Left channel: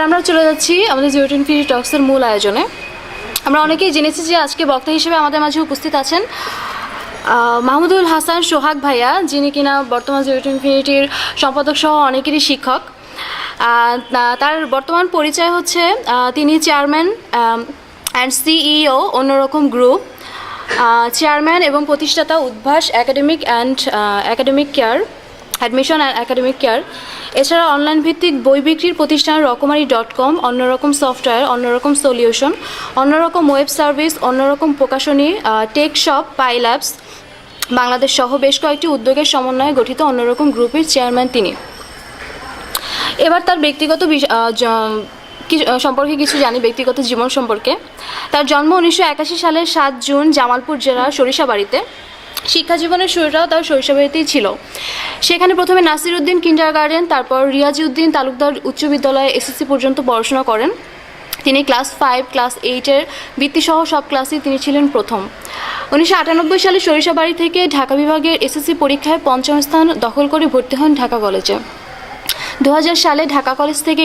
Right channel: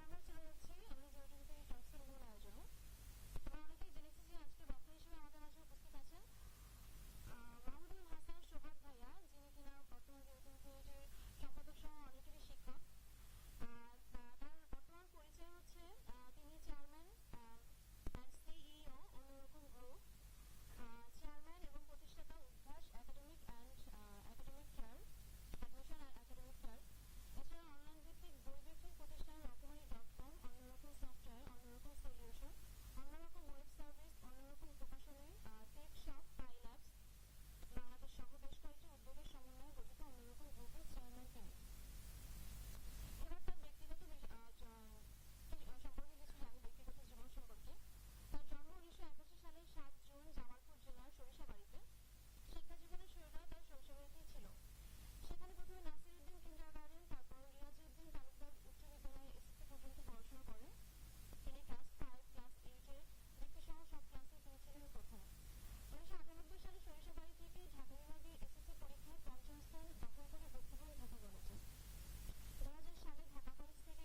এবার আমরা চলে যাচ্ছি আমাদের জিরো টু ইনফিনিটি টক্সের মূল আয়োজনে। আমরা অনেকেই জেনেছি যে আজকে বক্তা হিসেবে আমাদের মাঝে উপস্থিত আছেন মাহমুদুল হাসান সোহাগ ভাইয়া, যিনি কিনা বর্তমান জিরো টু ইনফিনিটির সম্পাদক সহ অনেকেরই শিক্ষক। তার বর্তমান পরিচয় হচ্ছে তিনি চেয়ারম্যান অ্যান্ড সিইও অন্যরকম গ্রুপ, চেয়ারম্যান এবং প্রতিষ্ঠাতা Udvash academic care, admission and academic care. এছাড়া অনলাইন ভিত্তিক বই বিক্রির প্রতিষ্ঠান রকমারি.com, অন্যরকম সফটওয়্যার, অন্যরকম সলিউশন, অন্যরকম ওয়েব সার্ভিস, অন্যরকম প্রকাশনী, টেক শপ, পাইল্যাবস বাংলাদেশ সহ বেশ কয়েকটি উদ্যোগের সমন্বয়ে গঠিত অন্যরকম গ্রুপের চেয়ারম্যান তিনি। এবার তার ব্যক্তিগত সম্পর্কে কিছু জানি, ব্যক্তিগত জীবন সম্পর্কে। তার জন্ম 1981 সালের 7 জুন জামালপুর জেলার সরিষাবাড়িতে। শিক্ষা জীবনের শুরুটাও তার শৈশবেতেই ছিল। সেখানে প্রথমে নাসির উদ্দিন কিন্ডারগার্টেন, তারপর রিয়াজি উদ্দিন তালুকদার উচ্চ বিদ্যালয়ে এসএসসি পর্যন্ত পড়াশোনা করেন। তিনি ক্লাস 5, ক্লাস 8-এর বৃত্তিসহ সব ক্লাসেই তিনি ছিলেন প্রথম। 1998 সালে সরিষাবাড়ি থেকে ঢাকা বিভাগের এসএসসি পরীক্ষায় 5ম স্থান দখল করে ভর্তি হন ঢাকা কলেজে। 2000 সালে ঢাকা কলেজ থেকে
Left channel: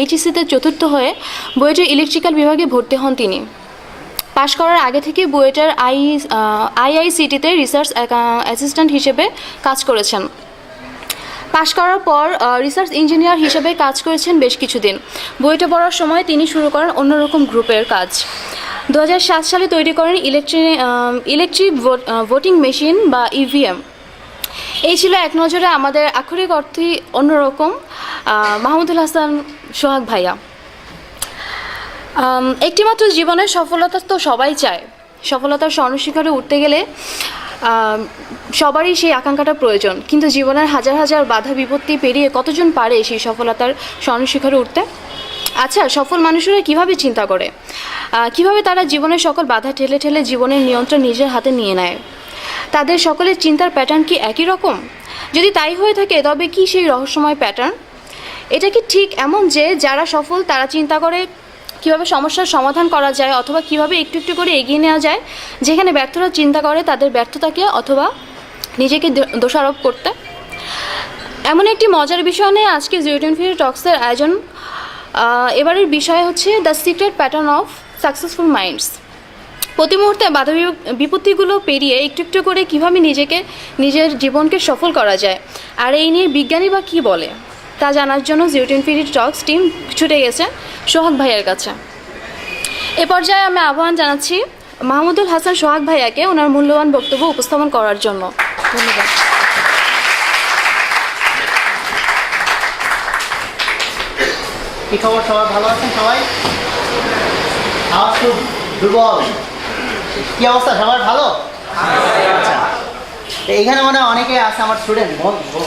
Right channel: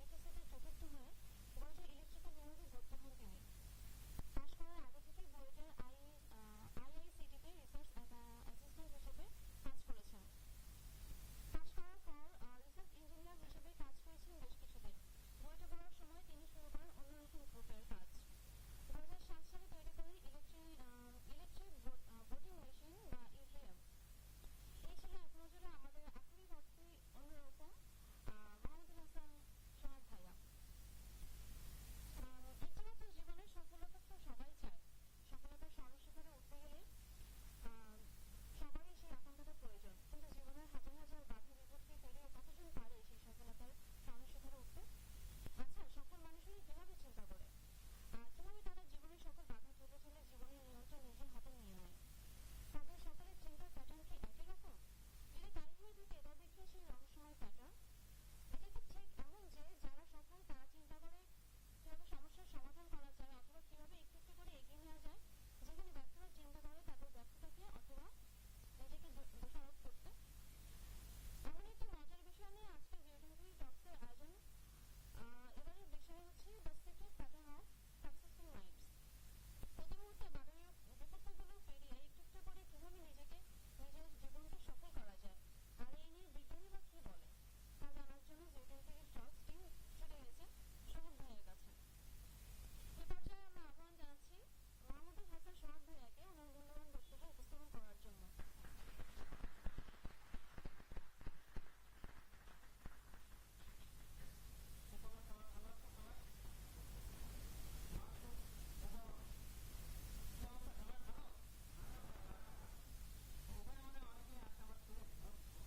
এইচএসসিতে চতুর্থ হয়ে বুয়েটের ইলেকট্রিক্যাল বিভাগে ভর্তি হন তিনি। পাশ করার আগে থেকে বুয়েটের আইআইসিটিতে রিসার্চ অ্যাসিস্ট্যান্ট হিসেবে কাজ করেছেন। পাশ করার পর রিসার্চ ইঞ্জিনিয়ার হিসেবে কাজ করেছেন বেশ কিছুদিন। বুয়েটে পড়ার সময় তিনি শুরু করেন অন্যরকম গ্রুপের কাজ। 2007 সালে তৈরি করেন ইলেকট্রিক ভোটিং মেশিন বা ইভিএম। এই ছিল এক নজরে আমাদের আক্ষরিক অর্থই অন্যরকম মাহমুদুল হাসান সোহাগ ভাইয়া। একটিমাত্র জীবনের সফলতা তো সবাই চায়। সফলতার স্বর্ণশিখরে উঠতে গেলে সবারই সেই আকাঙ্ক্ষাটা প্রয়োজন, কিন্তু জীবনের হাজার হাজার বাধা বিপত্তি পেরিয়ে কতজন পারে সেই সফলতার স্বর্ণশিখরে উঠতে? আচ্ছা, সফল মানুষেরা কিভাবে চিন্তা করে, কিভাবে তারা জীবনের সকল বাধা ঠেলে ঠেলে জীবনের নিয়ন্ত্রণ নিজের হাতে নিয়ে নেয়? তাদের সকলের চিন্তার প্যাটার্ন কি একই রকম? যদি তাই হয়ে থাকে, তবে কি সেই রহস্যময় প্যাটার্ন? এটা কি ঠিক এমন যে যারা সফল তারা চিন্তা করে কীভাবে সমস্যার সমাধান করা যায়, অথবা কিভাবে একটু একটু করে এগিয়ে নেওয়া যায়? যেখানে ব্যর্থরা চিন্তা করে তাদের ব্যর্থতাকে অথবা নিজেকে দোষারোপ করতে। এমন একটি মজার বিষয় নিয়ে আজকে জিরো টু ইনফিনিটি টক্সের আয়োজন। এবারের বিষয় হচ্ছে the secret pattern of successful minds. প্রতি মুহূর্তে বাধা বিপত্তিগুলো পেরিয়ে একটু একটু করে কীভাবে নিজের জীবনকে সফল করা যায়, আর এই নিয়ে বিজ্ঞানী বা কী বলে, তা জানার জন্য zero to infinity Tux team ছুটে গেছে সোহাগ ভাইয়ের কাছে। এ পর্যায়ে আমি আহ্বান জানাচ্ছি মাহমুদুল হাসান সোহাগ ভাইয়াকে ওনার মূল্যবান বক্তব্য উপস্থাপন করার জন্য। ধন্যবাদ। কি খবর, সবাই ভালো আছেন? সবাই আওয়াজ খুব দুর্বল। কি অবস্থা, সবার ভালো? আচ্ছা, এখানে মনে হয় অনেকে আছে আমার স্টুডেন্ট,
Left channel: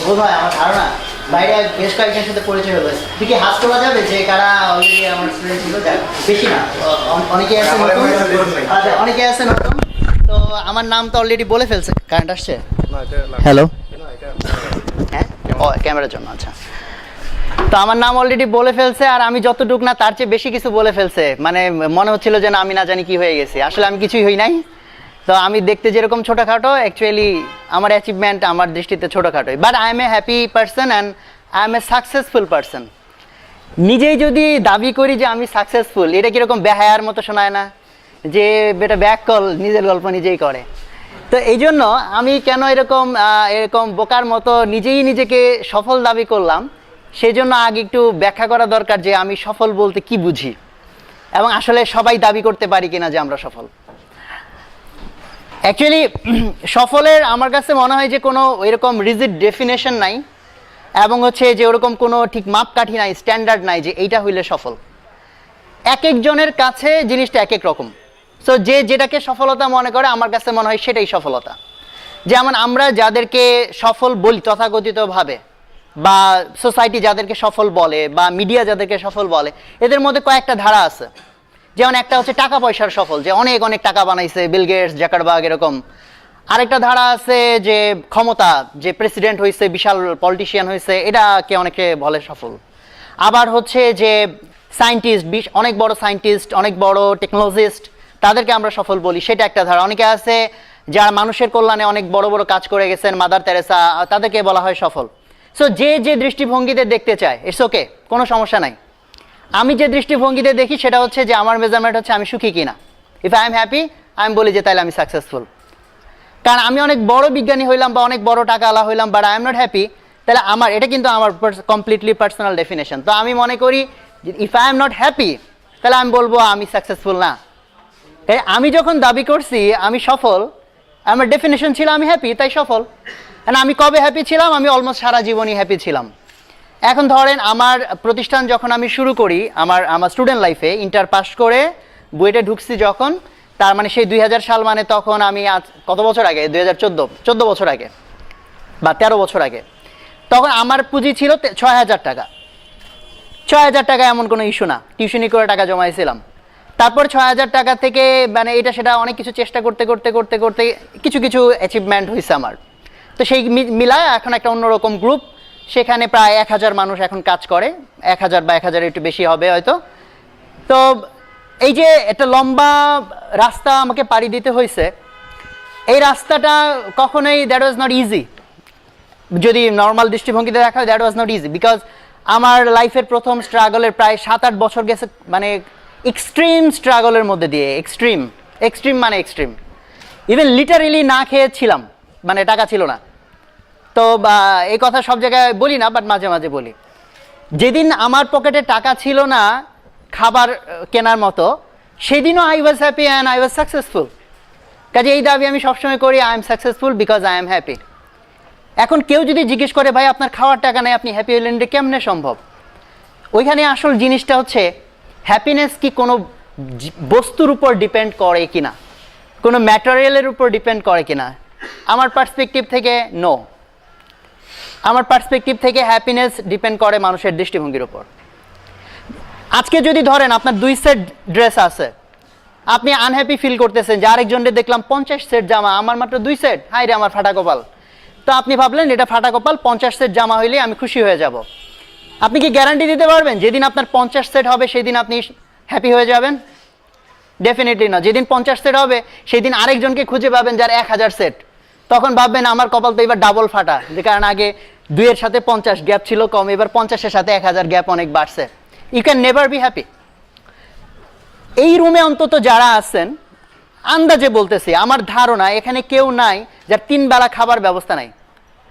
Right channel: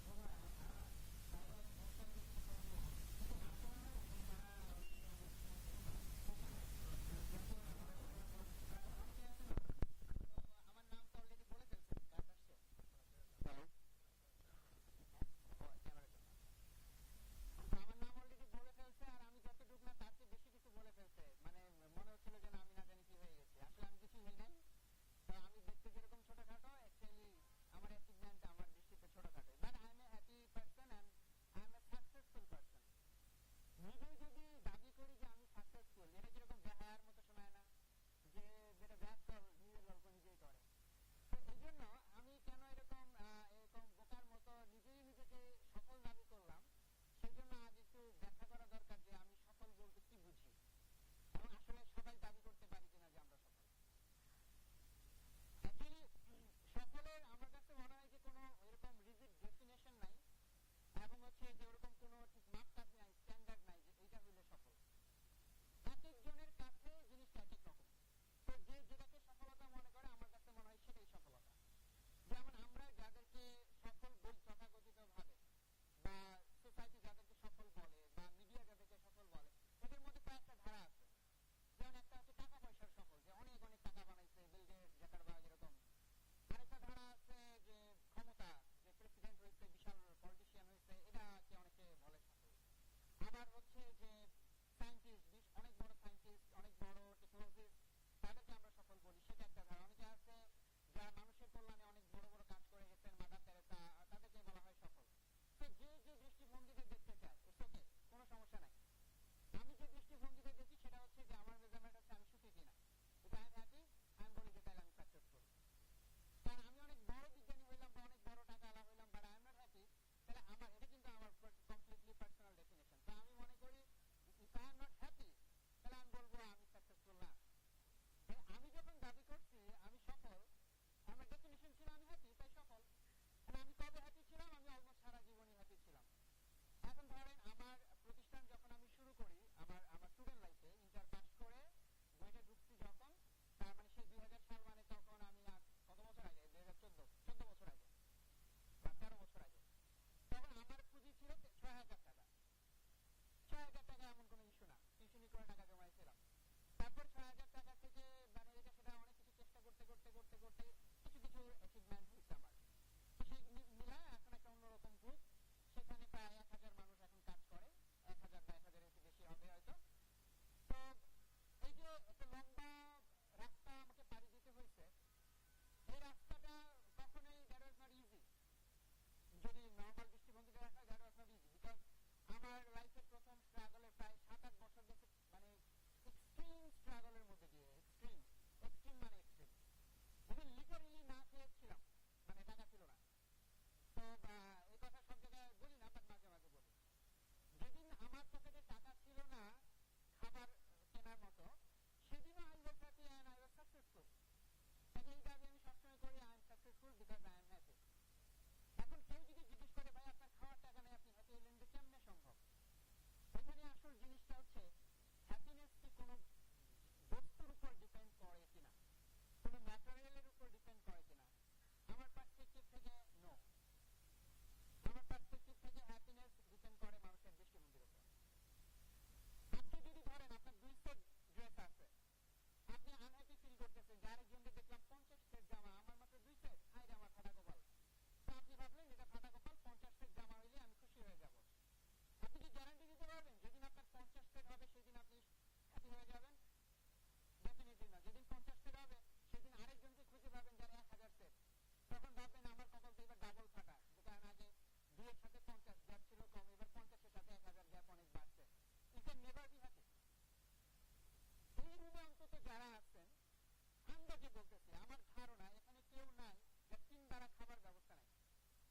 বোধ হয়, আমার ধারণা। বাইরে বেশ কয়েকজনের সাথে পরিচয় হলো। তুই কি হাত তোলা যাবে যে কারা অলরেডি আমার স্টুডেন্ট ছিল? বেশি না, অনেকে আছে নতুন। আচ্ছা, অনেকে আছে নতুন। তো আমার নাম তো অলরেডি বলে ফেলছে। কারেন্ট আসছে? হ্যালো, হ্যাঁ, ও ক্যামেরার জন্য। আচ্ছা, তো আমার নাম অলরেডি বলে ফেলছে, আর আমি যতটুকু না তার চেয়ে বেশি কিছু বলে ফেলছে। মানে মনে হচ্ছিল যে না, আমি না জানি কি হয়ে গেছি। আসলে আমি কিছুই হই নাই। তো আমি দেখতে যেরকম ছোটোখাটো, অ্যাকচুয়ালি আমার অ্যাচিভমেন্ট আমার দৃষ্টিতে ছোটোখাটোই। But I am a happy person and I am a successful person. নিজেই যদি দাবি করি যে আমি সাকসেসফুল, এটা কীরকম বেহায়ার মতো শোনায় না? যে বেটা ব্যাক কল, নিজের গল্প নিজেই করে। তো এই জন্য আমি কেন এরকম বোকার মতো নিজেই নিজেকে সফল দাবি করলাম, সেই জন্য আগে একটু ব্যাখ্যা করা দরকার যে আমি সফল বলতে কি বুঝি, এবং আসলে সবাই দাবি করতে পারি কিনা যে আমরা সফল। অ্যাকচুয়ালি সফলের আমার কাছে মনে হয় যে কোনো এরকম রিজিড ডেফিনেশন নাই, এবং হচ্ছে যে ওরকম কোনো ঠিক মাপকাঠি নাই, স্ট্যান্ডার্ড নাই যে এইটা হইলে সফল। এক একজনের কাছে জিনিসটা এক এক রকম। সো যে যেটাকে সফলতা মনে করে, আমার কাছে মনে হয় সেটাই সফলতা। যেমন আমরা যাদেরকে সফল বলি তথাকথিতভাবে, বা সোসাইটি যাদেরকে সফল বলে, বা মিডিয়া যাদেরকে সফল বলে, এদের মধ্যে কয়েকটা ধারা আছে। যেমন একটা হচ্ছে টাকা পয়সার সফল, যে অনেক অনেক টাকা বানাইছে, বিল গেটস, জাকারবার্গ, এরকম। আরেকটা ধারা আছে যে ক্ষমতা, যে প্রেসিডেন্ট হয়েছে, বিশাল পলিটিশিয়ান হয়েছে, এটাকে অনেকে বলে সফল। আবার হচ্ছে যে সায়েন্টিস্ট, অনেক বড় সায়েন্টিস্ট, অনেক বড় টেকনোলজিস্ট, তাদেরকে আমরা সফল বলি, সেটা একটা ধারা। অনেকে আছে যারা মানুষের কল্যাণে অনেক বড় বড় কাজ করে গেছেন, মাদার তেরেসা, তাদেরকে বলা হয় সফল। সো যে যে দৃষ্টিভঙ্গিতে দেখতে চায়, ইটস ওকে, কোনো সমস্যা নাই। আমি যে দৃষ্টিভঙ্গিতে দেখি সেটা হচ্ছে যে আমার মেজারমেন্ট হচ্ছে আমি সুখী কিনা। ইফ আই এম হ্যাপি আমি বলি যে তাহলে আমি সাকসেসফুল। কারণ আমি অনেক বড় বিজ্ঞানী হইলাম বা অনেক বড় টাকাওয়ালা হইলাম, but I am not happy, তাহলে আমার এটা কিন্তু আমার কমপ্লিটলি পার্সোনাল ডেফিনেশন। তো আমি মনে করি if I am not happy তাহলে আমি বলবো আমি সাকসেসফুল না। তাই আমি যখন দাবি করছি আমি সফল, আমার ডেফিনেশন ছিল আমি হ্যাপি, তাই সফল। আমি কবে হ্যাপি ছিলাম? আমি অলমোস্ট সারা জীবনই হ্যাপি ছিলাম। এখন ধরেন আমার প্রতিষ্ঠান যখন আমি শুরু করি, আমার স্টুডেন্ট লাইফে ইন্টার পাস করে বুয়েটে ঢুকছি যখন, তার মানে সেই 2000 সাল, মানে তখন আমি আজ কত বছর আগে, 2014 বছর আগে বা 13 বছর আগে, তখন আমার পুঁজি ছিল 6000 টাকা। 6000 টাকা এমন কোনো ইস্যু না, টিউশনি করে টাকা জমাইছিলাম। তারপর 6000 টাকা থেকে মানে এটা সেটা অনেক কিছু চেষ্টা করতে করতে করতে করতে কিছু কিছু অ্যাচিভমেন্ট হয়েছে আমার। তো সেই মিলায় এখন একটা অন্যরকম গ্রুপ, সেখানে প্রায় 1000 মানুষ এখন কাজ করে, 1000 বা 1000 একটু বেশি হবে হয়তো। তো এই যে একটা লম্বা রাস্তা আমাকে পাড়ি দিতে হয়েছে, এই রাস্তাটা কখনোই দ্যাট ওয়াজ নট ইজি। যদি নর্মাল দৃষ্টিভঙ্গিতে দেখা হয় that was not easy, because আমার লাইফের প্রথম স্ট্রাগলের প্রায় 7-8 বছর গেছে মানে এক্সট্রিম স্ট্রাগলের মধ্যে দিয়ে। এক্সট্রিম মানে এক্সট্রিম, ইভেন লিটারেলি না খেয়েছিলাম, মানে টাকা ছিল না। তো এই কথা সব জায়গায় বলি না, বাট মাঝে মাঝে বলি। যেদিন আমার পকেটে টাকা ছিল না খাবার কেনার মতো, সেদিনও I was happy and I was successful. কাজে এই দাবি আমি সবসময় করি, I am successful because I am happy. এখন কেউ যদি জিজ্ঞেস করে ভাই আপনার খাওয়ার টাকা নেই, আপনি হ্যাপি হলেন, এটা কেমনে সম্ভব? ওইখানে আসল জিনিসটা হচ্ছে হ্যাপিনেস কি কোনো বস্তুর উপর ডিপেন্ড করে কিনা, কোনো ম্যাটেরিয়ালের উপর ডিপেন্ড করে কিনা? আমার পার্সপেক্টিভ থেকে নো। আমার পার্সপেক্টিভ থেকে হ্যাপিনেস ডিপেন্ড করে মানুষের দৃষ্টিভঙ্গির উপর। আজকে যদি ধরেন আপনার 2 সেট ড্রেস আছে, আপনি আনহ্যাপি ফিল করতেছেন যে আরেকজনকে দেখলাম 50 সেট জামা, আমার মাত্র 2 সেট, হাই রে আমার ফাটা কপাল। তো আপনি ভাবলেন এটা ফাটা কপাল, 50 সেট জামা হইলে আমি খুশি হয়ে যাব। আপনি কি গ্যারান্টি দিতে পারবেন যেদিন আপনার 50 সেট হবে সেদিন আপনি হ্যাপি হয়ে যাবেন? ডেফিনেটলি না। যেদিন 50 সেট হবে সেদিন আরেকজনকে খুঁজে পাবেন যার 1000 সেট, তখন ভাববেন আমার কপাল তো এবার ডাবল ফাটা, যে কারণ আগে 2 এর সাথে 50 গ্যাপ ছিল কম, এবার 50 এর সাথে 1000 গ্যাপ অনেক বাড়ছে। You can never be happy. এই রুমে অন্তত যারা আছেন, আন্দাজে বলতেছি, আমার ধারণা এখানে কেউ নাই যার 3 বেলা খাবার ব্যবস্থা নাই।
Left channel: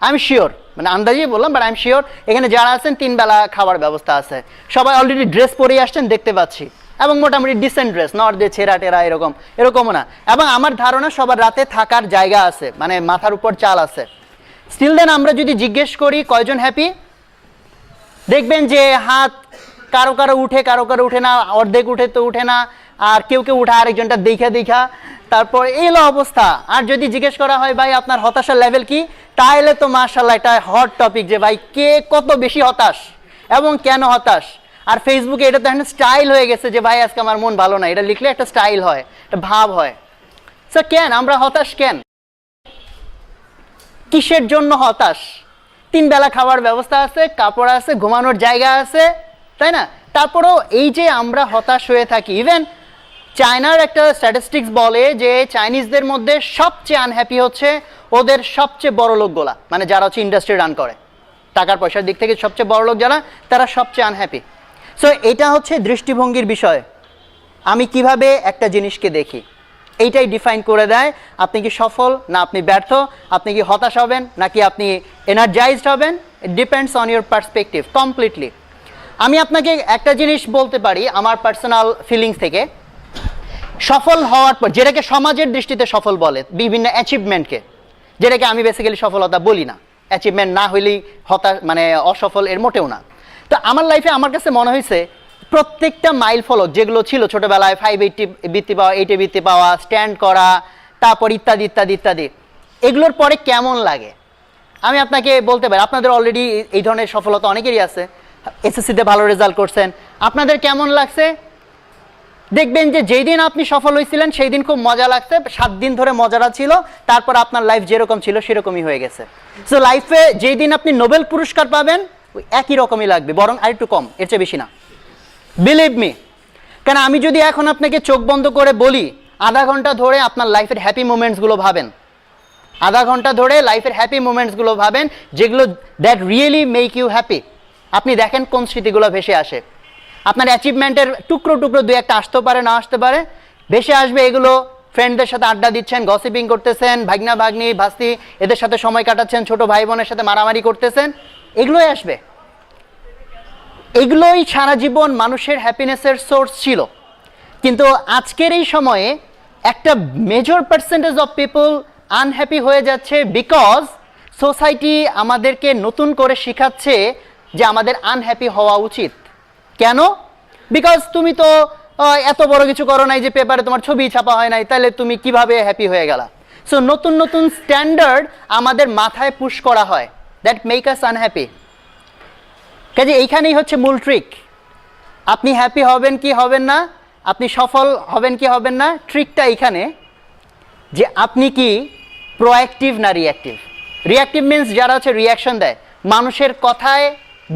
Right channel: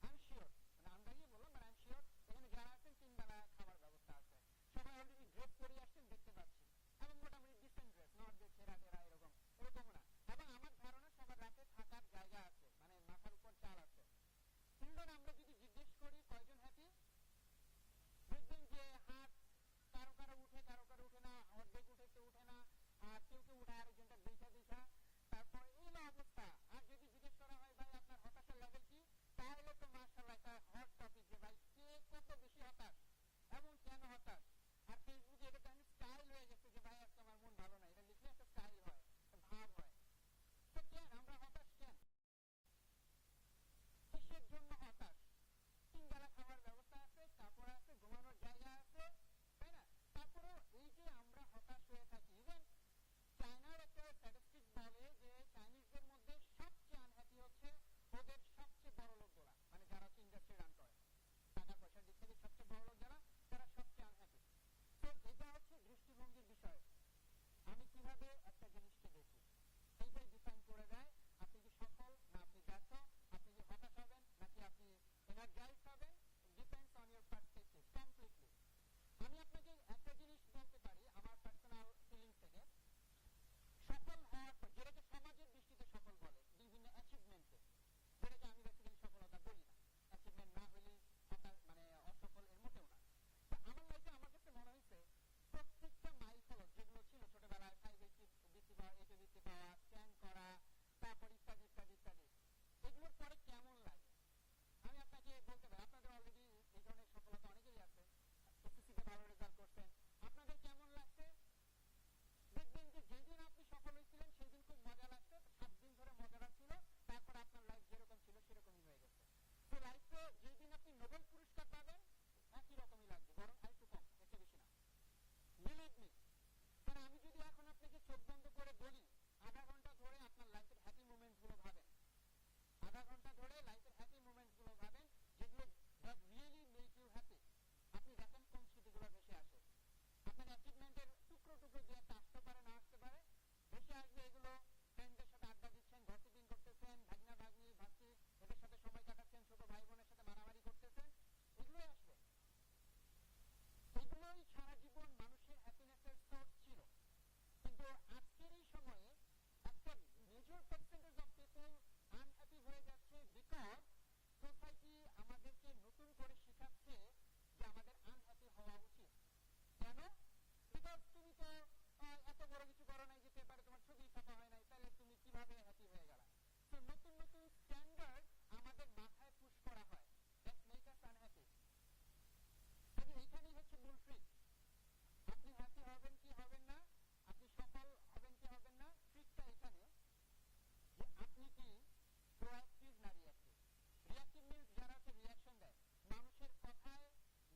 আই এম শিওর, মানে আন্দাজেই বললাম, বাট আই এম শিওর এখানে যারা আছেন 3 বেলা খাবার ব্যবস্থা আছে। সবাই অলরেডি ড্রেস পরেই আসছেন দেখতে পাচ্ছি, এবং মোটামুটি ডিসেন্ট ড্রেস, নট যে ছেঁড়া টেরা এরকমও না। এবং আমার ধারণা সবার রাতে থাকার জায়গা আছে, মানে মাথার উপর চাল আছে। স্টিল দেন আমরা যদি জিজ্ঞেস করি কয়জন হ্যাপি, দেখবেন যে হাত কারো কারো উঠে, কারো কারো উঠে না, অর্ধেক উঠে তো উঠে না, আর কেউ কেউ উঠে আরেকজনটা দেখা, তারপর এলো অবস্থা। আর যদি জিজ্ঞেস করা হয় ভাই আপনার হতাশার লেভেল কি, তাহলে তো মাশাআল্লাহ এটা হট টপিক যে ভাই কে কত বেশি হতাশ এবং কেন হতাশ। আর ফেসবুকে এটা তো এখন স্টাইল হয়ে গেছে যে ভাই আজকে আমার মন ভালো না, এটা লিখলে একটা স্টাইল হয়, একটা ভাব হয়। স্যার কেন আমরা হতাশ, কেন, কিসের জন্য হতাশ? 3 বেলা খাবার ব্যবস্থা আছে, কাপড় আছে, ঘুমানোর জায়গা আছে, তাই না? তারপরেও এই যে আমরা হতাশ হয়ে থাকি। ইভেন চায়নার একটা স্ট্যাটিস্টিক্স বলে যে চাইনিজদের মধ্যে সবচেয়ে আনহ্যাপি হচ্ছে ওদের সবচেয়ে বড় লোকগুলা, মানে যারা হচ্ছে ইন্ডাস্ট্রি রান করে, টাকার পয়সার দিক থেকে সবচেয়ে বড় লোক যারা, তারা সবচেয়ে আনহ্যাপি। সো এটা হচ্ছে দৃষ্টিভঙ্গির বিষয়, আমি কিভাবে একটা জিনিসকে দেখি, এইটাই ডিফাইন করে দেয় আপনি কি সফল না আপনি ব্যর্থ, আপনি কি হতাশ হবেন নাকি আপনি এনার্জাইজড হবেন। It depends on your perspective completely. আমি আপনাকে একটা জিনিস বলতে পারি আমার পার্সোনাল ফিলিংস থেকে, সফল হওয়ার পর, যেটাকে সমাজের দৃষ্টিতে সফল বলে, বিভিন্ন অ্যাচিভমেন্টকে, যেটাকে আমি বেসিক্যালি সফলতা বলি না, অ্যাচিভমেন্ট না হইলেই হতাশ মানে অসফল, এর মোটেও না। তো আমার লাইফে আমার কাছে মনে হয়েছে প্রত্যেকটা মাইল ফলক যেগুলো ছিল ছোটবেলায়, 580 বৃত্তি পাওয়া, 80 বৃত্তি পাওয়া, স্ট্যান্ড করা, তারপর ইত্যাদি ইত্যাদি ইত্যাদি, এগুলোর পরে কেমন লাগে আমি আপনাকে বলতে পারি। আপনাদের অলরেডি এই ধরনের সফলতা অনেকেরই আছে, এসএসসিতে ভালো রেজাল্ট করছেন, আপনাদের কেমন লাগছে? দেখবেন যে যেই দিন আপনি সফল হয়েছিলেন সেই দিন খুব মজা লাগছে, 7 দিন ধরে মজাটা ছিল, তারপর আপনার লাইফ যেরকম ছিল সেরকমই হয়ে গেছে। সো লাইফে যেই দিন আপনি নোবেল পুরস্কার পাবেন ওই একই রকমই লাগবে, বরং আরেকটু কম, এর চেয়ে বেশি না, বিলিভ মি। কারণ আমি যদি এখন আপনাকে চোখ বন্ধ করে বলি আধা ঘন্টা ধরে আপনার লাইফের হ্যাপি মোমেন্টসগুলো ভাবেন, আধা ঘন্টা ধরে লাইফের হ্যাপি মোমেন্টসগুলো ভাবেন, যেগুলো that really make you happy, আপনি দেখেন কোন স্মৃতিগুলো ভেসে আসে। আপনার অ্যাচিভমেন্টের টুকরো টুকরো দুই একটা আসতেও পারে, না আসতে পারে, ভেসে আসবে এগুলো। ফ্রেন্ডদের সাথে আড্ডা দিচ্ছেন, গসিপিং করতেছেন, ভাগনা ভাগ্নি ভাস্তি এদের সাথে সময় কাটাচ্ছেন, ছোট ভাই বোনের সাথে মারামারি করতেছেন, এগুলোই আসবে। এগুলোই সারা জীবন মানুষের হ্যাপিনেসের সোর্স ছিল। কিন্তু আজকের এই সময়ে একটা major percentage of people unhappy হয়ে যাচ্ছে, বিকজ সোসাইটি আমাদেরকে নতুন করে শেখাচ্ছে যে আমাদের আনহ্যাপি হওয়া উচিত। কেন? বিকজ তুমি তো এত বড় কিছু করো নাই যে পেপারে তোমার ছবি ছাপা হয় নাই, তাহলে তুমি কিভাবে হ্যাপি হয়ে গেলা? সো নতুন নতুন স্ট্যান্ডার্ড আমাদের মাথায় পুশ করা হয়, দ্যাট মেক আস আনহ্যাপি। কাজে এইখানেই হচ্ছে মূল ট্রিক। আপনি হ্যাপি হবেন কি হবেন না, আপনি সফল হবেন কি হবেন না, ট্রিকটা এইখানে যে আপনি কি প্রোঅ্যাক্টিভ না রিঅ্যাক্টিভ। রিঅ্যাক্টিভ মিনস যারা হচ্ছে রিয়াকশন দেয়, মানুষের কথায়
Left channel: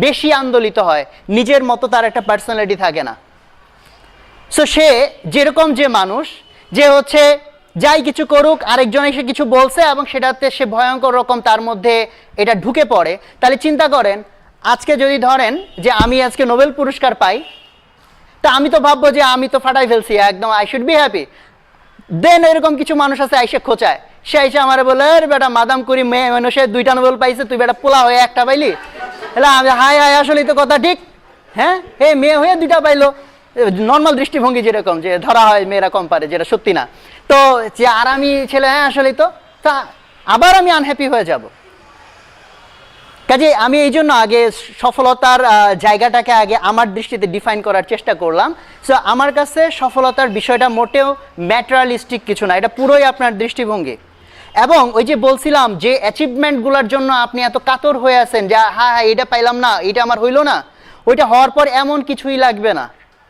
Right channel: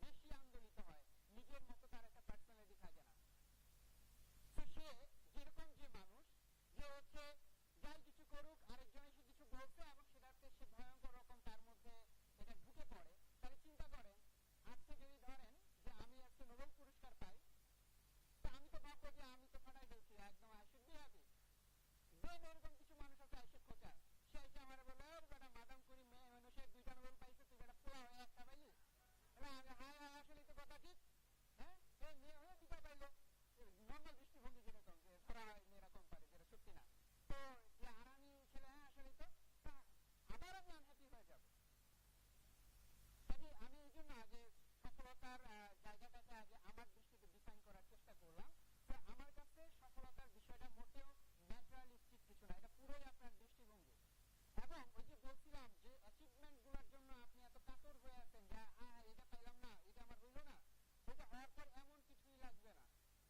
বেশি আন্দোলিত হয়, নিজের মতো তার একটা পার্সোনালিটি থাকে না। সো সে যেরকম যে মানুষ যে হচ্ছে যাই কিছু করুক আরেকজন এসে কিছু বলছে এবং সেটাতে সে ভয়ঙ্কর রকম তার মধ্যে এটা ঢুকে পড়ে, তাহলে চিন্তা করেন আজকে যদি ধরেন যে আমি আজকে নোবেল পুরস্কার পাই, তা আমি তো ভাববো যে আমি তো ফাটাই ফেলছি একদম, আই শুড বি হ্যাপি। দেন এরকম কিছু মানুষ আছে আইসে খোঁচায়, সে আইসে আমার বলে আরে বেটা মাদাম করি মেয়ে মানুষে 2টা নোবেল পাইছে, তুই বেটা পোলা হয়ে একটা পাইলি। এলা হাই হাই আসলেই তো কথা ঠিক, হ্যাঁ হে মেয়ে হয়ে 2টা পাইলো। নর্মাল দৃষ্টিভঙ্গি যেরকম যে ধরা হয় মেয়েরা কম পারে, যেটা সত্যি না। তো যে আর আমি ছেলে, হ্যাঁ আসলেই তো, তা আবার আমি আনহ্যাপি হয়ে যাব। কাজে আমি এই জন্য আগে সফলতার জায়গাটাকে আগে আমার দৃষ্টিতে ডিফাইন করার চেষ্টা করলাম। সো আমার কাছে সফলতার বিষয়টা মোটেও ম্যাটেরিয়ালিস্টিক কিছু না, এটা পুরোই আপনার দৃষ্টিভঙ্গি। এবং ওই যে বলছিলাম যে অ্যাচিভমেন্টগুলোর জন্য আপনি এত কাতর হয়ে আছেন যে হ্যাঁ হ্যাঁ এটা পাইলাম না, এটা আমার হইলো না, ওইটা হওয়ার পর এমন কিছুই লাগবে না।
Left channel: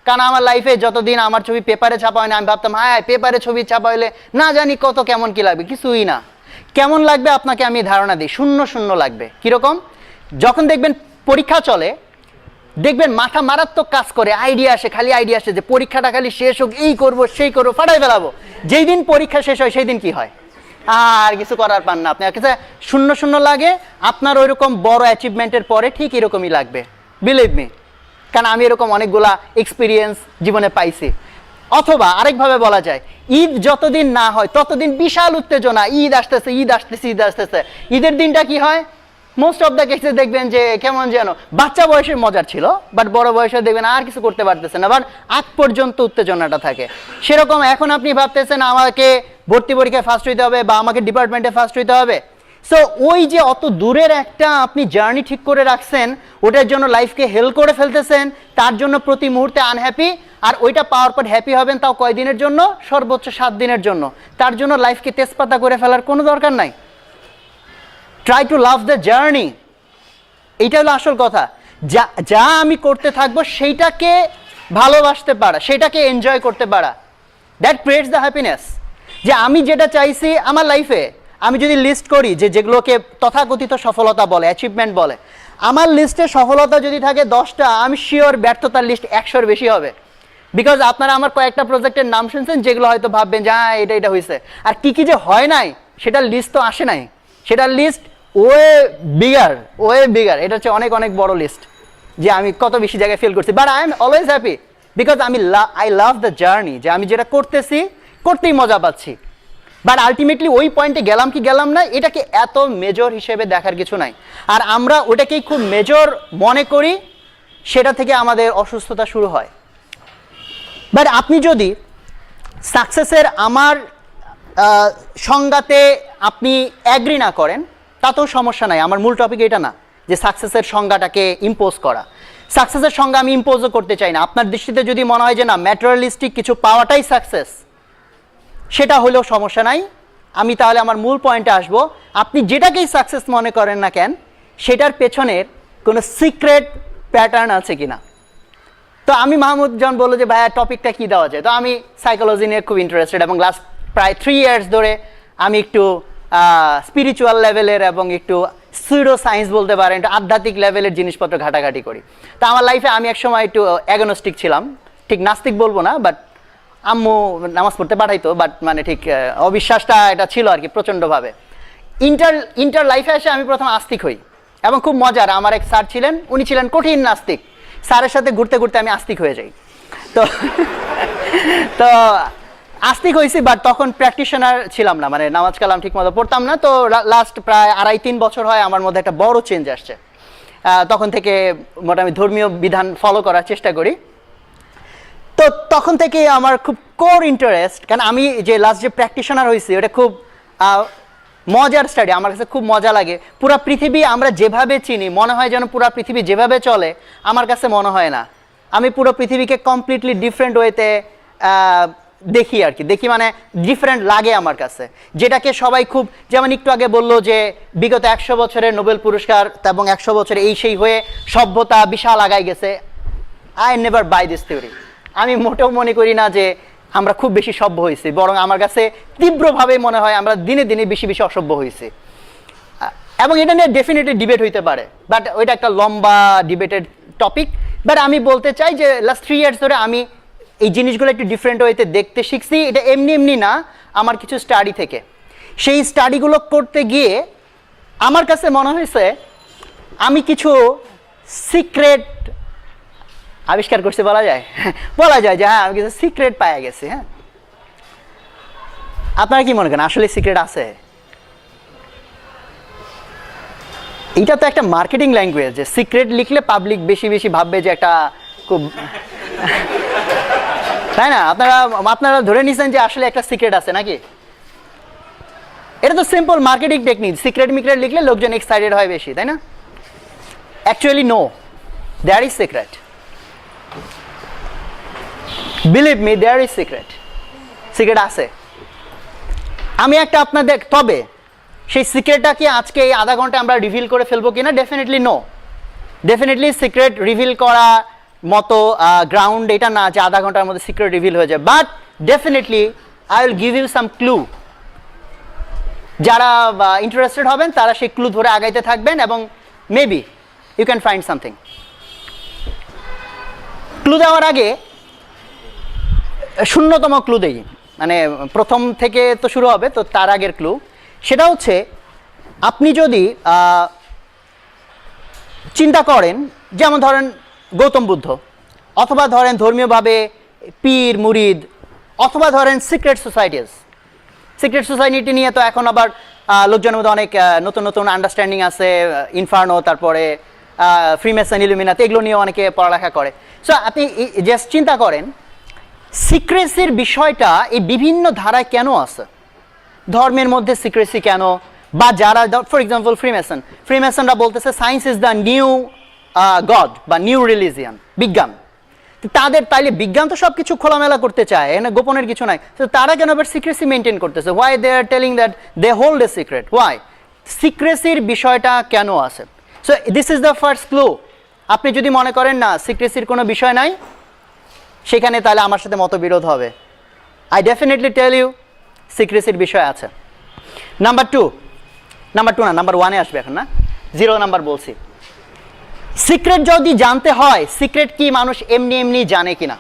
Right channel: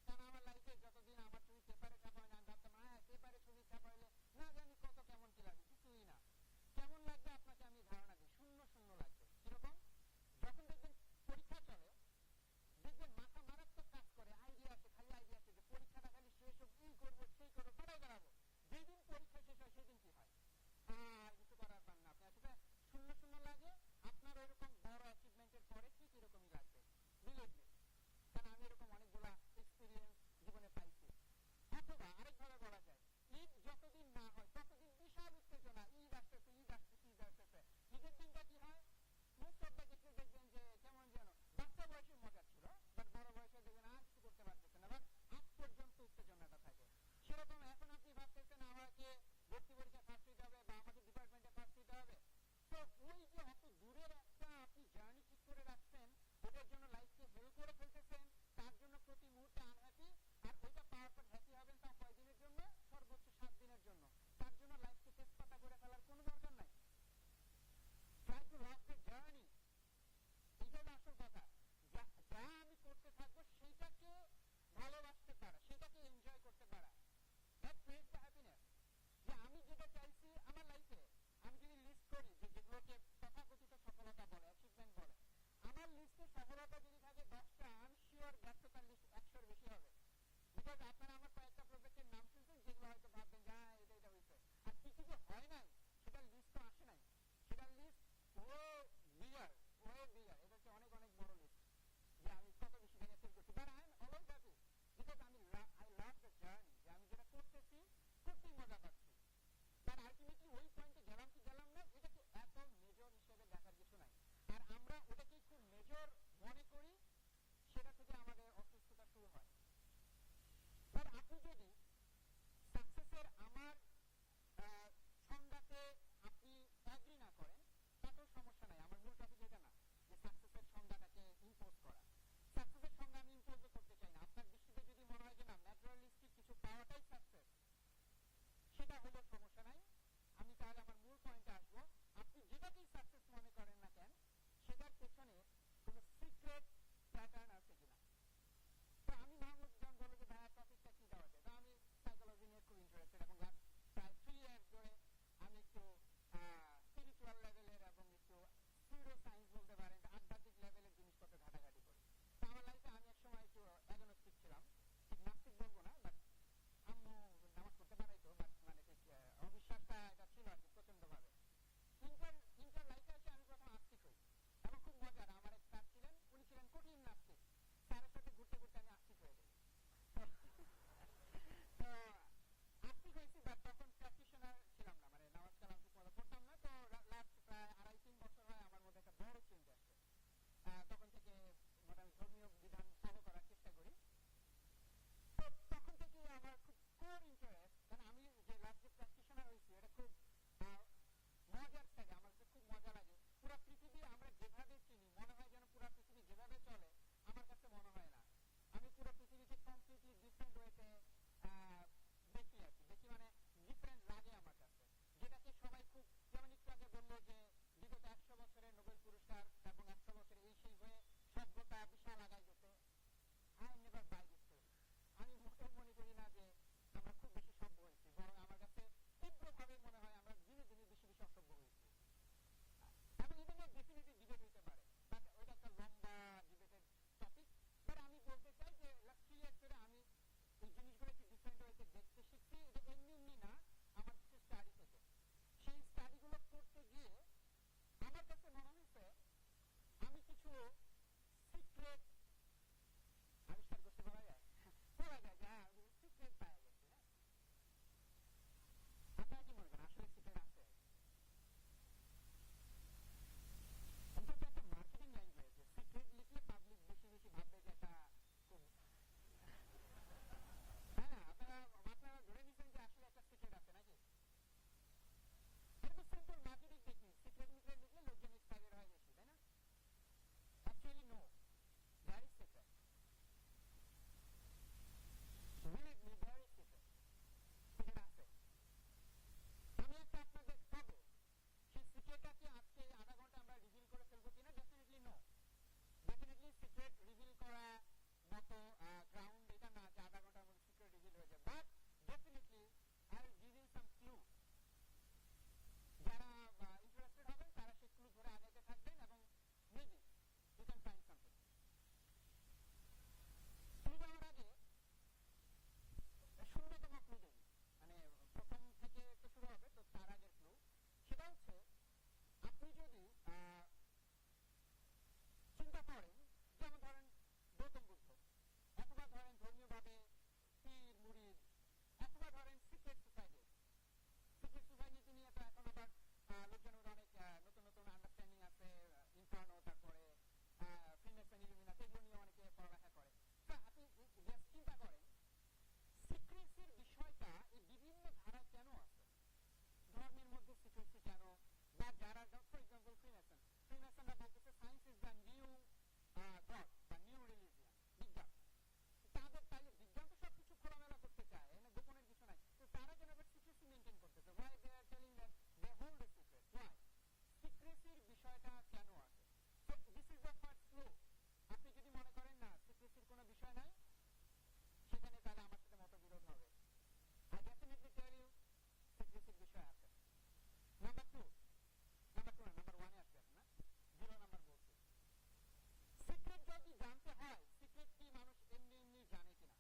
কারণ আমার লাইফে যতদিন আমার ছবি পেপারে ছাপা হয় না, আমি ভাবতাম হ্যাঁ পেপারে ছবি ছাপা হলে না জানি কত কেমন কি লাগবে, কিছুই না। কেমন লাগবে আপনাকে আমি ধারণা দিই, শূন্য শূন্য লাগবে। কীরকম? যখন দেখবেন পরীক্ষা চলে, দেখবেন মাথা মারাত্মক কাজ করে, আইডিয়া আসে, খালি আইডিয়া আসে যে পরীক্ষাটা খালি শেষ হোক, এই করবো সেই করবো, ফাটাই ফেলাবো। যেই দিন পরীক্ষা শেষ হয় সেই দিন কি হয়? আর কিছু করার পান না, আপনার কাছে শূন্য শূন্য লাগে। আপনার ওইরকম বড় অ্যাচিভমেন্টের পরে ঠিক এরকমই লাগবে, বিলিভ মি, কারণ আমি এরকম অনেকগুলা এক্সপিরিয়েন্স জীবনে পাইছি। অথবা আরেকভাবে বলা যায়, ঈদ যতদিন না হয় ততদিন বিশাল উত্তেজনা, ঈদ আসতেছে ঈদ আসতেছে ঈদ আসতেছে। ঈদের দিনটা কি হয়? মোস্ট অফ দ্য কেসে দেখবেন যে কেমন যেন বাচ্চা বয়সে মজার ছিল, বাট বড় বয়সে দেখবেন আর কিছু করতে পারতেছে না, বাট আগ পর্যন্ত উত্তেজনাটা থাকে। সেরকম এখন আপনি ভাবতেছেন আমাকে ভর্তি পরীক্ষায় ফার্স্ট হইতে হবে বা আমাকে ডিপার্টমেন্টে ফার্স্ট হইতে হবে। সো ওই যে অত দূরের একটা আপনি জার্নি ঠিক করে রাখছেন, ওটার জন্য লাইফকে হেল করে ফেলতেছেন, তার জন্য প্রতি মুহূর্তে আনহ্যাপি। আর ওইটা পাওয়ার পর হ্যাপি হবেন তাও কয়দিনের জন্য? সর্বোচ্চ 7 দিনের জন্য। তার জন্য লাইফকে তেজপাতা করে ফেলার কোনো দরকার নাই। Try to love the journey, এইটা হলো আসল কথা। যা যা আমি করতে থাকবো সেইটাকে ভালোবাসতে পারা, সেটাকে এনজয় করতে পারা, দ্যাট ক্রিয়েটস দ্য হ্যাপিনেস। যে আমি যেটা চাইছি আমার লাইফে, আমি যদি লিস্ট করি যে যেগুলোকে তথাকথিত সফলতা বলে, অ্যাচিভমেন্ট বলে, আমার লিস্টে সফলতা যদি থাকে 10টা, আমি শিওর ব্যর্থতার লিস্ট 100-র বেশি হবে। বিকজ আপনারা আমার কয়েকটা প্রজেক্টের নাম শুনছেন যেগুলো হয়তো ভাববেন যে হ্যাঁ এটা এটা হয়েছে, আর কি কি যে হয় নাই সেটার লিস্ট তো আসে নাই, সেটার লিস্ট ওয়ে বিগার, এটা হচ্ছে অনেক অনেক বড় লিস্ট যে আমি কত বেশি জায়গায় ফেল করছি। But I am always happy because I love the journey, যে আমি যেটা করতেছি করতেই মজা পাচ্ছি। বাট আলটিমেটলি ওই পয়েন্টে গেলাম কি গেলাম না, এটাকে এত মেজর হিসেবে দেখার কিছু নাই। আর আমরা ওটাকেই খুব মেজর মনে করি, সেটা থেকে আমাদের অসুস্থতা শুরু হয়। বাট আপনি যদি সাকসেসের আমার সংজ্ঞাতে আপনি অ্যাগ্রি না করেন তাতেও সমস্যা নাই। আমার মূল টপিক এটা না যে সাকসেসের সংজ্ঞাটাকে ইম্পোজ করা। সাকসেসের সংজ্ঞা আমি ইম্পোজও করতে চাই না। আপনার দৃষ্টিতে যদি মনে হয় যে না ম্যাটেরিয়ালিস্টিক কিছু পাওয়াটাই সাকসেস, সেটা হলেও সমস্যা নাই। আমি তাহলে আমার মূল পয়েন্টে আসবো। আপনি যেটাকেই সাকসেস মনে করেন না কেন, সেটার পেছনের কোনো সিক্রেট প্যাটার্ন আছে কিনা। তো আমি মাহমুদ যখন বললো যে ভাইয়া টপিকটা কী দেওয়া যায়, তো আমি সাইকোলজি নিয়ে খুব ইন্টারেস্টেড এবং লাস্ট প্রায় 3 ইয়ার্স ধরে আমি একটু স্পিরিচুয়াল লেভেলের এবং একটু সুইডো সায়েন্স বলতে পারেন, একটু আধ্যাত্মিক লেভেলের জিনিসপত্র ঘাটাঘাটি করি। তো আমার লাইফে আমি একসময় একটু অ্যাগনোস্টিক ছিলাম, ঠিক নাস্তিক বলবো না, বাট আম্মু নামাজ পড়তে পাঠাইতো, বাট মানে ঠিক অবিশ্বাসটা এটা ছিল আর কি প্রচণ্ডভাবে। ইন্টার লাইফে এসে আমি প্রথম আস্তিক হই এবং খুব মজার। আমার এক স্যার ছিলেন, উনি ছিলেন কঠিন নাস্তিক। স্যারের সাথে ঘুরতে ঘুরতে আমি আস্তিক হয়ে যাই। তো তো আস্তিক হয়েছি, বাট তখন প্র্যাকটিশনার ছিলাম না, মানে নামাজ কালাম ঠিক মতো পড়তাম না। তো লাস্ট প্রায় 2.5-3 বছর হয় আমার মধ্যে একটা বড় চেঞ্জ আসছে। তখন থেকে মোটামুটি ধর্মীয় বিধান ফলো করার চেষ্টা করি। তো তখন থেকে আমার খুব কোর ইন্টারেস্ট, কারণ আমি যে লাস্ট যে প্র্যাকটিশনার হয়েছি ওটা খুব মজার স্টাডি, আমার কাছে খুব মজা লাগে। পুরা পৃথিবী আমরা যেভাবে চিনি মনে হয় যেন পুরা পৃথিবী যেভাবে চলে, আমার কাছে মনে হয় না। আমি পুরো পৃথিবীকে কমপ্লিটলি ডিফারেন্ট ওয়েতে দেখি আর কি, দেখি মানে ডিফারেন্ট লাগে আমার কাছে। যেটাকে সবাই খুব, যেমন একটু আগে বললো যে বিগত 100 বছরের নোবেল পুরস্কার এবং 100 বছরে এই সেই হয়ে সভ্যতা বিশাল আগাই গেছে। I never buy this theory. আমি মোটেও মনে করি না যে আমরা খুব বেশি সভ্য হয়েছি, বরং আমার কাছে তীব্রভাবে মনে হয় আমরা দিনে দিনে বেশি বেশি অসভ্য হয়েছি। এবং এটা নিয়ে ডেফিনেটলি ডিবেট হইতে পারে, বাট ওইটা একটা লম্বা ডিবেটেড টপিক। বাট আমি বলতে চাই যে লাস্ট 3 ইয়ার্স ধরে আমি এই জিনিসগুলো একটু ডিফারেন্ট ওয়েতে দেখতে শিখছি। এটা এমনি এমনি না, আমার কিছু স্টাডি থেকে। সেই স্টাডিগুলো করতে গিয়ে আমার কাছে মনে হয়েছে আমি কিছু সিক্রেট আবিষ্কার করছি, বলা যায় বলা যায় যে হ্যাঁ আমি কিছু সিক্রেট পাওয়া গেছি। হ্যাঁ, আপনারা কি মনে করেন আসলে সিক্রেট আছে? এটা তো একটা মার্কেটিং ল্যাঙ্গুয়েজ, যে সিক্রেট লিখলে পাবলিক বেশি বেশি ভাববে যে একটা খুব তাই না? আপনারা ধরে নিছেন যে আসলে একটা সিক্রেট আছে নাকি? এটা তো সিম্পল মার্কেটিং টেকনিক। সিক্রেট মিক্রেট লিখলে লোকজন এক্সাইটেড হয় বেশি, তাই না? Actually no, there is secret. Believe me, there is secret. Secret আছে। আমি একটা আপনাদের, তবে সেই সিক্রেটটা কি আজকে এই আধা ঘন্টা আমরা রিভিল করে ফেলবো কিনা? Definitely no. Definitely secret reveal করা মতো গ্রাউন্ড এটা না যে আধা ঘন্টার মধ্যে সিক্রেট রিভিল হয়ে যায়। But definitely I will give you some clue. যারা ইন্টারেস্টেড হবেন তারা সেই ক্লু ধরে আগাইতে থাকবেন এবং maybe you can find something. Clue দেওয়ার আগে শূন্যতম ক্লু দেই, মানে প্রথম থেকে তো শুরু হবে, তো তার আগের ক্লু সেটা হচ্ছে আপনি যদি চিন্তা করেন, যেমন ধরেন গৌতম বুদ্ধ, অথবা ধরেন ধর্মীয়ভাবে পীর মুরিদ, অথবা ধরেন সিক্রেট সোসাইটিস। সিক্রেট সোসাইটি নিয়ে তো এখন আবার লোকজনের মধ্যে অনেক নতুন নতুন আন্ডারস্ট্যান্ডিং আছে, ইনফার্নো, তারপরে ফ্রিমেসন, ইলুমিনাতি, এগুলো নিয়ে অনেকে পড়ালেখা করে। সো আপনি জাস্ট চিন্তা করেন সিক্রেসির বিষয়টা এই বিভিন্ন ধারায় কেন আছে, ধর্মের মধ্যে সিক্রেসি কেন, বা যারা ফর এক্সাম্পল ফ্রিমেসনরা বলতেছে science is the new god বা নিউ রিলিজিয়ান, বিজ্ঞান। তাদের তাইলে বিজ্ঞান তো সব কিছু খোলামেলা করতে চায়, এখানে গোপনের কিছু নাই। তো তারা কেন আবার সিক্রেসি মেনটেন করতেছে? Why they are telling that they hold a secret? Why? সিক্রেসির বিষয়টা কেন আছে? So this is the first clue. আপনি যদি মনে করেন না সিক্রেসির কোনো বিষয় নাই, সেখানে তাহলে আমার সাথে মতবিরোধ হবে। আই ডেফিনেটলি টেল ইউ সিক্রেসির বিষয় আছে। নাম্বার টু না, নাম্বার 1-এ আসবে এখন, না 0 নাম্বার বলছি। সিক্রেট যদি জানতে হয়, সিক্রেট কি মানুষ এমনি এমনি জানে কিনা,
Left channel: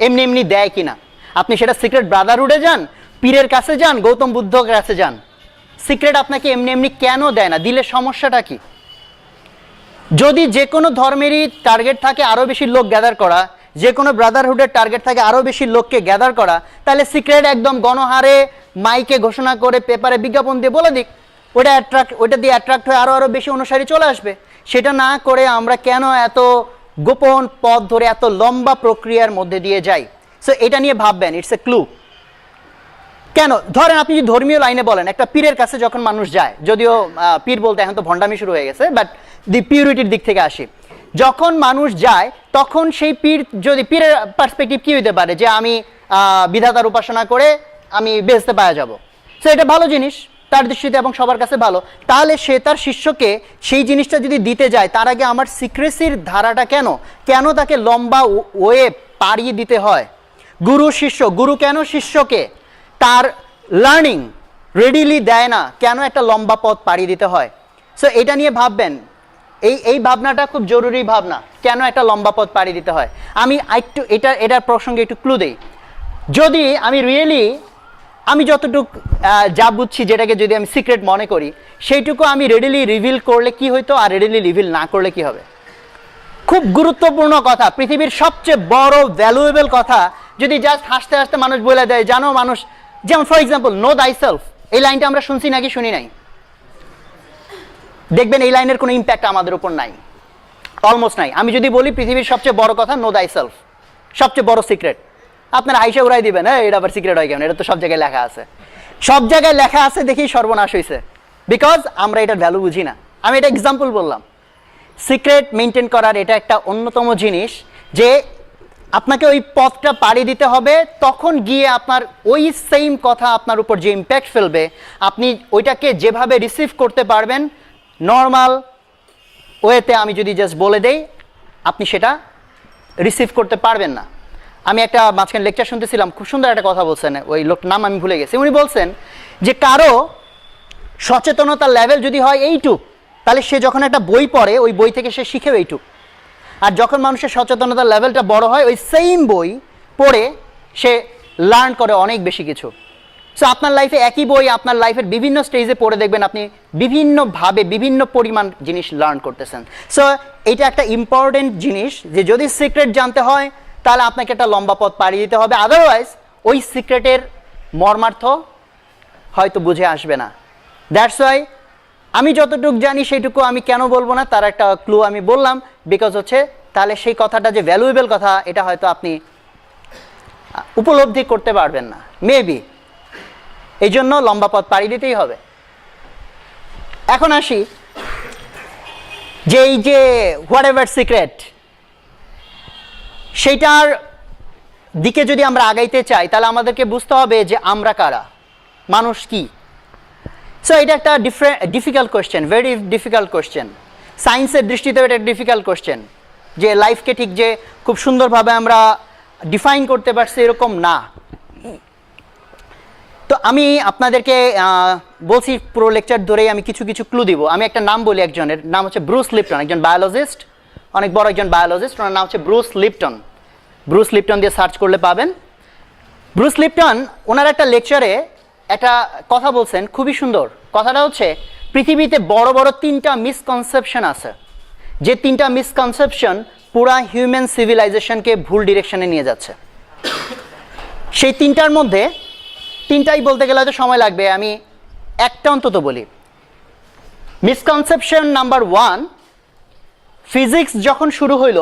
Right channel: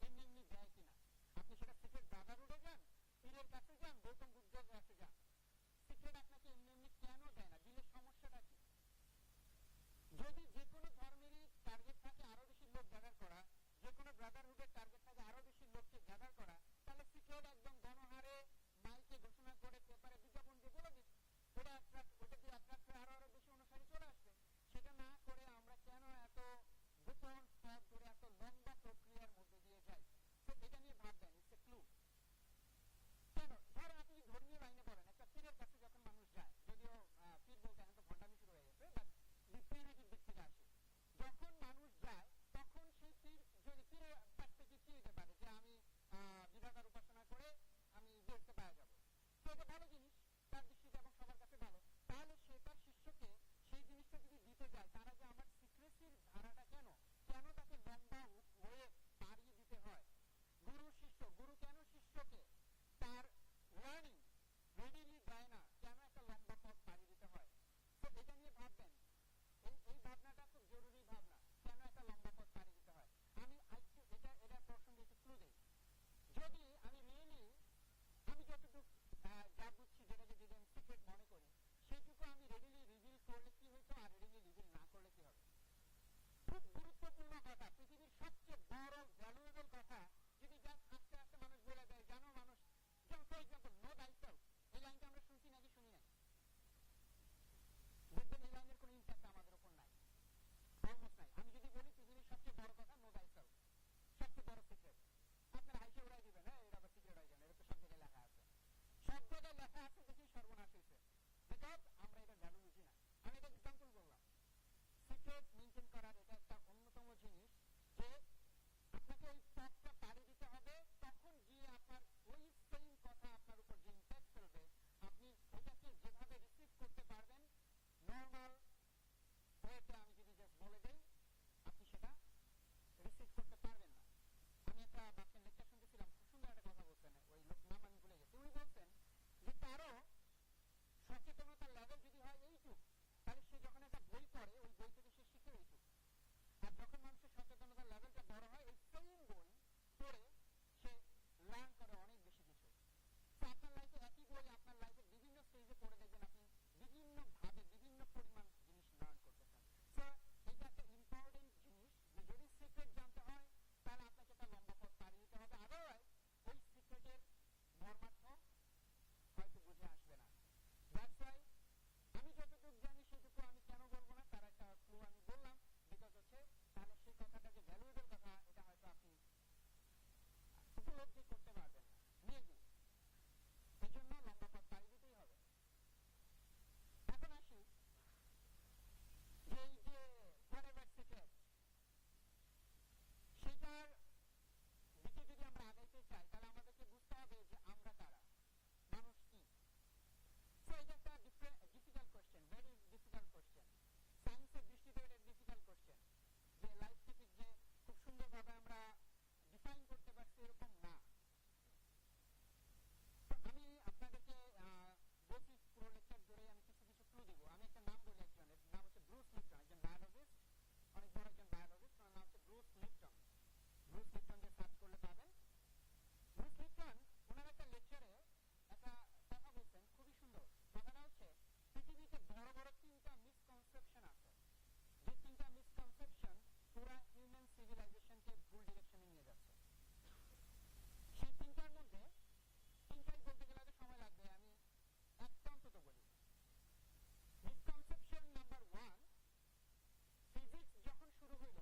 এমনি এমনি দেয় কিনা? আপনি সেটা সিক্রেট ব্রাদারহুডে যান, পীরের কাছে যান, গৌতম বুদ্ধর কাছে যান, সিক্রেট আপনাকে এমনি এমনি কেন দেয় না? দিলে সমস্যাটা কি? যদি যে কোনো ধর্মেরই টার্গেট থাকে আরও বেশি লোক গ্যাদার করা, যে কোনো ব্রাদারহুডের টার্গেট থাকে আরও বেশি লোককে গ্যাদার করা, তাহলে সিক্রেট একদম গণহারে মাইকে ঘোষণা করে পেপারে বিজ্ঞাপন দিয়ে বলে দিক, ওটা দিয়ে অ্যাট্রাক্ট হয়ে আরও বেশি অনুসারী চলে আসবে। সেটা না করে আমরা কেন এত গোপন পথ ধরে এত লম্বা প্রক্রিয়ার মধ্যে দিয়ে যাই? সো এটা নিয়ে ভাববেন, ইটস এ ক্লু। কেন? ধরেন আপনি যদি ধর্মীয় লাইনে বলেন, একটা পীরের কাছে যখন মানুষ যায়, যদিও পীর বলতে এখন তো ভণ্ডামি শুরু হয়ে গেছে, বাট দি পিউরিটির দিক থেকে আসি, যখন মানুষ যায় তখন সেই পীর, যদি পীরের পার্সপেক্টিভ কী হইতে পারে যে আমি বিধাতার উপাসনা করে আমি বেহেশতে পাওয়া যাব। সো এটা ভালো জিনিস তার দৃষ্টিতে এবং সবার কাছে ভালো। তাহলে সে তার শিষ্যকে সেই জিনিসটা যদি দিতে যায়, তার আগে আমার সিক্রেসির ধারাটা কেন তাকে লম্বা ওয়ে পাড়িয়ে দিতে হয়? গুরু শিষ্য, গুরু কেন শিষ্যকে তার লার্নিং রেডিলি দেয় না? কেন একটা লম্বা পথ পাড়িয়ে দিতে হয়? সো এটা নিয়ে ভাববেন। এই ভাবনাটা খুব জরুরি ভাবনা, কেন একটা লম্বা পথ পাড়ি দিতে হয়। আমি একটু এটার প্রসঙ্গে একটু ক্লু দেই। যদি আমি যতটুকু যা বুঝছি, যেটাকে যদি আমি সিক্রেট মনে করি, সেইটুকু আমি রেডিলি রিভিল করলে কি হইতো, আর রেডিলি রিভিল না করলে কি হবে? খুব গুরুত্বপূর্ণ কথা, পৃথিবীর সবচেয়ে বড় ভ্যালুয়েবল কথা যদি জাস্ট হাসতে হাসতে মানুষ বলে দেয়, জানো মানুষ, যেমন ফর এক্সাম্পল নো দাই সেলফ, এই লাইনটা আমরা শুনছি নাকি শুনি নাই? দেখবেন এই লাইনের কোনো ইম্প্যাক্ট আমাদের উপর নাই, অলমোস্ট নাই। আমি যদি বলি পৃথিবীর সবচেয়ে বড় কথা নো দাই সেলফ, সবচেয়ে বড় সিক্রেট, আপনারা আইসা উড়াই দিবেন, হ্যাঁ এটা আবার সিক্রেট হয় কেন? এটা তো সব জায়গায় লেখা আছে। সব জায়গায় লেখা আছে দেখেই সর্বনাশ হয়েছে, বিকজ আমরা এটার ভ্যালু বুঝি না। আমি এটা এক্সাম্পল বললাম। সিক্রেট মেনটেন করার এটা একটা অন্যতম জিনিস, যে আপনাকে ওই পথটা পাড়ি দিতে হবে, তখন গিয়ে আপনার ওই সেম কথা আপনার উপর যে ইম্প্যাক্ট ফেলবে, আপনি ওইটাকে যেভাবে রিসিভ করতে পারবেন নর্মাল ওয়েতে, আমি যদি জাস্ট বলে দেই, আপনি সেটা রিসিভ করতে পারবেন না। আমি একটা মাঝখানে লেকচার শুনতেছিলাম, খুব সুন্দর একটা কথা বলছেন, ওই লোকটার নাম আমি ভুলে গেছি। উনি বলছেন যে কারো সচেতনতার লেভেল যদি হয় এইটুক, তাহলে সে যখন একটা বই পড়ে ওই বই থেকে সে শিখেও এইটুক। আর যখন মানুষের সচেতনতার লেভেলটা বড় হয়, ওই সেম বই পড়ে সে লার্ন করে অনেক বেশি কিছু। সো আপনার লাইফে একই বই আপনার লাইফের বিভিন্ন স্টেজে পড়ে দেখবেন আপনি বিভিন্নভাবে বিভিন্ন পরিমাণ জিনিস লার্ন করতেছেন। সো এটা একটা ইম্পর্টেন্ট জিনিস, যে যদি সিক্রেট জানতে হয় তাহলে আপনাকে একটা লম্বা পথ পাড়ি দিতে হবে, আদারওয়াইজ ওই সিক্রেটের মর্মার্থ হয়তো বুঝে আসবে না। দ্যাটস ওয়াই আমি যতটুকু জানি সেইটুকু আমি কেন বলবো না, তার একটা ক্লু আমি বললাম, বিকজ হচ্ছে তাহলে সেই কথাটা যে ভ্যালুয়েবল কথা, এটা হয়তো আপনি উপলব্ধি করতে পারবেন না, মেবি। এই জন্য লম্বা পথ পাড়ি দিতেই হবে। এখন আসি যে এই যে হোয়াট এভার সিক্রেট, সেইটার দিকে যদি আমরা আগাইতে চাই, তাহলে আমাদেরকে বুঝতে হবে যে আমরা কারা, মানুষ কি। সো এটা একটা difficult question, very difficult question. সায়েন্সের দৃষ্টিতেও এটা ডিফিকাল্ট কোয়েশ্চেন, যে লাইফকে ঠিক যে খুব সুন্দরভাবে আমরা ডিফাইন করতে পারছি এরকম না। তো আমি আপনাদেরকে বলছি পুরো লেকচার ধরেই আমি কিছু কিছু ক্লু দিব। আমি একটা নাম বলি, একজনের নাম হচ্ছে ব্রুস লিপটন, একজন বায়োলজিস্ট, অনেক বড় একজন বায়োলজিস্ট, ওনার নাম হচ্ছে ব্রুস লিপটন। ব্রুস লিপটন দিয়ে সার্চ করলে পাবেন। ব্রুস লিপটন ওনার একটা লেকচারে একটা কথা বলছেন, খুবই সুন্দর। কথাটা হচ্ছে পৃথিবীতে বড় বড় 3টা মিসকনসেপশন আছে, যে 3টা মিসকনসেপশন পুরা হিউম্যান সিভিলাইজেশনকে ভুল ডিরেকশনে নিয়ে যাচ্ছে। সেই 3টার মধ্যে 3টাই বলতে গেলে হয়তো সময় লাগবে, আমি একটা অন্তত বলি। মিসকনসেপশন নাম্বার 1, ফিজিক্স যখন শুরু হইল,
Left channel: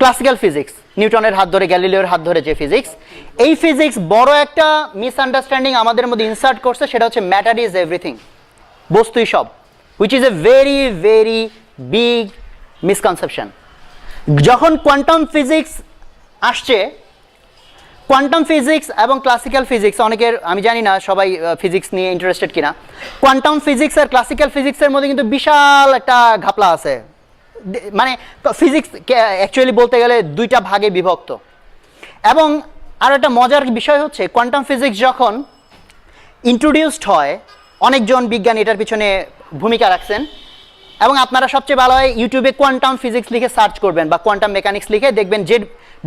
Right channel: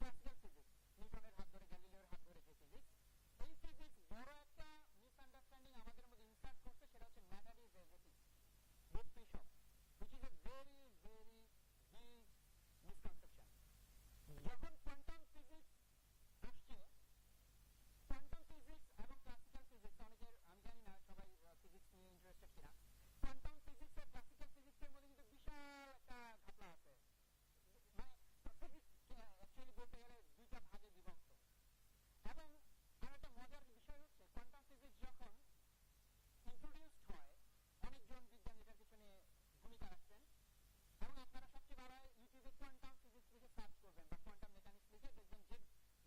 ক্লাসিক্যাল ফিজিক্স, নিউটনের হাত ধরে, গ্যালিলিওর হাত ধরে যে ফিজিক্স, এই ফিজিক্স বড় একটা মিসআন্ডারস্ট্যান্ডিং আমাদের মধ্যে ইনসার্ট করছে, সেটা হচ্ছে ম্যাটার ইজ এভরিথিং, বস্তুই সব, which is a very very big misconception. যখন কোয়ান্টাম ফিজিক্স আসছে, কোয়ান্টাম ফিজিক্স এবং ক্লাসিক্যাল ফিজিক্স, অনেকের আমি জানি না সবাই ফিজিক্স নিয়ে ইন্টারেস্টেড কিনা, কোয়ান্টাম ফিজিক্স আর ক্লাসিক্যাল ফিজিক্সের মধ্যে কিন্তু বিশাল একটা ঘাপলা আছে। মানে ফিজিক্স অ্যাকচুয়ালি বলতে গেলে 2টা ভাগে বিভক্ত। এবং আর একটা মজার বিষয় হচ্ছে, কোয়ান্টাম ফিজিক্স যখন ইন্ট্রোডিউসড হয়, অনেকজন বিজ্ঞানী এটার পিছনে ভূমিকা রাখছেন। এবং আপনারা সবচেয়ে ভালো হয় ইউটিউবে কোয়ান্টাম ফিজিক্স লিখে সার্চ করবেন, বা কোয়ান্টাম মেকানিক্স লিখে দেখবেন যে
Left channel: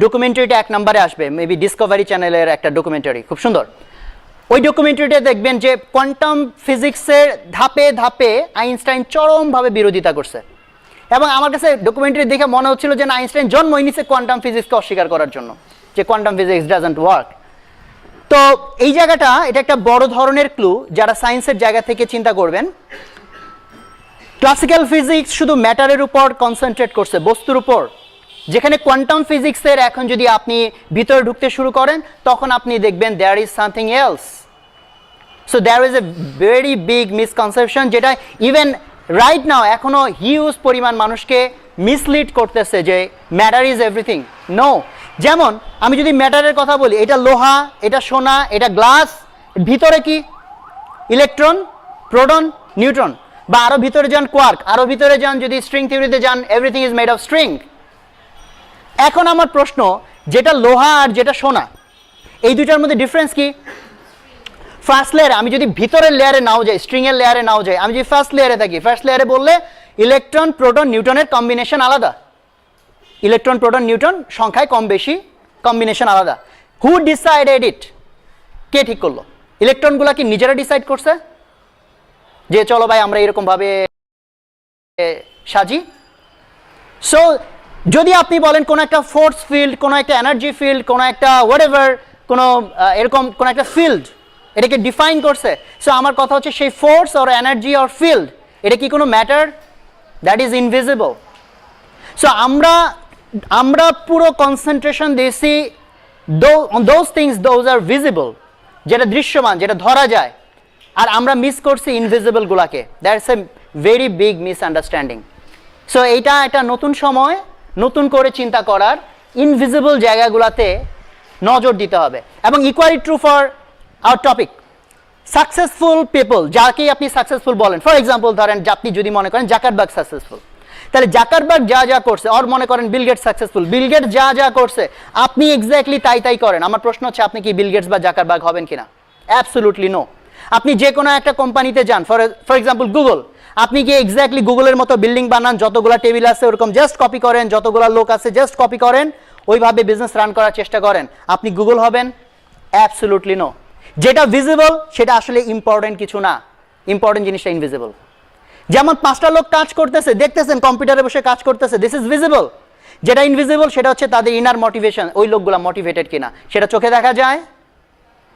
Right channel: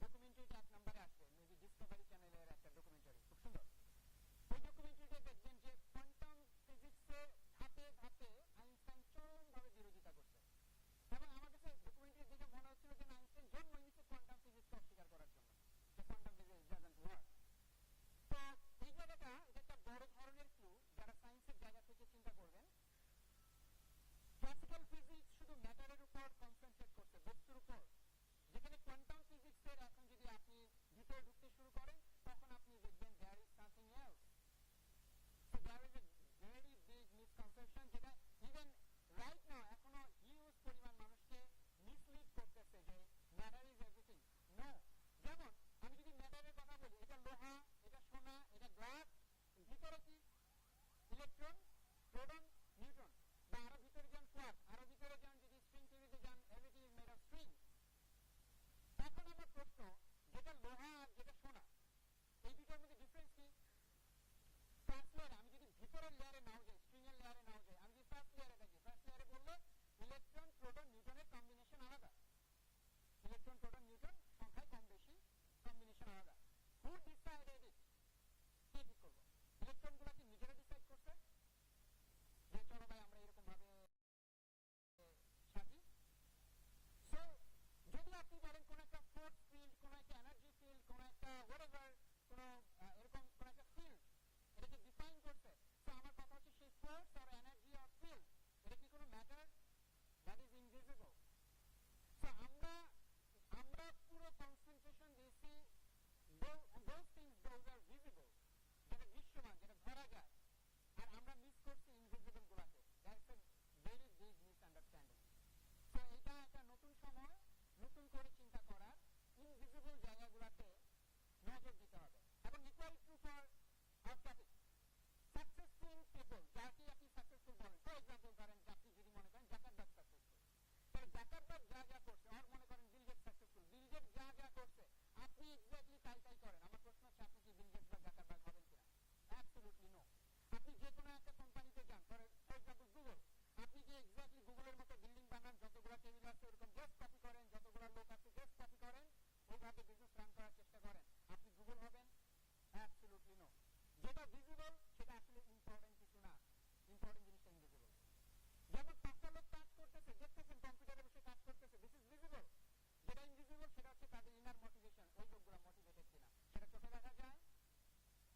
ডকুমেন্টারিটা 1 নম্বরে আসবে, মেবি ডিসকভারি চ্যানেলের একটা ডকুমেন্টারি, খুব সুন্দর। ওই ডকুমেন্টারিটা দেখবেন যে কোয়ান্টাম ফিজিক্সের ধাপে ধাপে আইনস্টাইন চরমভাবে বিরোধিতা করছে। এবং আমার কাছে ডকুমেন্টারি দেখে মনে হচ্ছিল যে না, আইনস্টাইন জন্মই নিছে কোয়ান্টাম ফিজিক্সকে অস্বীকার করার জন্য, যে কোয়ান্টাম ফিজিক্স ডাজন্ট ওয়ার্ক। তো এই জায়গাটা, এটা একটা বড় ধরনের ক্লু যারা সায়েন্সের জায়গা থেকে চিন্তা করবেন। ক্লাসিক্যাল ফিজিক্স শুধু ম্যাটারের উপর কনসেন্ট্রেট করছে, বস্তুর উপর, যেখানে কোয়ান্টাম ফিজিক্সের এখন যদি আপনি ভিতরে ঢুকতে শুরু করেন, তখন আপনি দেখবেন there is something else. So there is a very big misconception, যেটা ইভেন রাইট নাও এখনো হিউজ পরিমাণ মানুষকে মিসলিড করতেছে যে ম্যাটার ইজ এভরিথিং। নো, যেমন আমি যদি ম্যাটারের কথা বলি, এটা লোহা, এটা সোনা, এটা গ্লাস, ভিতরে কি ইলেকট্রন, প্রোটন, নিউট্রন, বা আরো ভিতরে যান কোয়ার্ক, আরো ভিতরে যান যদি স্ট্রিং থিওরিতে যান, everything is made of string. এখন আমার প্রশ্ন, যেটা লোহা আর যেটা সোনা, এই দুইটার মধ্যে ডিফারেন্স কি? ফার্স্ট লেয়ারে আমি যদি ভিতরের লেয়ারে নাও যাই, স্ট্রিং এর লেয়ারে নাও যাই, আমি যদি ফার্স্ট লেয়ারে থাকি, ফার্স্ট লেয়ারে বললে ইলেকট্রন, প্রোটন, নিউটনের কম্বিনেশন আলাদা। ইলেকট্রন, প্রোটন, নিউটন সংখ্যায় কম বেশি, কম্বিনেশন আলাদা। হু ডিসাইডেড ইট? কে ঠিক করলো? ইলেকট্রনগুলা কি নিজেরা ডিসাইড করছে যে চলো ভাই আমরা এরকম ভাবে সাজি? সো যদি আপনি বলেন কোনো একটা ফোর্স ফিল্ড, কোনো একটা এনার্জি ফিল্ড, কোনো একটা হোয়াটএভার, কোনো এরকম কোনো একটা ফিল্ড এটাকে ডিফাইন করছে, সো আমার কথা হচ্ছে সেই force or energy or field এটা কি কোনো matter? That is invisible. So আমরা পুরো কনসেন্ট্রেশন দিয়েছি those things those are visible, যেটা দৃশ্যমান, যেটা ধরা যায়, আর আমরা মিস করছি ইনভিজিবলগুলোকে। That's a very big misunderstanding. So এইটা একটা নতুন সময়, নতুন করে চিন্তা করার, ইনভিজিবল জায়গাগুলোতে নজর দিতে হবে। এবং equally true for our topic, successful people, যাকেই আপনি সাকসেসফুল বলেন, ফর এক্সাম্পল ধরেন আপনি যদি মনে করেন জাকারবার্গ সাকসেসফুল, তাহলে জাকারবার্গ যা যা করছে, আর মনে করেন Bill Gates successful, Bill Gates যা যা করছে আপনি এক্স্যাক্টলি তাই করেন। আমার প্রশ্ন হচ্ছে আপনি কি বিল গেটস বা জাকারবার্গ হবেন কিনা? Absolutely no. আপনি যে কোনো একটা কোম্পানিতে যান, ফর এক্সাম্পল গুগল, আপনি কি এক্স্যাক্টলি গুগলের মতো বিল্ডিং বানান, যতগুলো টেবিল আছে ওরকম জাস্ট কপি করেন, যতগুলো লোক আছে জাস্ট কপি করেন, ওইভাবে বিজনেস রান করার চেষ্টা করেন, আপনি গুগল হবেন? Absolutely no. যেটা ভিজিবল সেটা আসলে ইম্পর্টেন্ট কিছু না, ইম্পর্টেন্ট জিনিসটা ইনভিজিবল। যেমন 5টা লোক কাজ করতেছে, দেখতেছেন কম্পিউটারে বসে কাজ করতেছে, দিস ইজ ভিজিবল। যেটা ইনভিজিবল সেটা হচ্ছে তাদের ইনার মোটিভেশন, ওই লোকগুলো মোটিভেটেড কিনা সেটা চোখে দেখা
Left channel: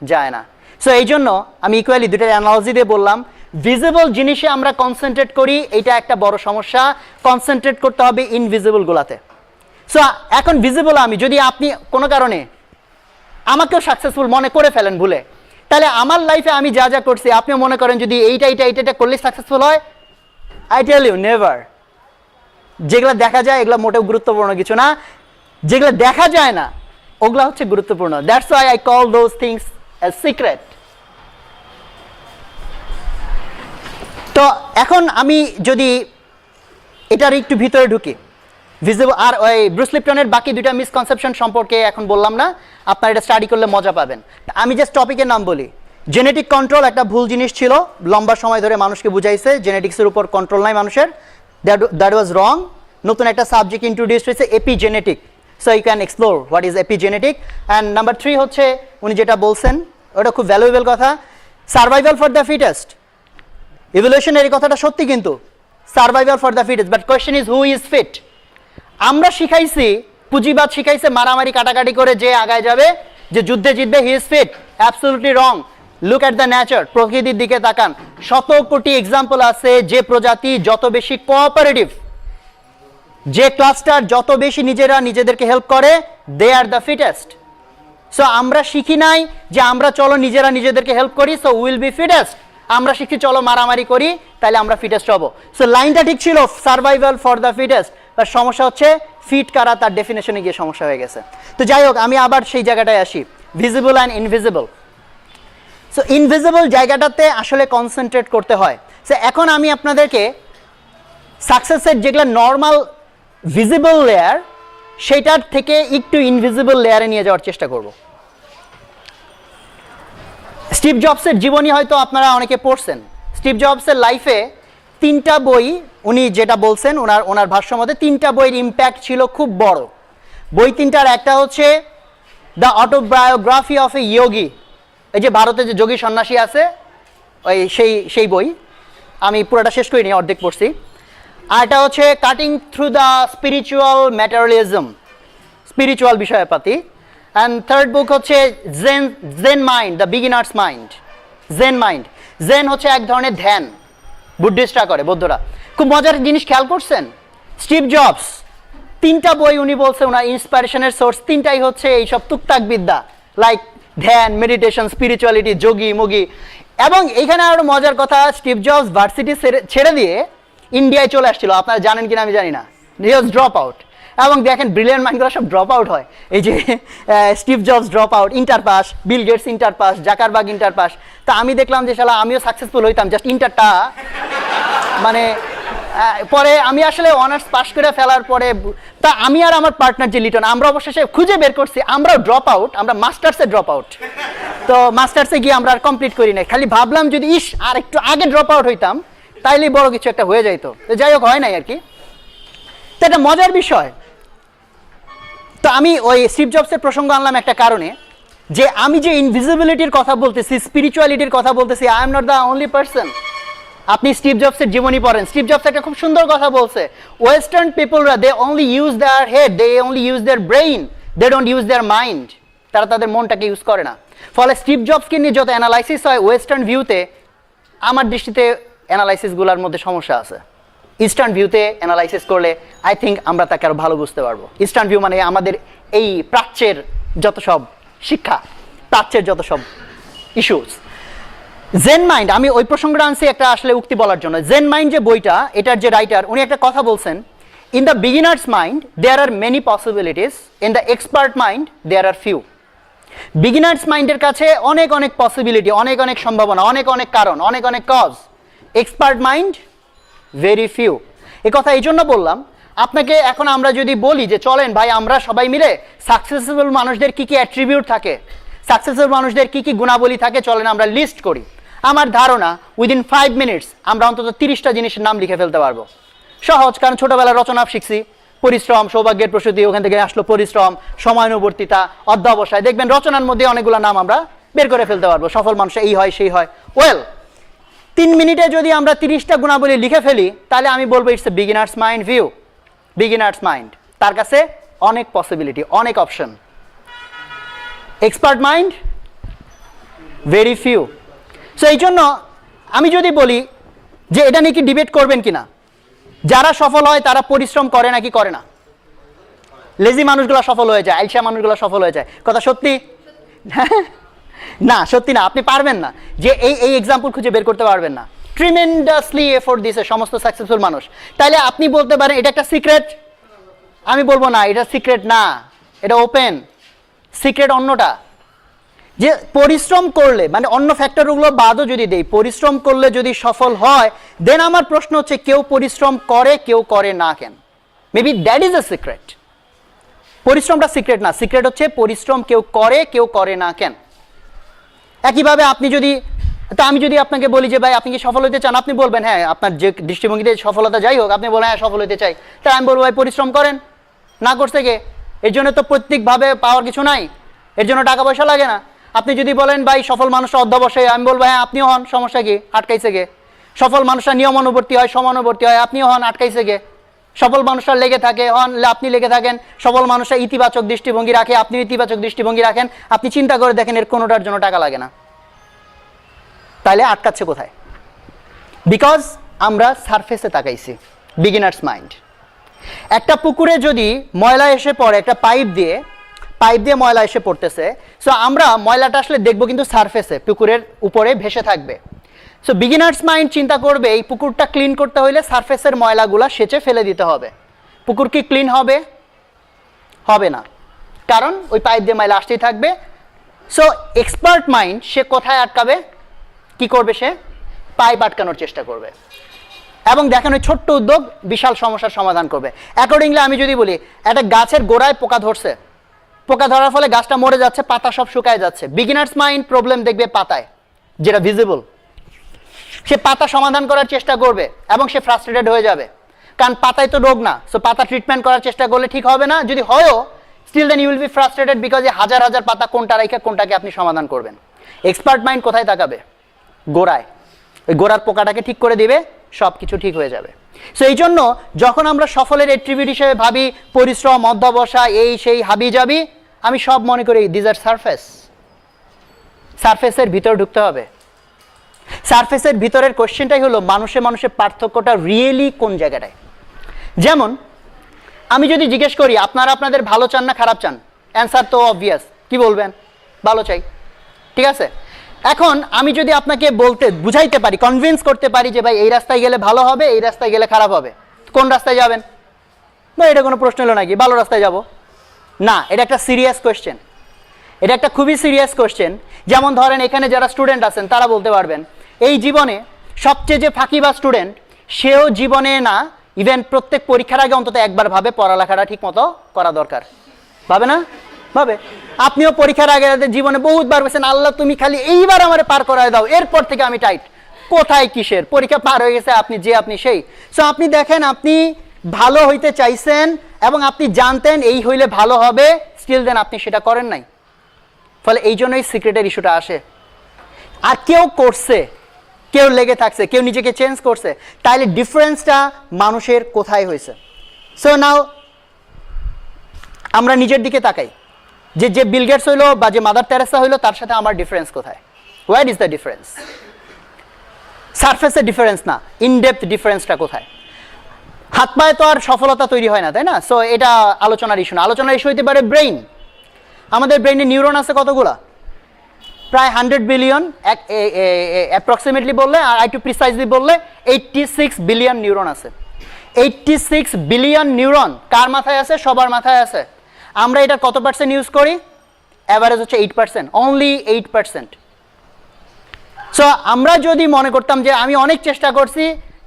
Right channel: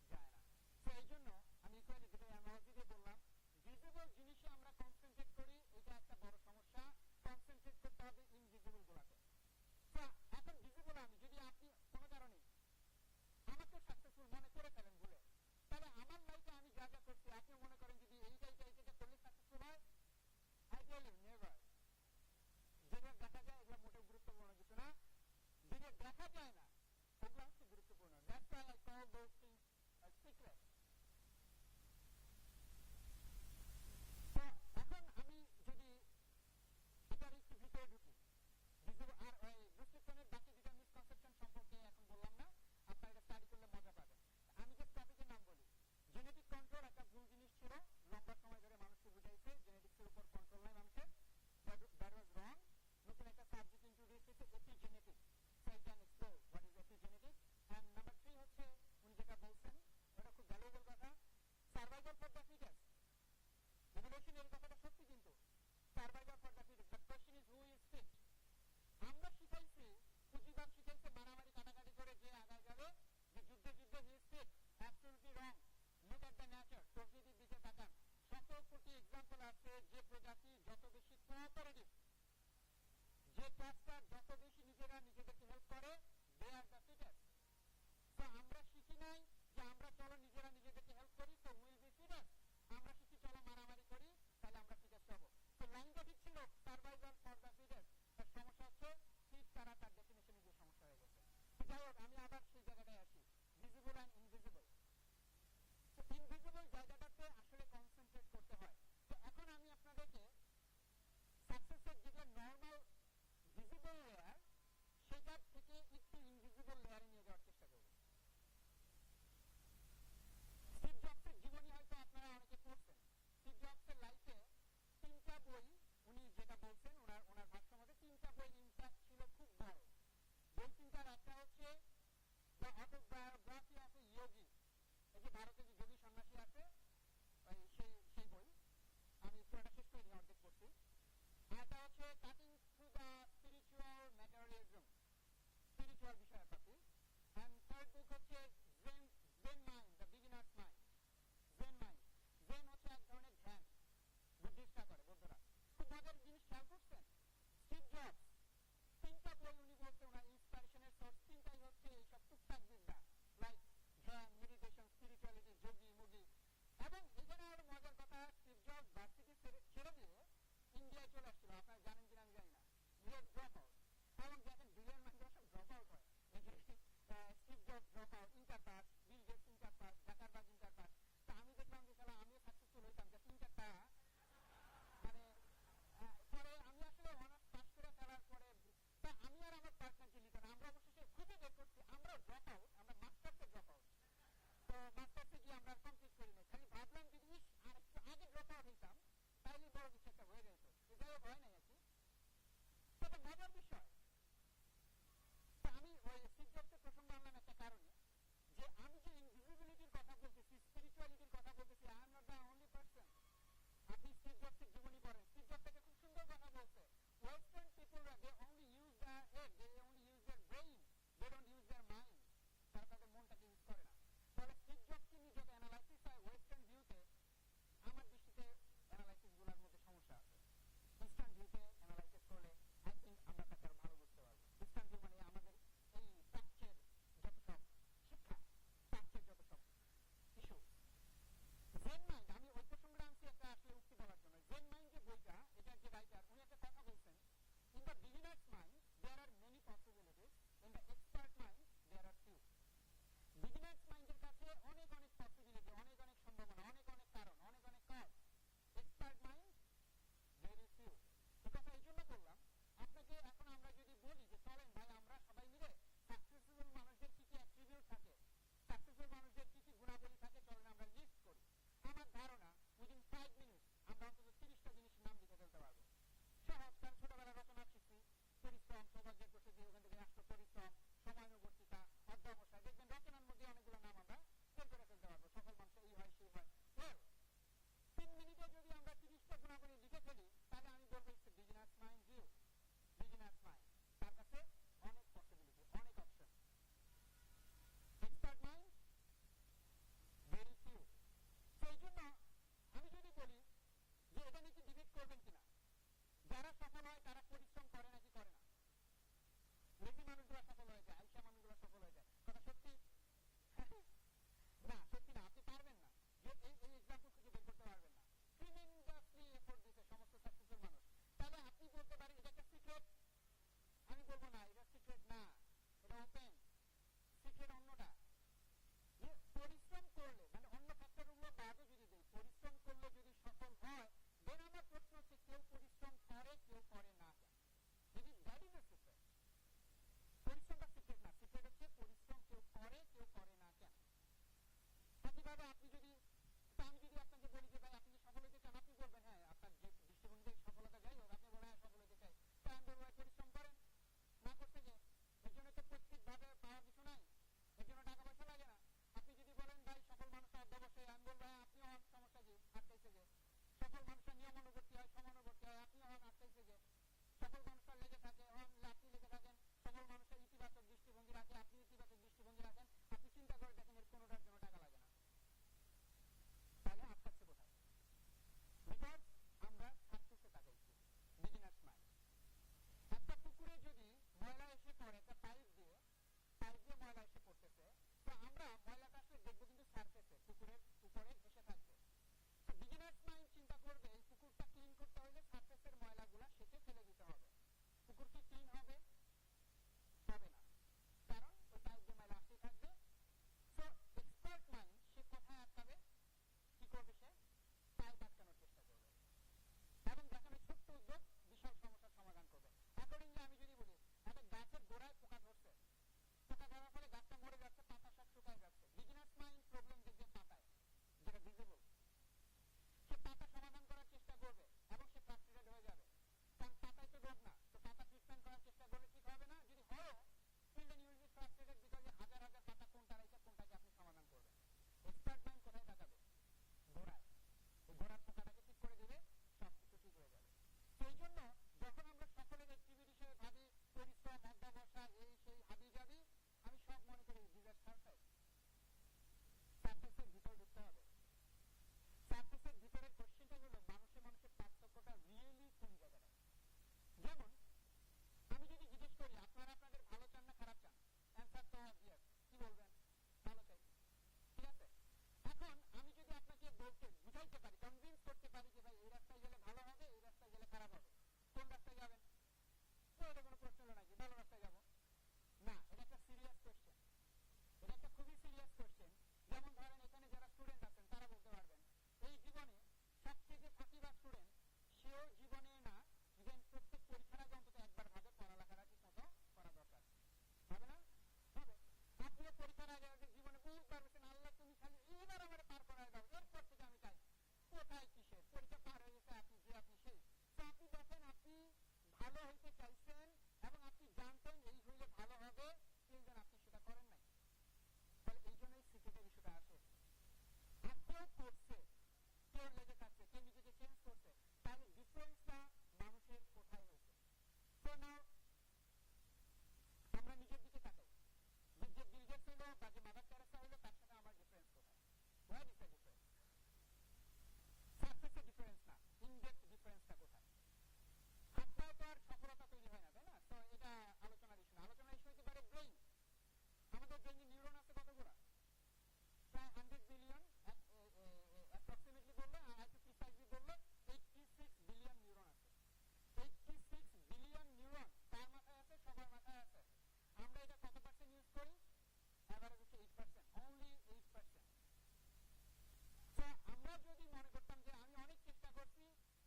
যায় না। সো এই জন্য আমি ইকুয়ালি দুটো অ্যানালজি দিয়ে বললাম, ভিজিবল জিনিসে আমরা কনসেন্ট্রেট করি, এটা একটা বড় সমস্যা। কনসেন্ট্রেট করতে হবে ইনভিজিবলগুলোতে। সো এখন ভিজিবল আমি, যদি আপনি কোনো কারণে আমাকেও সাকসেসফুল মনে করে ফেলেন ভুলে, তাহলে আমার লাইফে আমি যা যা করছি আপনিও মনে করেন যদি এইটা করলে সাকসেসফুল হয়, আই টেল ইউ নেভার। যেগুলো দেখা যায় এগুলো মোটেও গুরুত্বপূর্ণ কিছু না, যেগুলো দেখা যায় না ওগুলা হচ্ছে গুরুত্বপূর্ণ। That's why I call those things as secret. তো এখন আমি যদি এটার একটু ভিতরে ঢুকি, ভিজিবল আর ওই ব্রুস লিপটনের বাকি দুইটা মিসকনসেপশন সম্পর্কে এখন বললাম না, আপনারা এটা স্টাডি করলে মজা পাবেন। আমি জাস্ট টপিকের নাম বলি। জেনেটিক কন্ট্রোল একটা ভুল জিনিস ছিল, লম্বা সময় ধরে মানুষকে বুঝাইছে জেনেটিক্সের উপর কন্ট্রোল নাই মানুষের, দ্যাট ওয়াজ রং। নতুন একটা সাবজেক্ট ইন্ট্রোডিউস হয়েছে, epigenetic. So you can explore what is epigenetic. And number 3 হচ্ছে উনি যেটা বলছেন ওটা খুব ভ্যালুয়েবল কথা, সার্ভাইভাল ফর দ্য ফিটেস্ট। ইভলিউশনের এই কথাটা সত্যি, কিন্তু survival for the fittest, but question is who is fit. আমরা শিখাইছি, পুঁজিবাদ শিখাইছে মারামারি কাটাকাটি করে যে আগায় যাবে, যে যুদ্ধে জিতবে, he is fit. Absolutely wrong. Look at the nature, প্রকৃতির দিকে তাকান। 100 কোটি এক্সাম্পল আছে যে প্রজাতি যত বেশি কোঅপারেটিভ, যে ক্লাস্টার যত বেশি নিজেদেরকে হেল্প করে, দে আর দ্য ফিটেস্ট। সো আমরা শিখি নাই যে আমরা চলো নিজেদেরকে হেল্প করি, সো উইল বি ফিটেস্ট। আমরা শিখি চলো মারামারি করি, তাহলে আমরা ফিটেস্ট হব। সো লাইনটা ঠিক ছিল, survival for the fittest. But সমস্যা হচ্ছে ফিট কারা, তার ডেফিনেশনে গিয়ে সমস্যা হয়ে গেছে। তো যাই হোক, আমি আবার সেই জায়গাটায় আসি, visible and invisible. So invisible জায়গাটাতে আসলে কনসেন্ট্রেট করতে হয়। সো এখন আমি আপনাদেরকে সাকসেসের যেগুলো নর্মাল ভিজিবল লেয়ার, সেটার থেকে একটু ইনভিজিবল লেয়ারে নিয়ে যাওয়ার চেষ্টা করব। স্টিভ জবসের জীবনী হয়তো আপনারা অনেকে পড়ছেন। স্টিভ জবসের লাইফে 3টা বই, উনি যেটা বলছেন ওনার ভাষ্য মতে 3টা বইয়ের ইম্প্যাক্ট ছিল খুব বড়। বই 3টার একটা হচ্ছে দ্য অটোবায়োগ্রাফি অফ এ যোগী, এই যে ভারতে যে যোগী সন্ন্যাসী আছে, ওই সেই বই। আমি পুরোটা শেষ করিনি, অর্ধেক পড়ছি। আর এটা হচ্ছে cutting through the spiritual materialism, spiritual বিষয়পাতি। অ্যান্ড থার্ড বুক হচ্ছে Zen mind, the beginner's mind, Zen mind. Zen হচ্ছে এক ধরনের ধ্যান, বুদ্ধিস্টরা করে, বৌদ্ধরা। খুব মজার জিনিস খেয়াল করছেন, স্টিভ জবস 3টা বই উনি বলছে ওনার ইন্সপিরেশনের সোর্স 3টাই হচ্ছে এইসব তুকতাক বিদ্যা, লাইক ধ্যান, মেডিটেশন, স্পিরিচুয়ালিটি, যোগী মোগী। এবং এইখানে আরো মজার কথা, স্টিভ জবস ভার্সিটি ছেড়ে দিয়ে ইন্ডিয়ায় চলে আসছিল, আপনারা জানেন কিনা আমি জানি না। হি ওয়াজ ড্রপ আউট। এবং দেখেন ব্রিলিয়ান্ট মাইন্ডগুলো সব ড্রপ আউট হয়। এই যে Steve Jobs drop out, inter pass, Bill Gates inter pass, Zuckerberg inter pass. তা আমি দেখলাম যে শালা আমিও সাকসেসফুল হইতাম, জাস্ট ইন্টারটা মানে পরে আমি আসলে অনার্স পাস করে ফেলার পরে, তা আমি আর আমার পার্টনার যে লিটন, আমরা অবশেষে খুঁজে বের করছি আমরাও ড্রপ আউট, আমরা মাস্টার্সে ড্রপ আউট। তো মাস্টার্সে গিয়ে আমরা আর কমপ্লিট করি নাই, খালি ভাবলাম যদি আর একটু আগে ড্রপ আউট হইতাম তাইলেই বড় কিছু একটা হয়ে যাইতো। তো যাই হোক, হয় নাই আর কি। তো এটা মজার বিষয়। তো আমি ওই স্টিভ জবসের প্রসঙ্গ আনলাম একটা কারণে, যে আমি যে ইনভিজিবিলিটির কথা বলতেছি, স্পিরিচুয়ালিটির কথা বলতেছি, I am not the only person. আপনি স্টিভ জবসের জীবনী পড়েন, স্টিভ জবস একটা খুব সুন্দর কথা বলছে, ওয়েস্টার্ন পিপলরা they only use their head, they only use their brain, they don't use their mind. তারা তাদের মনটাকে ইউজ করে না। ফলে স্টিভ জবসকে নিয়ে যত অ্যানালাইসিস হয় ওয়েস্টার্ন ভিউতে, আমার দৃষ্টিতে অ্যানালাইসিসগুলোর মধ্যে সমস্যা আছে। ইস্টার্ন ভিউতে অ্যানালাইসিস করলে আই থিঙ্ক আমরা তাকে আরও ভালো বুঝতে পারবো। ইস্টার্ন ভিউ মানে আমাদের এই প্রাচ্যের যত সব শিক্ষা, প্রাচ্যের যত সব ইস্যুস। জেন মাইন্ড, আমি ওই প্রসঙ্গটা আনছি একটা আসলে উক্তি বলার জন্য। জেন মাইন্ড যে বইটা, এটার যে রাইটার উনি একটা কথা বলছেন, in the beginner's mind there are many possibilities, in the expert mind there are few. Beginner's মাইন্ডের কাছে অনেক অনেক পসিবিলিটি, অনেক অনেক সম্ভাবনা, অনেক অনেক কারণ, অনেক অনেক cause. Expert mind very few. এ কথা এই জন্য বললাম, আপনাকে এখন আমরা যদি বলি যে চলেন ভাই আমরা সবাই মিলে সাকসেসফুল মানুষদের কি কি অ্যাট্রিবিউট থাকে, সাকসেসফুল মানুষদের কি কি গুণাবলী থাকে, চলেন আমরা লিস্ট করি। আমার ধারণা উইদিন 5 মিনিটস আমরা অন্তত 30টা জিনিসের নাম লিখে ফেলতে পারবো। সহজ, কারণ ছোটবেলার রচনা শিখছি, পরিশ্রম, সৌভাগ্যের প্রসূতি, ওখান থেকে আসলো পরিশ্রম, সময়ানুবর্তিতা, অধ্যবসায়। দেখবেন রচনার মধ্যে অনেকগুলো নাম আমরা বের করে ফেলতে পারবো। সফল মানুষ এই হয় সেই হয়। ওয়েল, 3 মিনিটে যদি আমরা 30টা গুণাবলী লিখে ফেলি, তাহলে আমি বলবো it's a beginners mind view. Beginners mind, তার কাছে অনেক পসিবিলিটি, অনেক option. Expert mind very few. So এই জন্য আমি যদি বলি যে এটা নিয়ে কি ডিবেট করবেন কিনা, যারা সফল হয় তারা পরিশ্রম করে নাকি করে না? লেজি মানুষগুলো সফল হয়ে যায়, আলসা মানুষগুলো সফল হয়ে যায়। কথা সত্যি? না, সত্যি না। আপনি পারবেন না যে এই এক্সাম্পল খুঁজে বের করতে পারবেন না। ট্রিমেন্ডাসলি এফোর্ট দিয়েছে সমস্ত সাকসেসফুল মানুষ। তাইলে আপনি বলতে পারেন এটা একটা সিক্রেট? আমি বলবো না, এটা সিক্রেট না, এটা ওপেন। সিক্রেট অন্যটা, যে পরিশ্রম করলে, মানে অন্য ফ্যাক্টরগুলো বাদও যদি দেই, পরিশ্রম করলে যদি সফল হয়, দেন আমার প্রশ্ন হচ্ছে কেউ পরিশ্রম করে কেউ করে না কেন? Maybe that is a secret. পরিশ্রমটা সিক্রেট না, সিক্রেট হচ্ছে পরিশ্রম কেউ করে কেউ করে না কেন। একইভাবে আপনি যদি, তা আমি যদি আপনাকে বলি যে ভাই আপনি কি সফল হতে চান, আপনি বলবেন হ্যাঁ, আপনার যে দৃষ্টিভঙ্গিতে সফলতা যাই হোক, আপনি বলবেন হ্যাঁ সফল হতে চাই। তাই আমি বলবো ভাই পরিশ্রম করেন। না করছে কে? এর জন্য তো প্রত্যেকভাবে পাওয়ার কিছু নাই, এর জন্য টাকা পয়সা লাগে না। আপনি যদি বলেন ভাই সফল মানুষরা অধ্যবসায়ী, আমি বলবো হ্যাঁ আপনিও হন, সমস্যা কি? আটকাইছে গে? সফল মানুষরা নিয়মানুবর্তী হয়, সমানুবর্তী হয়, আপনিও হন, আটকাইছে গে? সফল মানুষরা লেগে থাকে, হন, আপনি লেগে থাকেন। সফল মানুষরা ইতিবাচক দৃষ্টিভঙ্গি রাখে, আপনি ইতিবাচক দৃষ্টিভঙ্গি রাখেন। আপনি চিন্তা করে দেখেন এর কোনোটার জন্য টাকা লাগে না। তাহলে আটকাচ্ছে কোথায়? বিকজ আমরা সারফেসে তাকাইছি। Beginners mind. একটা পুকুরে যদি ময়লা এসে পড়ে, একটা পাইপ দিয়ে ময়লা এসে পড়তেছে, সো আমরা ময়লাটা আসলে দেখবো কিন্তু সারফেসে, পুকুরের উপরে ভেসে থাকবে। সো বিগিনার্স মাইন্ড চিন্তা করবে এই পুকুরটা ক্লিন করতে হলে সারফেসের ময়লাগুলা সেচে ফেলে দিতে হবে। পুকুর কি ক্লিন হবে? হবে না, কারণ ওই পাইপ দিয়ে ময়লা আসতেই থাকবে। সো এক্সপার্ট মাইন্ড সে কোথায় আটকাবে? কি করবে? সে পাইপ আটকানোর চেষ্টা করবে এবং দেখেন ওই ছোট্ট উদ্যোগ বিশাল সমস্যার সমাধান করবে। অ্যাকর্ডিংলি আমি যদি বলি একটা গাছের গোড়ায় পোকা ধরছে, পোকা ধরার ফলে গাছটা মরে যাচ্ছে, পাতা সব শুকায় যাচ্ছে। বিগিনার্স মাইন্ড প্রবলেম দেখবে পাতায়, যেটা ভিজিবল। সে পাতা সমাধান করার চেষ্টা করবে এবং সে ফ্রাস্ট্রেটেড হয়ে যাবে, কারণ পাতায় তো রোগ না। সো পাতা ট্রিটমেন্ট করার চেষ্টা করলে ঠিক হবে না, যদি হয়ও still then you will be frustrated, because হাজার হাজার পাতা কোনটা রাইখা কোনটাকে আপনি সমাধান করবেন। এক্সপার্ট মাইন্ড কোথায় তাকাবে? গোড়ায়। ওই গোড়ার পোকাটাকে ঠিক করে দিবে, সব কিছু ঠিক হয়ে যাবে। সো এই জন্য যখন আমরা সফলের অ্যাট্রিবিউট হিসেবে ভাবি পরিশ্রম, অধ্যবসায়, এই সেই হাবি যাবি, আমি সব মনে করি দিজ আর সারফেস। সারফেসের ভিতর ঢুকতে হবে। সারফেসের ভিতরের কোশ্চেনটাই হলো মানুষের পার্থক্যটা রিয়েলি কোন জায়গাটায়। যেমন আমি যদি জিজ্ঞেস করি আপনারা আপনাদের ভালো চান না খারাপ চান, অ্যান্সার তো অবভিয়াস, কি বলবেন? ভালো চাই। ঠিক আছে, এখন আমি যদি আপনাকে বুঝাইতে পারি, কনভিন্স করতে পারি যে ভাই এই রাস্তায় গেলে ভালো হবে, এই রাস্তায় গেলে খারাপ হবে, কোন রাস্তায় যাবেন? না, এটা কোনো প্রশ্ন হলো নাকি? ভালো রাস্তায় যাব না। এটা একটা সিরিয়াস কোয়েশ্চেন, এটা একটা খুবই সিরিয়াস কোয়েশ্চেন। যেমন ধরেন এখানে যারা স্টুডেন্ট আছেন তারা বলতে পারবেন এই জীবনে সবচেয়ে যে ফাঁকিবাজ স্টুডেন্ট, সেও জীবনে না, ইভেন প্রত্যেক পরীক্ষার আগে অন্তত একবার ভাবে পড়ালেখাটা ঠিক মতো করা দরকার। ভাবে না? ভাবে। আপনিও পরীক্ষার আগে জীবনে বহুতবার বলছেন আল্লাহ তুমি খালি এইবার আমারে পার করায় দাও, এরপর থেকে আমি টাইট। কোথায় কিসের পরীক্ষা পার হয়ে গেছে, আপনি সেই। সো আপনি দেখেন আপনি ভালো হইতে চাইছেন এবং আপনি জানতেন এই হইলে ভালো হবে, স্টিল দেন আপনি সেটা করেন নাই। ফলে এই জন্যই সিক্রেটের ইস্যুটা আসে। আর কেউ করছে, কেউ লেগে থাকছে, কেউ নিজেকে চেঞ্জ করছে, তাইলে ডিফারেন্সটা মানুষের কোথায় হয়েছে? সো নাও আমরা নিজের দিকে তাকাই, যে বিল গেটস হইলো বা যে মাদার তেরেসা হইলো, তার সাথে আমার ডিফারেন্স কোথায়? What is the difference? সারফেসের ডিফারেন্স না, ইনডেপথ ডিফারেন্সটা কোথায়? হাত পায়ে তো আর সফলতা তৈরি হয় না, তাই না? সো এটা আলোচনার ইস্যু না। আলোচনার ইস্যু হইতে পারে ব্রেইন। আমাদের ব্রেইনে নিউরন আছে কতগুলা? প্রায় 100 বিলিয়ন, অ্যাপ্রক্সিমেটলি বললে, আর একটু প্রিসাইজলি বললে 86 বিলিয়ন নিউরন আছে। 86 বিলিয়ন নিউরন কার মাথায় আছে? সবার মাথায় আছে। আমরা এটা কত পার্সেন্ট ইউজ করি? অ্যাভারেজ হচ্ছে 8%, অনলি 8%। সো আমরা যদি মনে করতাম যে আমি অনেক চেষ্টা করছি,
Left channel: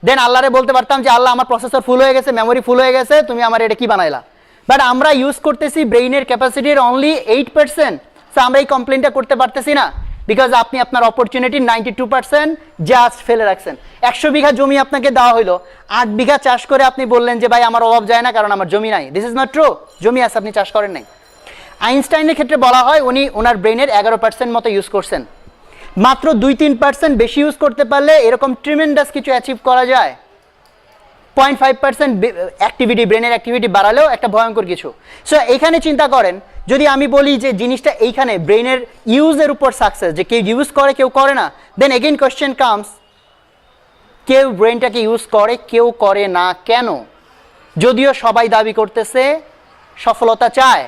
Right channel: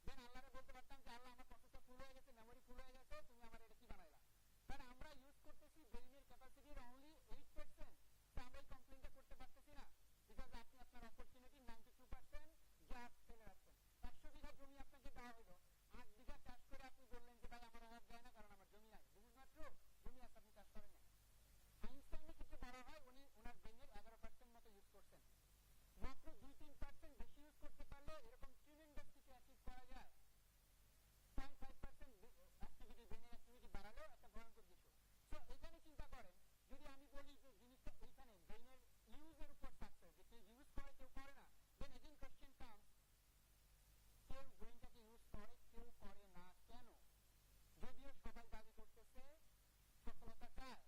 দেন আল্লাহরে বলতে পারতাম যে আল্লাহ আমার প্রসেসর ফুল হয়ে গেছে, মেমোরি ফুল হয়ে গেছে, তুমি আমার এটা কি বানাইলা? বাট আমরা ইউজ করতেছি ব্রেইনের ক্যাপাসিটির অনলি 8%। সো আমরা এই কমপ্লেনটা করতে পারতেছি না, বিকজ আপনি আপনার অপরচুনিটির 92% জাস্ট ফেলে রাখছেন। 100 বিঘা জমি আপনাকে দেওয়া হইলো, 8 বিঘা চাষ করে আপনি বললেন যে ভাই আমার অভাব যায় না, কারণ আমার জমি নাই। This is not true. জমি আছে, আপনি চাষ করেন নাই। আইনস্টাইনের ক্ষেত্রে বলা হয় উনি ওনার ব্রেইনের 11% মতো ইউজ করছেন। মাত্র 2-3% বেশি ইউজ করতে পারলে এরকম ট্রিমেন্ডাস কিছু অ্যাচিভ করা যায়। 0.5% অ্যাক্টিভিটি, ব্রেনের অ্যাক্টিভিটি বাড়ালেও একটা ভয়ঙ্কর কিছু। সো এখানে চিন্তা করেন, যদি আমি বলি যে জিনিসটা এইখানে ব্রেনের ইউজের উপর সাকসেস, যে কেউ ইউজ করে কেউ করে না, দেন এগেইন কোয়েশ্চেন কামস, কেউ ব্রেনটাকে ইউজ করে কেউ করে না কেন? যদিও সবাই দাবি করতেছে সফলতা চায়,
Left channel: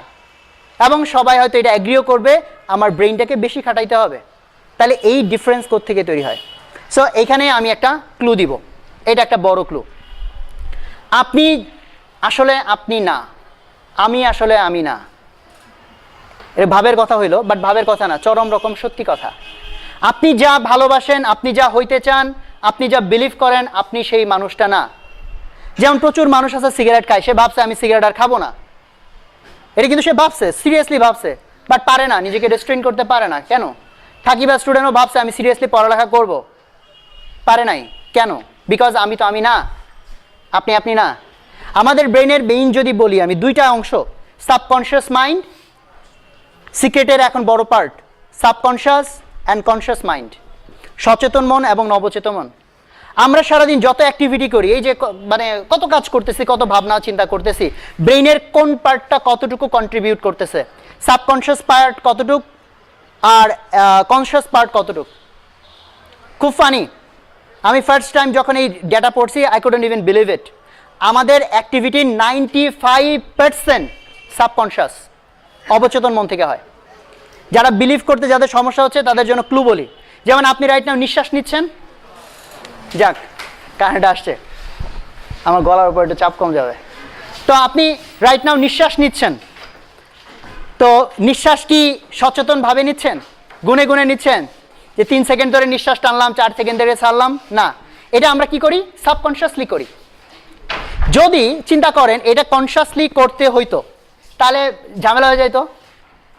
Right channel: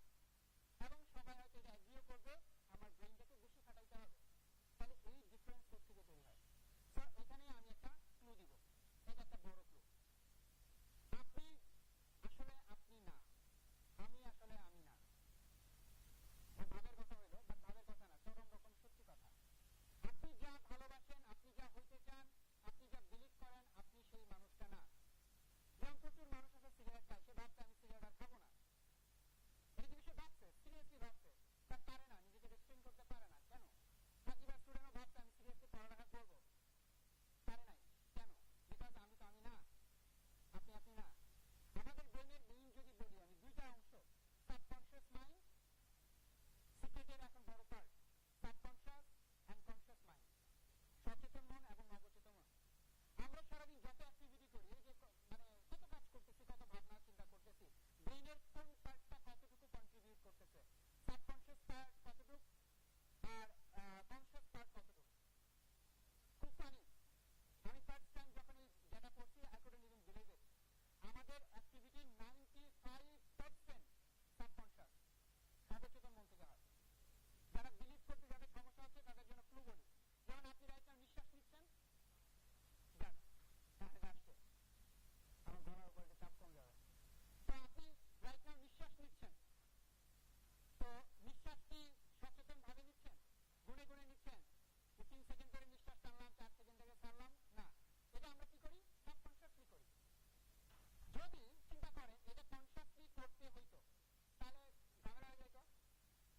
এবং সবাই হয়তো এটা অ্যাগ্রিও করবে আমার ব্রেনটাকে বেশি খাটাইতে হবে। তাহলে এই ডিফারেন্স কোত্থেকে তৈরি হয়? সো এখানে আমি একটা ক্লু দিব, এটা একটা বড় ক্লু। আপনি আসলে আপনি না, আমি আসলে আমি না। এটা ভাবের কথা হইলো, বাট ভাবের কথা না, চরম রকম সত্যি কথা। আপনি যা ভালোবাসেন, আপনি যা হইতে চান, আপনি যা বিলিভ করেন, আপনি সেই মানুষটা না। যেমন প্রচুর মানুষ আছে সিগারেট খায়, সে ভাবছে আমি সিগারেট আর খাবো না। এটা কিন্তু সে ভাবছে, সিরিয়াসলি ভাবছে, বাট পারে না, নিজেকে রেস্ট্রেইন করতে পারে না। কেন? থাকিবা স্টুডেন্টও ভাবছে আমি সিরিয়াসলি পড়ালেখা করব, পারে নাই। কেন? বিকজ আমি তো আমি না, আপনি আপনি না। আমাদের ব্রেইনের মেইন যদি বলি আমি, দুইটা অংশ, সাবকনশিয়াস মাইন্ড, সিক্রেটের এখন বড় part, subconscious and conscious mind, সচেতন মন এবং নবচেতন মন। আমরা সারাদিন যত অ্যাক্টিভিটি করি, এই যে মানে কত কাজ করতেছি, কত ভাবনা চিন্তা করতেছি, ব্রেইনের কোন পার্টটা কতটুকু কন্ট্রিবিউট করতেছে, সাবকনশিয়াস পার্ট কতটুকু আর কনশিয়াস পার্ট কতটুকু। খুব ফানি, আমি ফার্স্ট টাইম যখন এই ডেটা পড়ছি, I couldn't even believe it. আমাদের অ্যাক্টিভিটির 95% সাবকনশিয়াস, অবচেতন মন থেকে হয়। যারা বিলিভ করতে যাদের সমস্যা হচ্ছে তাদের জন্য ক্লু বলি, যেমন আপনি রাইট নাও নিঃশ্বাস নিচ্ছেন, যাক কারেন্ট আসছে, আমার গলার উপর একটু চাপ কম যাবে। তো আপনি রাইট নাও নিঃশ্বাস নিচ্ছেন, তো নিঃশ্বাস কি সচেতনভাবে নিচ্ছেন? গুনে গুনে নিচ্ছেন যে 3 সেকেন্ড ধরে নিঃশ্বাস টানলাম, 4 সেকেন্ড ধরে ছাড়লাম? না, এটা আমরা কি করি? সাবকনশিয়াসলি করি। যদি চিন্তা করেন এটা কনশিয়াসলি করতে হইতো, তাহলে ঝামেলা হয়ে যাইতো,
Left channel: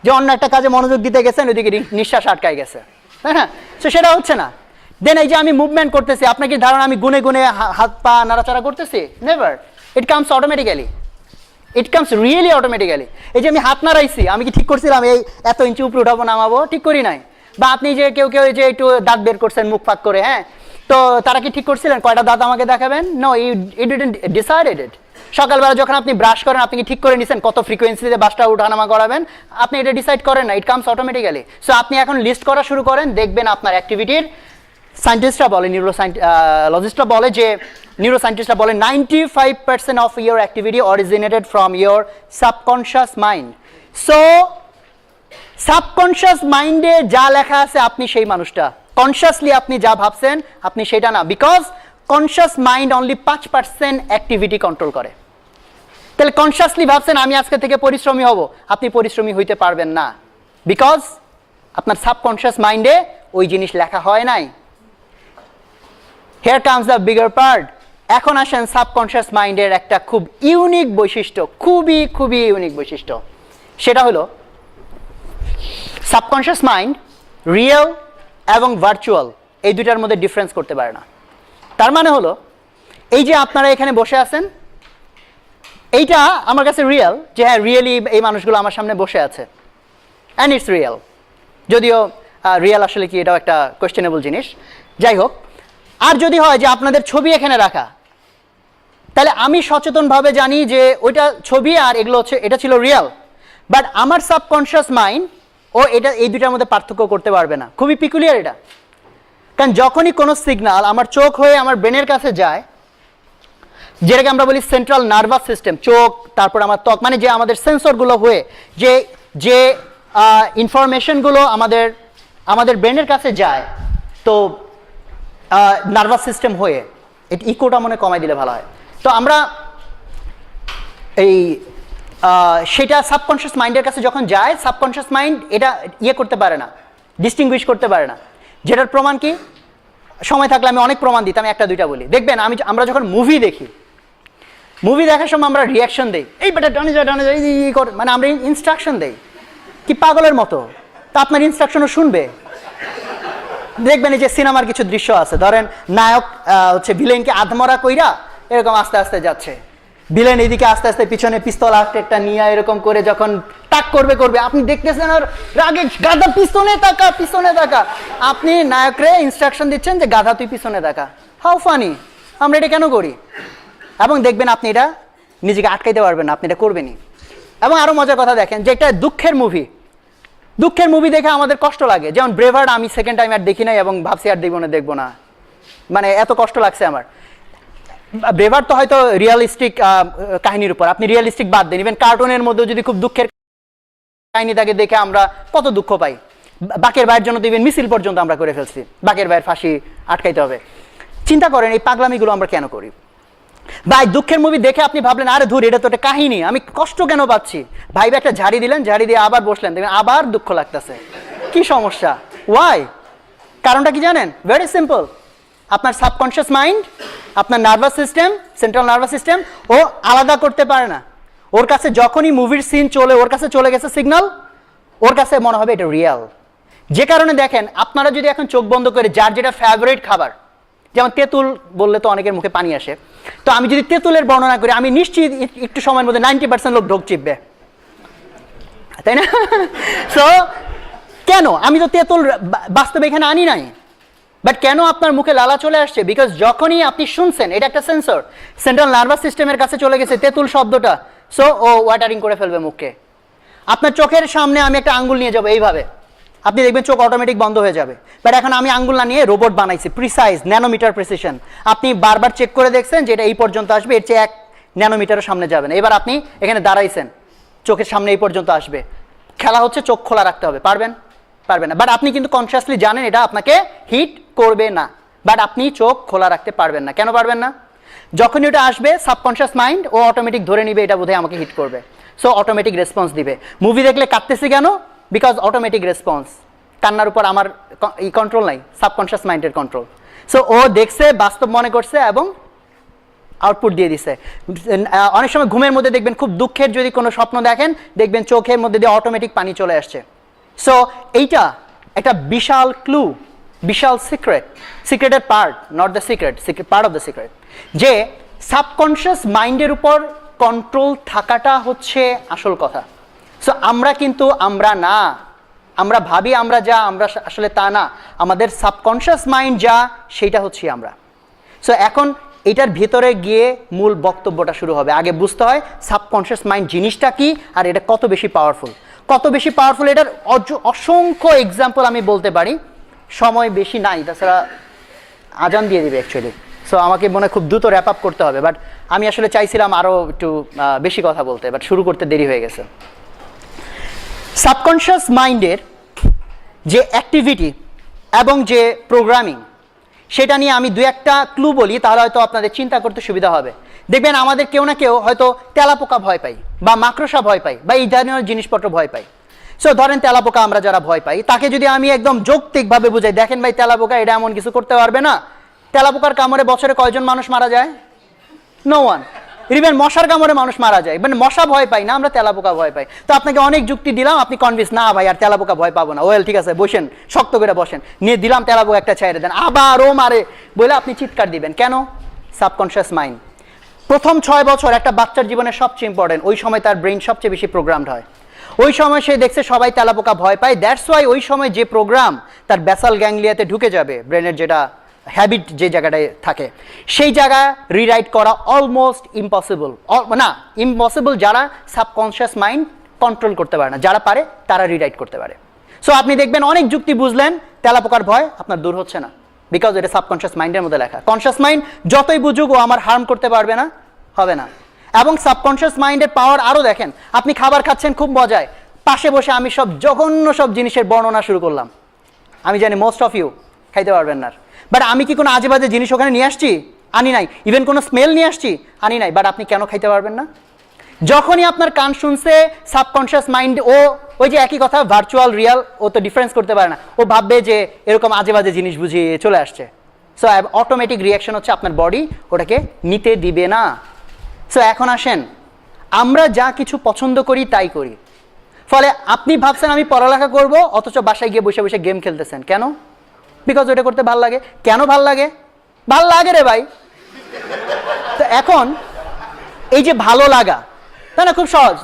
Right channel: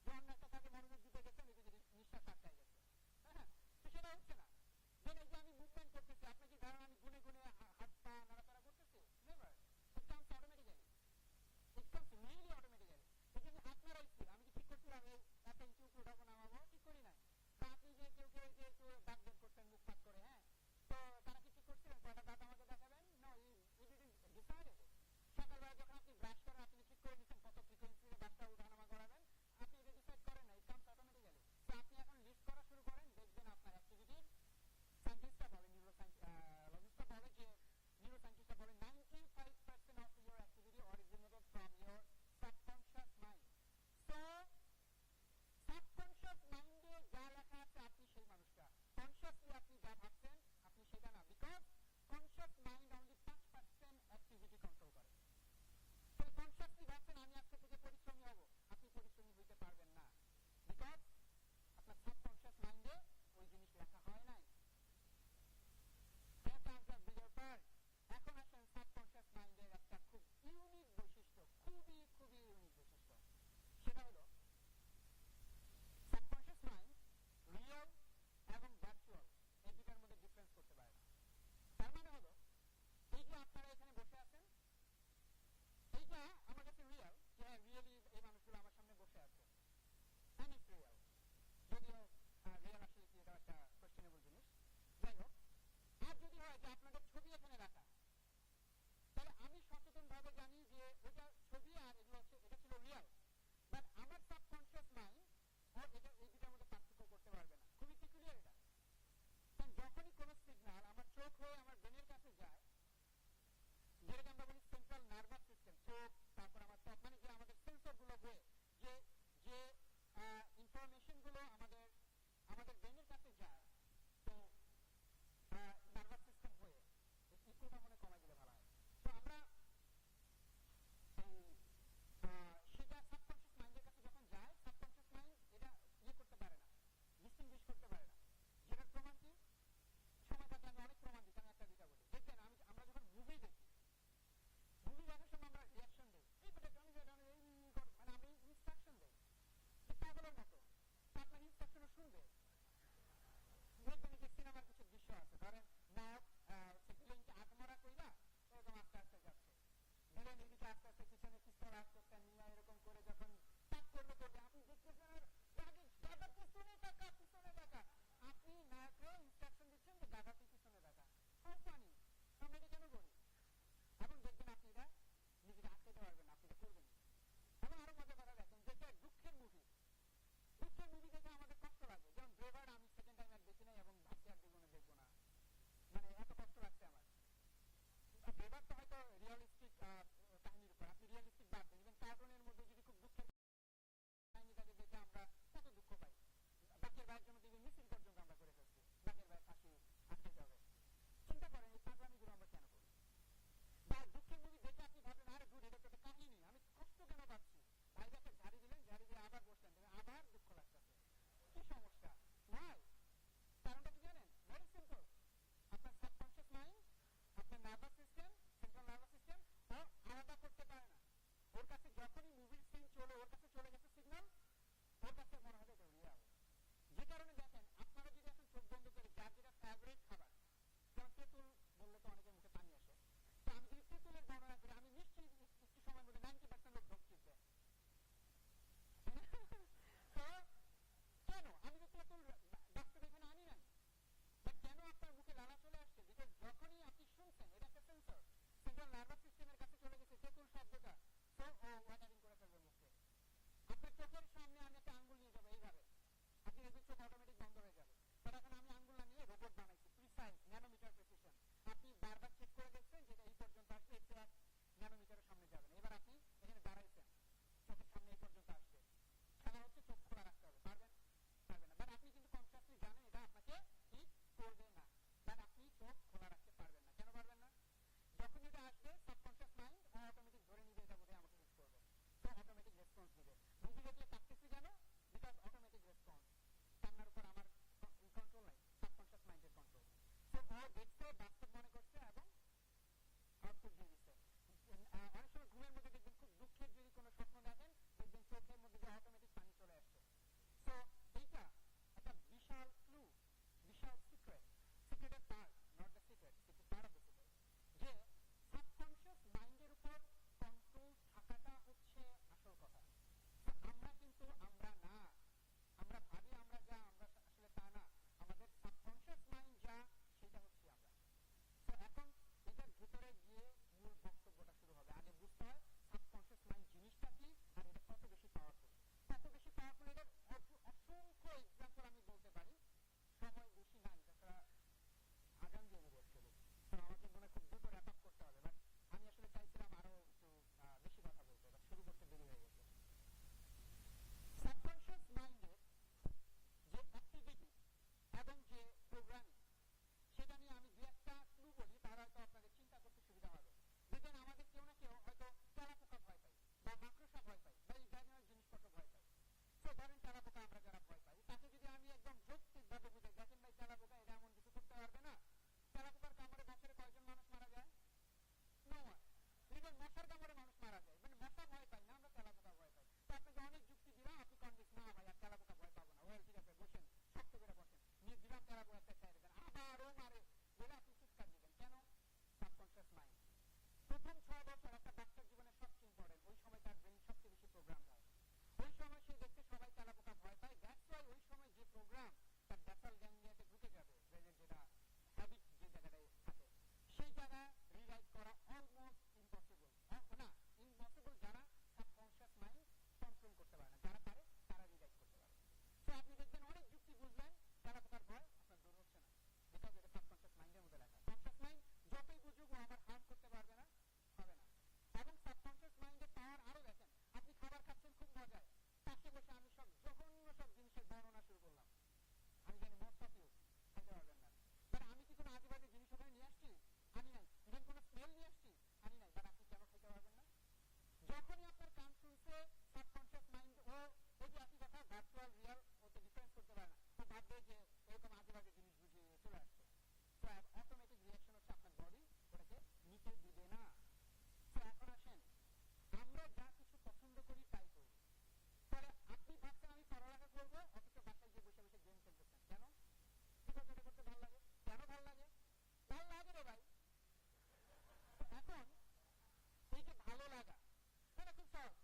যে অন্য একটা কাজে মনোযোগ দিতে গেছেন, ওইদিকে নিঃশ্বাস আটকায় গেছে, তাই না? তো সেটা হচ্ছে না। দেন এই যে আমি মুভমেন্ট করতেছি, আপনার কি ধারণা আমি গুনে গুনে হাত পা নাড়াচাড়া করতেছি? Never. It comes automatically, it comes really automatically. এই যে আমি হাত নাড়াইছি, আমি কি ঠিক করছিলাম এই এত ইঞ্চি উপরে উঠাবো নামাবো? ঠিক করি নাই। বা আপনি যে কেউ কেউ যে একটু দাঁত বের করছেন মুখ ফাঁক করে, হ্যাঁ, তো তারা কি ঠিক করছিলেন কয়টা দাঁত আমাকে দেখাবেন? নো, ইউ ডিডন্ট ডিসাইডেড ইট। সকালবেলা যখন আপনি ব্রাশ করেন, আপনি কি ঠিক করে নিছেন কত ফ্রিকোয়েন্সিতে বাসটা উঠানামা করাবেন? আপনি এটা ডিসাইড করেন না, ইট কামস অটোমেটিক্যালি। সো আপনি এখন লিস্ট করা শুরু করেন, দেখবেন আপনার অ্যাক্টিভিটির, সায়েন্টিস্টরা বলে, লজিস্টরা বলে যে, নিউরোসায়েন্টিস্টরা বলে 95% of your activity originated from your subconscious mind. So subconscious মাইন্ডে যা লেখা আছে আপনি সেই মানুষটা, কনশিয়াসলি আপনি যা ভাবছেন আপনি সেটা না, because conscious mind only 5% activity control করে। তাহলে কনশিয়াসলি ভাবছেন আমি আজকে থেকে পরিশ্রমী হব, আপনি পরিশ্রমী হইতে পারবেন না, বিকজ আপনার সাবকনশিয়াস মাইন্ডে ওই জিনিস লেখা হয় নাই। Here comes the bigger part. এখন আসেন সাবকনশিয়াস মাইন্ডের একটা খুব ইউনিক বৈশিষ্ট্য, খুবই খুবই ইউনিক বৈশিষ্ট্য। সেটা হলো সাবকনশিয়াস মাইন্ড রিয়েল এবং ভার্চুয়াল এই দুইটার মধ্যে ডিফারেন্স করতে পারে না। তার মানে হলো এই যে আপনারা এখানে বসে আছেন, এইটা আমার কাছে রিয়েল, যে হ্যাঁ রিয়েলি এই মানুষগুলো আমার সামনে বসে আছে, অ্যান্ড ইটস রিয়েল। যদিও রিয়েল আসলে কি, এটাও একটা কোয়েশ্চেনেবল জিনিস। যাই হোক, আর যদি হয় যে আপনাদের ছবি এখানে রাখা, তাহলে আমি সচেতনভাবে জানি যে ওইটা ছবি আর এগুলো হচ্ছে, এটা ছিল রিয়েল, বাট আমার সাবকনশিয়াস মাইন্ড ও এটা এই দুটার মধ্যে পার্থক্য করতে পারবে না। খুবই পিকুলিয়ার এটা, কারণ যখনই কোনো সিগন্যাল আমার চোখ হয়ে আমার ব্রেনের কাছে যায়, যেটাকে আমরা বলি সেন্ট্রাল নার্ভাস সিস্টেম, চোখ তারপর আমার ত্বক, মানে যে আমাদের সেন্সরগুলো হয়ে যে যে ইনফরমেশনগুলো আমাদের ব্রেনের কাছে যায়, তো নার্ভাস সিস্টেম হয়ে এটা ইকোটা মনে কমাই দিলে ভালো হয়। তো আমরা এই সেটা সাবকনশিয়াস মাইন্ডের কাছে যখন যায়, সাবকনশিয়াস মাইন্ড এটা ইয়ে করতে পারে না, ডিস্টিংগুইশ করতে পারে না। যেটার প্রমাণ কি, সময় থাকলে আমি অনেক প্রমাণ দিতাম, একটা দুইটা বলি। দেখবেন আমরা যখন মুভি দেখি, মুভি দেখার সময় আমরা রিয়াকশন দেই, এই বেটা ডানে যা এই কর, মানে আমরা ইনস্ট্রাকশন দেই কি পাগলের মতো। তা আপনার ইনস্ট্রাকশনও শুনবে। দেখবেন এই যে সিনেমার কিছু দৃশ্য আছে, ধরেন নায়ক হচ্ছে ভিলেনকে আধমরা কইরা এরকম আস্তে আস্তে যাচ্ছে, ভিলেন এদিকে আস্তে আস্তে পিছনে পিস্তল একটা নিয়ে এরকম করে যখন টাক করবে, আপনি দেখতেছেন আর রাগে গাধা পিছনে তাকা, আপনি নায়করে ইনস্ট্রাকশন দিচ্ছেন যে গাধা তুই পিছনে তাকা। হাউ ফানি, আমরা এটা কেন করি? এবং দেখবেন আপনি এটা নিজেকে আটকাইতে পারবেন না, আপনি এটা করবেনই। এবং আরো মজার কথা দেখেন, যে একটা দুঃখের মুভি দেখে আমাদের কষ্ট লাগে, যেমন ব্রেভার্ড আমি সেকেন্ড টাইম আর দেখি নাই এবং ভাবছি আর দেখবো না, মানে এত কষ্ট লাগছে আমার। ব্রেভার্ড তো হয়তো রিয়ালিস্টিক কাহিনীর উপর, আপনি রিয়ালিস্টিক বাদ দেন, ইভেন কার্টুনের মধ্যে যদি খুব দুঃখের কাহিনী থাকে দেখে আমরা কত দুঃখ পাই। বাকের ভাইয়ের জন্য তো ইভেন মিছিল পর্যন্ত আমরা করে ফেলছি, বাকের ভাইয়ের ফাঁসি আটকাইতে হবে। চিন্তা করেন এই পাগলামিগুলো আমরা কেন করি? ভাই দুঃখের মুভি দেখে আপনি ভাবলেন আরে ধুর এটা তো একটা কাহিনী, আমি কষ্ট কেন পাচ্ছি, ভাই একটা ঝাড়ি দিলেন, ঝাড়ি দিয়ে আবার বসলেন, দেখবেন আবার দুঃখ লাগতেছে। কি সমস্যা? ওয়াই? কারণটা কি জানেন? ভেরি সিম্পল, আপনার সাবকনশিয়াস মাইন্ড, আপনার nervous system, central nervous system ও আলাদা করতে পারে না। ওর কাছে যখনই মুভির সিন ওর কাছে চলে গেছে সিগন্যাল, ওর কাছে মনে হবে এটা রিয়েল। যে কারণে দেখেন আপনারা যদি এখন চোখ বন্ধ করে যার যেটা ফেভারিট খাবার, যেমন তেঁতুল বললে তো অনেকের মুখে পানি আসে, তো আমি যদি তেঁতুলের বর্ণনা করি, আমি নিশ্চিত একটু সময়ের মধ্যে 90% লোক ঢোক চিপবে, তাই না? সো কেন? আমি তো তেঁতুল বাস্তবে এখানে আনি নাই, বাট কেন আপনার মুখে লালা চলে আসছে? বিকজ যখনই আপনি শুনছেন, এটা একটা সেন্সর, সেন্ট্রাল নার্ভাস সিস্টেমের কাছে চলে গেছে তেঁতুল শব্দটা, সো ও ওয়াটারিং করে ফেলবে মুখকে। আপনার চোখের সামনে আমি একটা আঙ্গুল নিয়ে যাবো এইভাবে, আপনি দেখবেন চোখ অটোমেটিক বন্ধ হয়ে যাবে। বাট এখন আমি আঙ্গুল না নিয়ে রোবট বানাইছি, প্রিসাইজ ন্যানোমিটার প্রিসিশন। আপনি বারবার চেক করে দেখছেন যে এটা এই পর্যন্ত আসবে, এর চেয়ে 1 ন্যানোমিটারের সামনে যাবেন। এবার আপনি এখানে দাঁড়াইছেন, চোখের সামনে এই পর্যন্ত আসবে, খেলা হচ্ছে চোখ খোলা রাখতে হবে, পারবেন না। বাট আপনি কিন্তু কনসিয়াসলি জানেন এটা আপনাকে হিট করবে না, বাট আপনি চোখ খোলা রাখতে পারবেন না। কেন পারবেন না? যখনই ওটা আসবে সাবকনসিয়াস মাইন্ড ও অটোমেটিক ধরে নিবে এটা বোধহয় আমাকে হিট করবে, সো অটোমেটিক রেসপন্স দিবে। মুভি দেখলে কাঁদতেছি কেন? Because automatic response. কান্নার উপর আমার কন্ট্রোল নাই, সাবকনসিয়াস মাইন্ডের কন্ট্রোল। সো ও দেখছে, বাস্তব মনে করছে এবং আউটপুট দিয়ে দিছে। অনেক সময় ঘুমের মধ্যে দেখবেন খুব দুঃখের যদি কোনো স্বপ্ন দেখেন, দেখবেন চোখের মধ্যে দিয়ে অটোমেটিক পানি চলে আসছে। সো এইটা একটা বিশাল ক্লু, বিশাল সিক্রেটের part, not the secret, part of the secret, যে সাবকনসিয়াস মাইন্ডের উপর কন্ট্রোল থাকাটা হচ্ছে আসল কথা। সো আমরা না, আমরা ভাবি আমরা যা, আমরা আসলে তা না। আমাদের সাবকনসিয়াস মাইন্ড যা, সেইটা হচ্ছে আমরা। সো এখন এটার ভিতরে গিয়ে মূল বক্তব্যটা শুরু হবে। আগে বুঝতে হয় সাবকনসিয়াস মাইন্ড জিনিসটা কি আর এটা কত বেশি পাওয়ারফুল। এটার অসংখ্য এক্সাম্পল আমি বলতে পারি, সময় বেশি নাই, তাছাড়া আজান দিয়ে দিবে অ্যাকচুয়ালি। সো আমাকে মনে খুব দ্রুত র্যাপ আপ করতে হবে, বাট আমি আসলে চাইছিলাম আরও একটু বেশি কথা বলতে, বাট শুরু করতে দেরি হয়ে গেছে। সাবকনশিয়াস মাইন্ডের যে অ্যাক্টিভিটি এবং যে প্রোগ্রামিং, সেটা নিয়ে আমি 2-1টা ক্লু বলি, তাহলে হয়তো আপনাদের চিন্তা করতে সুবিধা হবে। দেখবেন আমাদের কেউ না কেউ হয়তো তেলাপোকা ভয় পাই, বা মাকড়সা ভয় পাই, বা এই ধরনের জিনিসপত্র ভয় পাই। সো ধরেন তেলাপোকা আমরা যারা ভয় পাই, তাকে যদি আমি একদম যৌক্তিকভাবে বুঝাই, দেখেন ভাই তেলাপোকা এটা এমন কিছু করতে পারবে না। তেলাপোকার কামড়ে বছরে কয়জন মানুষ মারা যায়? No one. ইভেন মশার কামড়ে মানুষ মারা যায়, মানে মশা ভয় পাই না, আমরা তেলাপোকা ভয় পাই। তো আপনাকে অনেক যুক্তি দিলাম, আপনি কনভিন্স, না ভাই আর তেলাপোকা ভয় পাবো না, ওয়েল ঠিক আছে বসেন, শক্ত করে বসেন, নিয়ে দিলাম তেলাপোকা একটা ছেড়ে দেন, আবারও মারে বলে আপনি চিৎকার দিবেন। কেন? Subconscious mind. প্রথম 6 বছর একটা বাচ্চার জীবনে সবচেয়ে ইম্পর্টেন্ট, ওই সময় তার ব্রেইন সবচেয়ে বেশি প্রোগ্রামড হয়। ওই সময় সে দেখছে সবাই তেলাপোকা ভয় পায়, দ্যাটস ওয়াই ওই সময় যে প্রোগ্রাম তার ব্যাসাল গ্যাংলিয়াতে ঢুকে যাবে, ব্রেনের যেটা হ্যাবিট যে জায়গাটায় থাকে, সেই জায়গা রিরাইট করা অলমোস্ট ইম্পসিবল। না, ইম্পসিবল যারা সাবকনশিয়াস মাইন্ড কন্ট্রোল করতে পারে না, যারা পারে তারা রিরাইট করতে পারে। সো আপনি দেখবেন অনেক যুক্তি বুঝলেন, তেলাপোকার ভয় আপনার দূর হচ্ছে না, বিকজ এটা সাবকনশিয়াস মাইন্ডের মধ্যে লেখা। কনশিয়াস মাইন্ড যতই বুঝুক ও আমার হার্ম করতে পারবে না, হবে না। এবং সাবকনশিয়াস মাইন্ডের পাওয়ার আরও দেখেন, আপনি খাবার খাচ্ছেন খুব মজায়, পাশে বসে আমি সব জঘন্য সব জিনিসের বর্ণনা শুরু করলাম। আমি জানি মোস্ট অফ ইউ খাইতে পারবেন না, বাট আমি কি কোনো আজে বাজে জিনিস ওখানে নিয়ে আসছি? আনি নাই। ইভেন কোনো স্মেল নিয়ে আসছি? আনি নাই। বাট আপনি কেন খাইতে পারবেন না? যখনই আপনার কান শুনছে, সাবকনশিয়াস মাইন্ড ও ওই যে একই কথা, ভার্চুয়াল রিয়াল, ও তো ডিফারেন্স করতে পারে না, ও ভাববে যে এরকম আজে বাজে জিনিস বুঝিয়ে চলে আসছে। সো অটোমেটিক রিয়াকশন হচ্ছে আপনার বডি ওটাকে নিতে দিবে না। সো এখন আসেন, আমরা যা কিছু পছন্দ করি তাই করি। ফলে আপনি ভাবছেন আমি পড়ালেখা করব, অথচ বাসায় গিয়ে বসে বসে গেম খেলতেছেন। কেন? বিকজ ওটা করতে ভাল লাগে। কেন ভাল লাগে? ভাল লাগে রে ভাই। তো এখন এই যে ভালো লাগা, তাই না, খুব সহজ।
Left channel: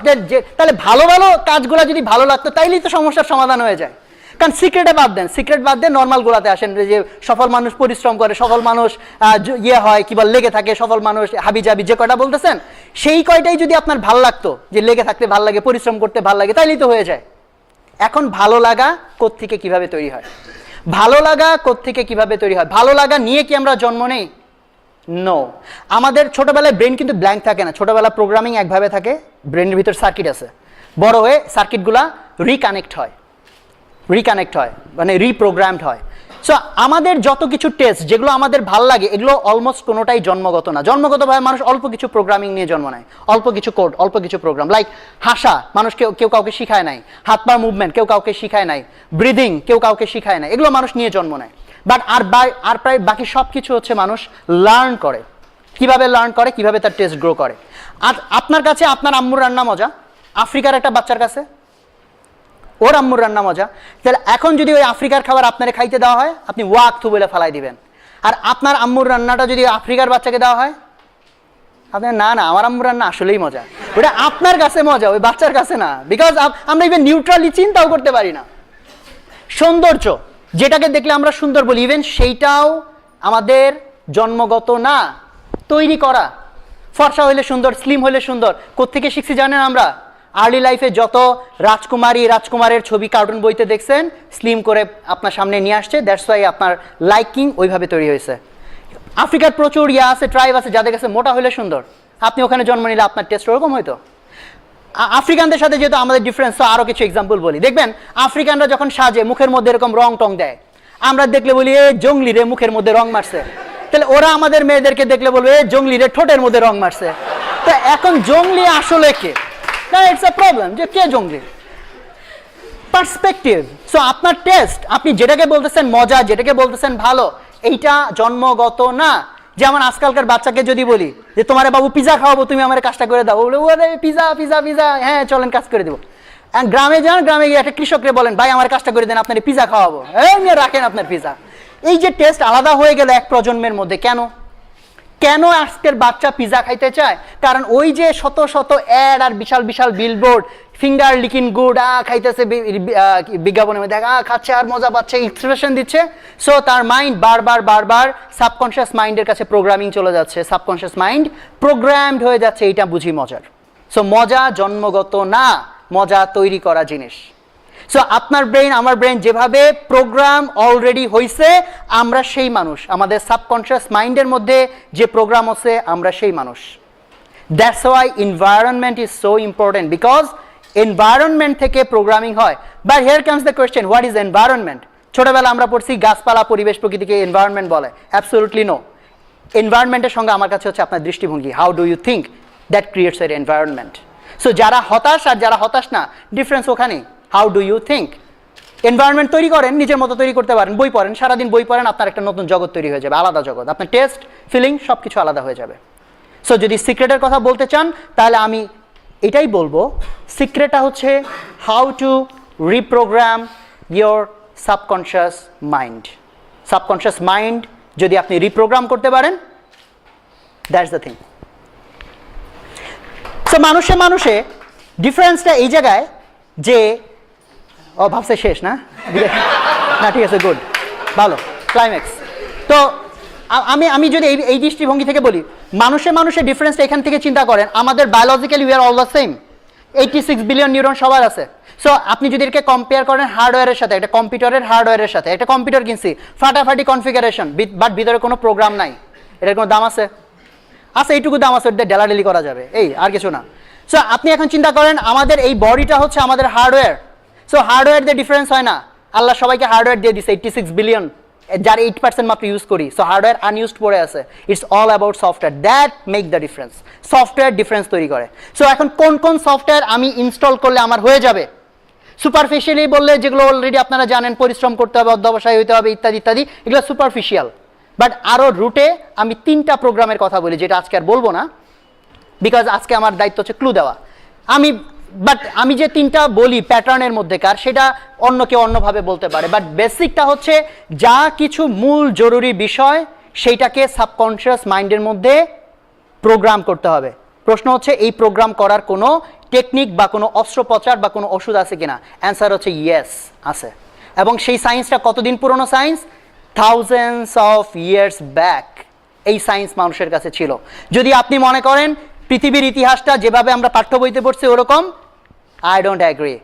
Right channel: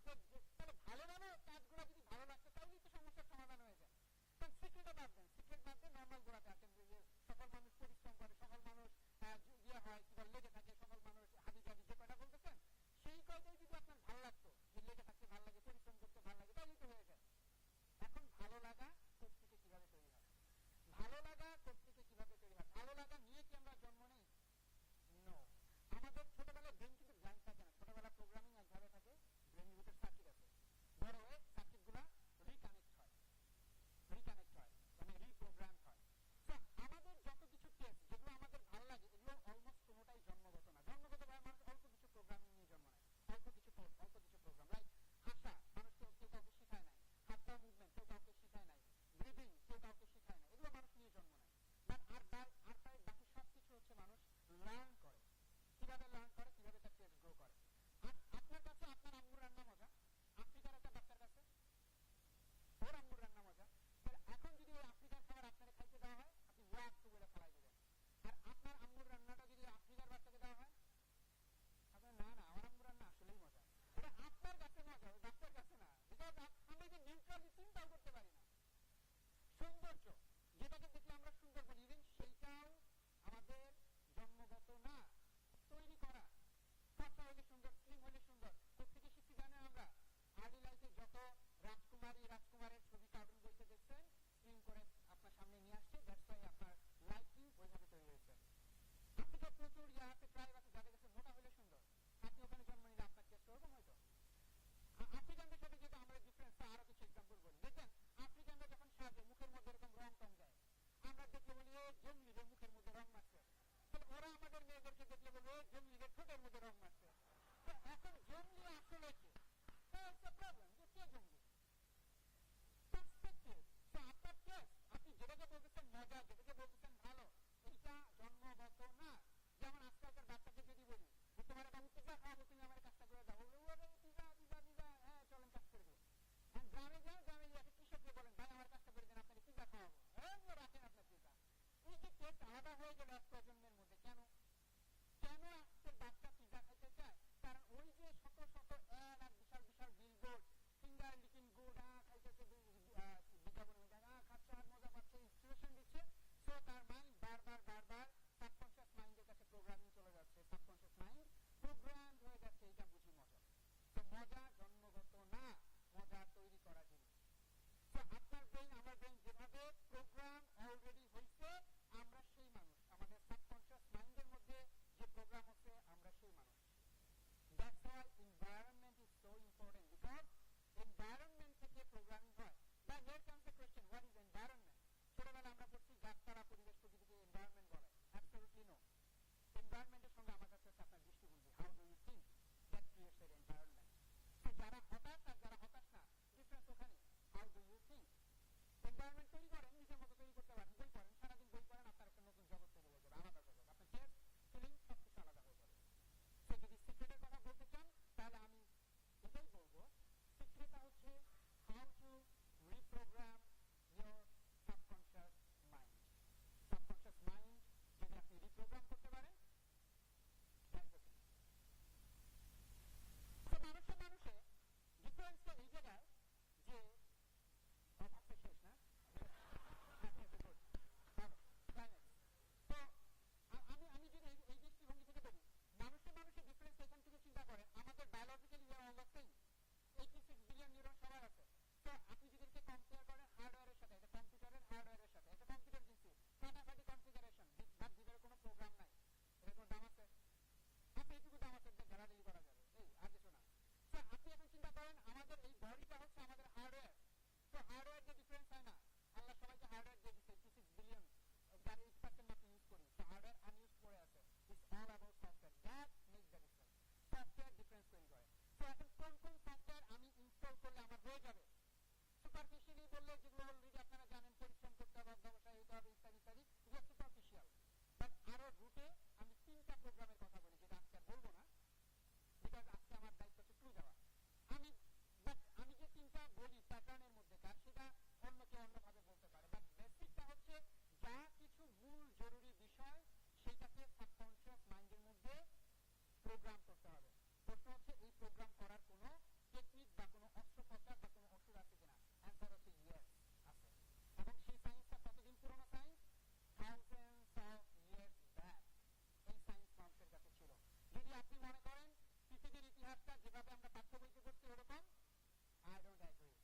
তাহলে ভালো ভালো কাজগুলো যদি ভালো লাগতো তাইলেই তো সমস্যার সমাধান হয়ে যায়। কারণ সিক্রেটে বাদ দেন, সিক্রেট বাদ দেন, নর্মাল গুলাতে আসেন, যে সফল মানুষ পরিশ্রম করে, সফল মানুষ হয় কি বল লেগে থাকে, সফল মানুষ হাবি জাবি যে কয়টা বলতেছেন, সেই কয়টাই যদি আপনার ভাল লাগতো, যে লেগে থাকতে ভাল লাগে, পরিশ্রম করতে ভাল লাগে, তাইলেই তো হয়ে যায়। এখন ভালো লাগা কোত্থেকে কিভাবে তৈরি হয়? ভালো লাগা কোত্থেকে কিভাবে তৈরি হয়? ভালো লাগা নিয়ে কি আমরা জন্ম নেই? নো। আমাদের ছোটবেলায় ব্রেন কিন্তু ব্ল্যাঙ্ক থাকে না। ছোটবেলা প্রোগ্রামিং একভাবে থাকে, ব্রেনের ভিতর সার্কিট আছে, বড় হয়ে সার্কিটগুলা রিকানেক্ট হয়, মানে রিপ্রোগ্রামড হয়। সো আমাদের যত কিছু টেস্ট যেগুলো আমাদের ভাল লাগে, এগুলো অলমোস্ট কোনোটাই জন্মগত না। জন্মগতভাবে মানুষ অল্প কিছু প্রোগ্রামিং নিয়ে জন্ম নেয়, অল্প কিছু কোড, অল্প কিছু প্রোগ্রাম। লাইক হাসা মানুষ কেউ কাউকে শিখায় নাই, হাত পা মুভমেন্ট কেউ কাউকে শিখায় নাই, ব্রিদিং কেউ কাউকে শিখায় নাই, এগুলো মানুষ নিয়ে জন্ম নেয়। বাট আর প্রায় বাকি সব কিছু হচ্ছে মানুষ লার্ন করে। কিভাবে লার্ন করে? কিভাবে তার টেস্ট গ্রো করে। আর আপনার কাছে আপনার আম্মুর রান্না মজা, আফ্রিকার একটা বাচ্চার কাছে ওর আম্মুর রান্না মজা। তাহলে এখন যদি ওই আফ্রিকার খাবার আপনারে খাইতে দেওয়া হয়, আপনি ওয়াক থু বলে ফালাই দিবেন। আর আপনার আম্মুর রান্নাটা যদি আফ্রিকার বাচ্চাকে দেওয়া হয়, আপনি না না আমার আম্মুর রান্না আসলেই মজা, ওটা আপনার কাছে মজা, ওই বাচ্চার কাছে না। বিকজ আমরা ইভেন নিউট্রালি চিন্তাও করতে পারি না। সৌন্দর্য যেটাকে দেখলে আমরা সুন্দর বলি, ইভেন সেইটাও আমাদের জন্মগত না, তৈরি করা। ফর্সা হইলে সুন্দর, স্লিম হইলে সুন্দর, কোত্থেকে শিখছি জানেন? আমরা আর্লি লাইফে যত রাজকুমারের ছবি কার্টুন বইতে দেখছেন, স্লিম করে আপনার সামনে নিয়ে আসছে, দ্যাটস ওয়াই আপনার লাইকিং ওইভাবে তৈরি হয়েছে। আফ্রিকার প্রচুর আছে, ট্রাইব আছে যাদের কাছে মোটা হইলে সুন্দর। আপনি ওখানে জন্ম নিলে আপনার টেস্ট ওরকম হইতো। আফ্রিকানদের সাথে যেহেতু আমাদের ডিফারেন্স, তো আরও কিছু এক্সাম্পল বলি। দেখবেন আফ্রিকানরা যখন সাজে মুখের মধ্যে এরকম রং টং দেয়, আমরা দেখলে বলি এ জঙ্গলি রে মুখের মধ্যে রং মারছে। তাহলে ওরা আমাদের মেয়েদেরকে দেখলে বলবে এ জঙ্গলি রে ঠোঁটের মধ্যে রং মারছে। তো এখন জঙ্গলি আসলে কে? না, ইটস আ প্রবলেম যে কে জঙ্গলি। পার্সপেক্টিভ। সো আপনার টেস্ট, আপনি যেটাকে বলতেছেন মজা, যেটাকে বলতেছেন ভালো, এইটা জন্মগত না। যেমন আজকালকার বাচ্চাকে যদি বলি যে তোমারে বাবু পিজা খাওয়াবো, তুমি আমার কাজটা করে দাও, বলে ওরে পিজা পিজা পিজা, হ্যাঁ চলেন কাজ করে দেবো। গ্রামে যান, গ্রামে গিয়ে একটা কৃষকরে বলেন ভাই আমার কাজটা করে দেন, আপনার পিজা খাওয়াবো, এই নিয়ে রাখেন আপনার পিজা। এই যে টেস্ট আলাদা হয়ে গেল এক প্রজন্মের মধ্যে। কেন আজকের বাচ্চা পিজা খাইতে চায়? কারণ ওই যে শত শত অ্যাড আর বিশাল বিশাল বিলবোর্ড, ফিঙ্গার লিকিং গুড, খাইতেছে বিজ্ঞাপনের মধ্যে, খাচ্ছে আর মজা পাচ্ছে, এক্সপ্রেশন দিচ্ছে। সো তার মাইন্ড বারবার সাবকনশিয়াস মাইন্ডের কাছে প্রোগ্রামিং চলে যাচ্ছে, সাবকনশিয়াস মাইন্ড প্রোগ্রামড হয়ে যাচ্ছে, এইটা বুঝি মজার। সো মজা জন্মগত না, মজা তৈরি করা জিনিস। সো আপনার ব্রেন আমার ব্রেন যেভাবে প্রোগ্রাম অলরেডি হয়েছে, আমরা সেই মানুষ, আমাদের সাবকনশিয়াস মাইন্ডের মধ্যে যে প্রোগ্রাম আছে আমরা সেই মানুষ। That's why environment is so important, because environment থেকে প্রোগ্রামিং হয়। But here comes the question, what is environment? ছোটবেলা আমরা পড়ছি গাছপালা, পরিবেশ, প্রকৃতিকে এনভায়রনমেন্ট বলে। Absolutely no. এনভায়রনমেন্টের সঙ্গে আমার কাছে হচ্ছে আপনার দৃষ্টিভঙ্গি। How do you think that creates এর এনভায়রনমেন্ট? সো যারা হতাশ আর যারা হতাশ না, ডিফারেন্স ওখানেই। How do you think? Environment তৈরি করেন, নিজের মতো তৈরি করতে পারেন, বই পড়েন, সারাদিন বই পড়েন, আপনার একটা নতুন জগৎ তৈরি হয়ে যাবে, আলাদা জগৎ। আপনার টেস্ট, ফিলিং সব কিছু আলাদা হয়ে যাবে। সো যদি সিক্রেটের কথা বলতে চান, তাহলে আমি এটাই বলবো, সিক্রেটটা হচ্ছে how to reprogramme your subconscious mind. Subconscious mind যদি আপনি রিপ্রোগ্রাম করতে পারেন, দ্যাটস দ্য থিং। সো মানুষে ডিফারেন্সটা এই জায়গায় যে ভাবছে শেষ না, না ঠিক আছে, গুড, ভালো, ক্লাইম্যাক্স। তো আমি যদি এই দৃষ্টিভঙ্গি থেকে বলি, মানুষের ডিফারেন্সটা এখান থেকে চিন্তা করেন, আমাদের biologically we are all the same, 86 billion neuron সবার আছে। সো আপনি যদি এটাকে কম্পেয়ার করেন হার্ডওয়্যারের সাথে, একটা কম্পিউটারের হার্ডওয়্যারের সাথে, একটা কম্পিউটার কিনছি ফাটাফাটি কনফিগারেশন, বাট ভিতরে কোনো প্রোগ্রাম নাই, এটার কোনো দাম আছে? আচ্ছা, এইটুকু দাম আছে, ওটা ডেলাডেলি করা যাবে, এই আর কিছু না। সো আপনি এখন চিন্তা করেন আমাদের এই বডিটা হচ্ছে আমাদের হার্ডওয়্যার। সো হার্ডওয়্যার দিয়ে ডিফারেন্স হয় না, আল্লাহ সবাইকে হার্ডওয়্যার দিয়ে দিচ্ছে 86 বিলিয়ন, যার 8% মাত্র ইউজ করি। সো হার্ডওয়্যার আনইউজড পড়ে আছে। It's all about software, that make the difference. Software difference তৈরি করে। সো এখন কোন কোন সফটওয়্যার আমি ইনস্টল করলে আমার হয়ে যাবে? সুপারফিশিয়ালি বললে যেগুলো অলরেডি আপনারা জানেন, পরিশ্রম করতে হবে, অধ্যবসায় হতে হবে, ইত্যাদি ইত্যাদি, এগুলো সুপারফিশিয়াল। বাট আরও রুটে আমি 3টা প্রোগ্রামের কথা বলি, যেটা আজকে আর বলবো না, বিকজ আজকে আমার দায়িত্ব হচ্ছে ক্লু দেওয়া। আমি যে 3টা বলি প্যাটার্নের মধ্যেকার, সেটা অন্য কেউ অন্যভাবে বলতে পারে, বাট বেসিকটা হচ্ছে যা কিছু মূল জরুরি বিষয় সেইটাকে সাবকনশিয়াস মাইন্ডের মধ্যে প্রোগ্রাম করতে হবে। প্রশ্ন হচ্ছে এই প্রোগ্রাম করার কোনো টেকনিক বা কোনো অস্ত্রোপচার বা কোনো ওষুধ আছে কিনা? অ্যান্সার হচ্ছে ইয়েস, আছে। এবং সেই সায়েন্সটা কতদিন পুরনো science? Thousands of years back এই সায়েন্স মানুষের কাছে ছিল। যদি আপনি মনে করেন পৃথিবীর ইতিহাসটা যেভাবে আমরা পাঠ্য বইতে পড়ছি ওরকম, আই ডোন্ট অ্যাগ্রি।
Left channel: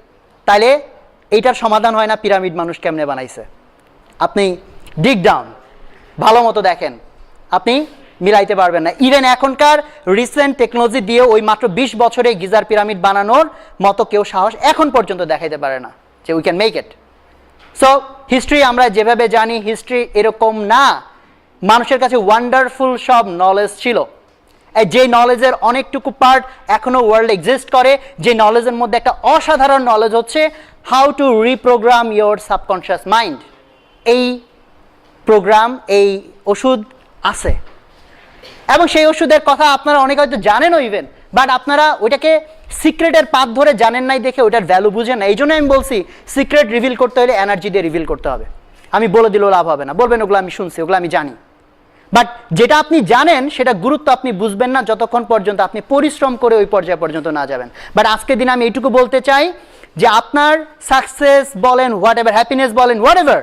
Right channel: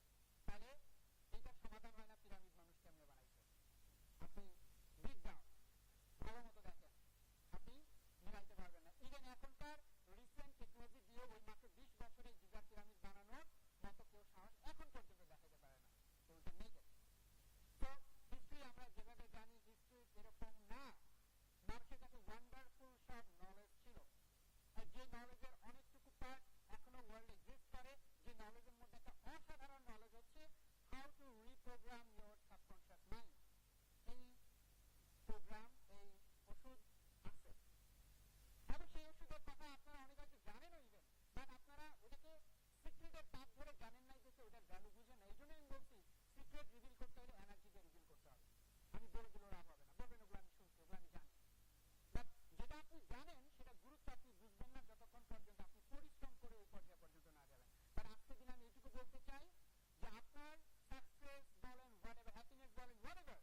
তাইলে এইটার সমাধান হয় না পিরামিড মানুষ কেমনে বানাইছে। আপনি ডিগ ডাউন ভালো মতো দেখেন, আপনি মিলাইতে পারবেন না। ইভেন এখনকার রিসেন্ট টেকনোলজি দিয়ে ওই মাত্র 20 বছরে গিজার পিরামিড বানানোর মতো কেউ সাহস এখন পর্যন্ত দেখাইতে পারে না যে we can make it. So history আমরা যেভাবে জানি, হিস্ট্রি এরকম না। মানুষের কাছে ওয়ান্ডারফুল সব নলেজ ছিল, যে নলেজের অনেকটুকু পার্ট এখনো ওয়ার্ল্ড এক্সিস্ট করে। যে নলেজের মধ্যে একটা অসাধারণ নলেজ হচ্ছে how to reprogramme your subconscious mind. এই প্রোগ্রাম, এই ওষুধ আছে, এবং সেই ওষুধের কথা আপনারা অনেকে হয়তো জানেনও ইভেন, বাট আপনারা ওইটাকে সিক্রেটের পাথ ধরে জানেন নাই দেখে ওইটার ভ্যালু বুঝেন না। এই জন্য আমি বলছি সিক্রেট রিভিল করতে হলে এনার্জি দিয়ে রিভিল করতে হবে। আমি বলে দিলেও লাভ হবে না, বলবেন ওগুলো আমি শুনছি, ওগুলো আমি জানি, বাট যেটা আপনি জানেন সেটা গুরুত্ব আপনি বুঝবেন না যতক্ষণ পর্যন্ত আপনি পরিশ্রম করে ওই পর্যায় পর্যন্ত না যাবেন। বাট আজকের দিনে আমি এইটুকু বলতে চাই যে আপনার সাকসেস বলেন, হোয়াট এভার, হ্যাপিনেস বলেন, হোয়াট এভার,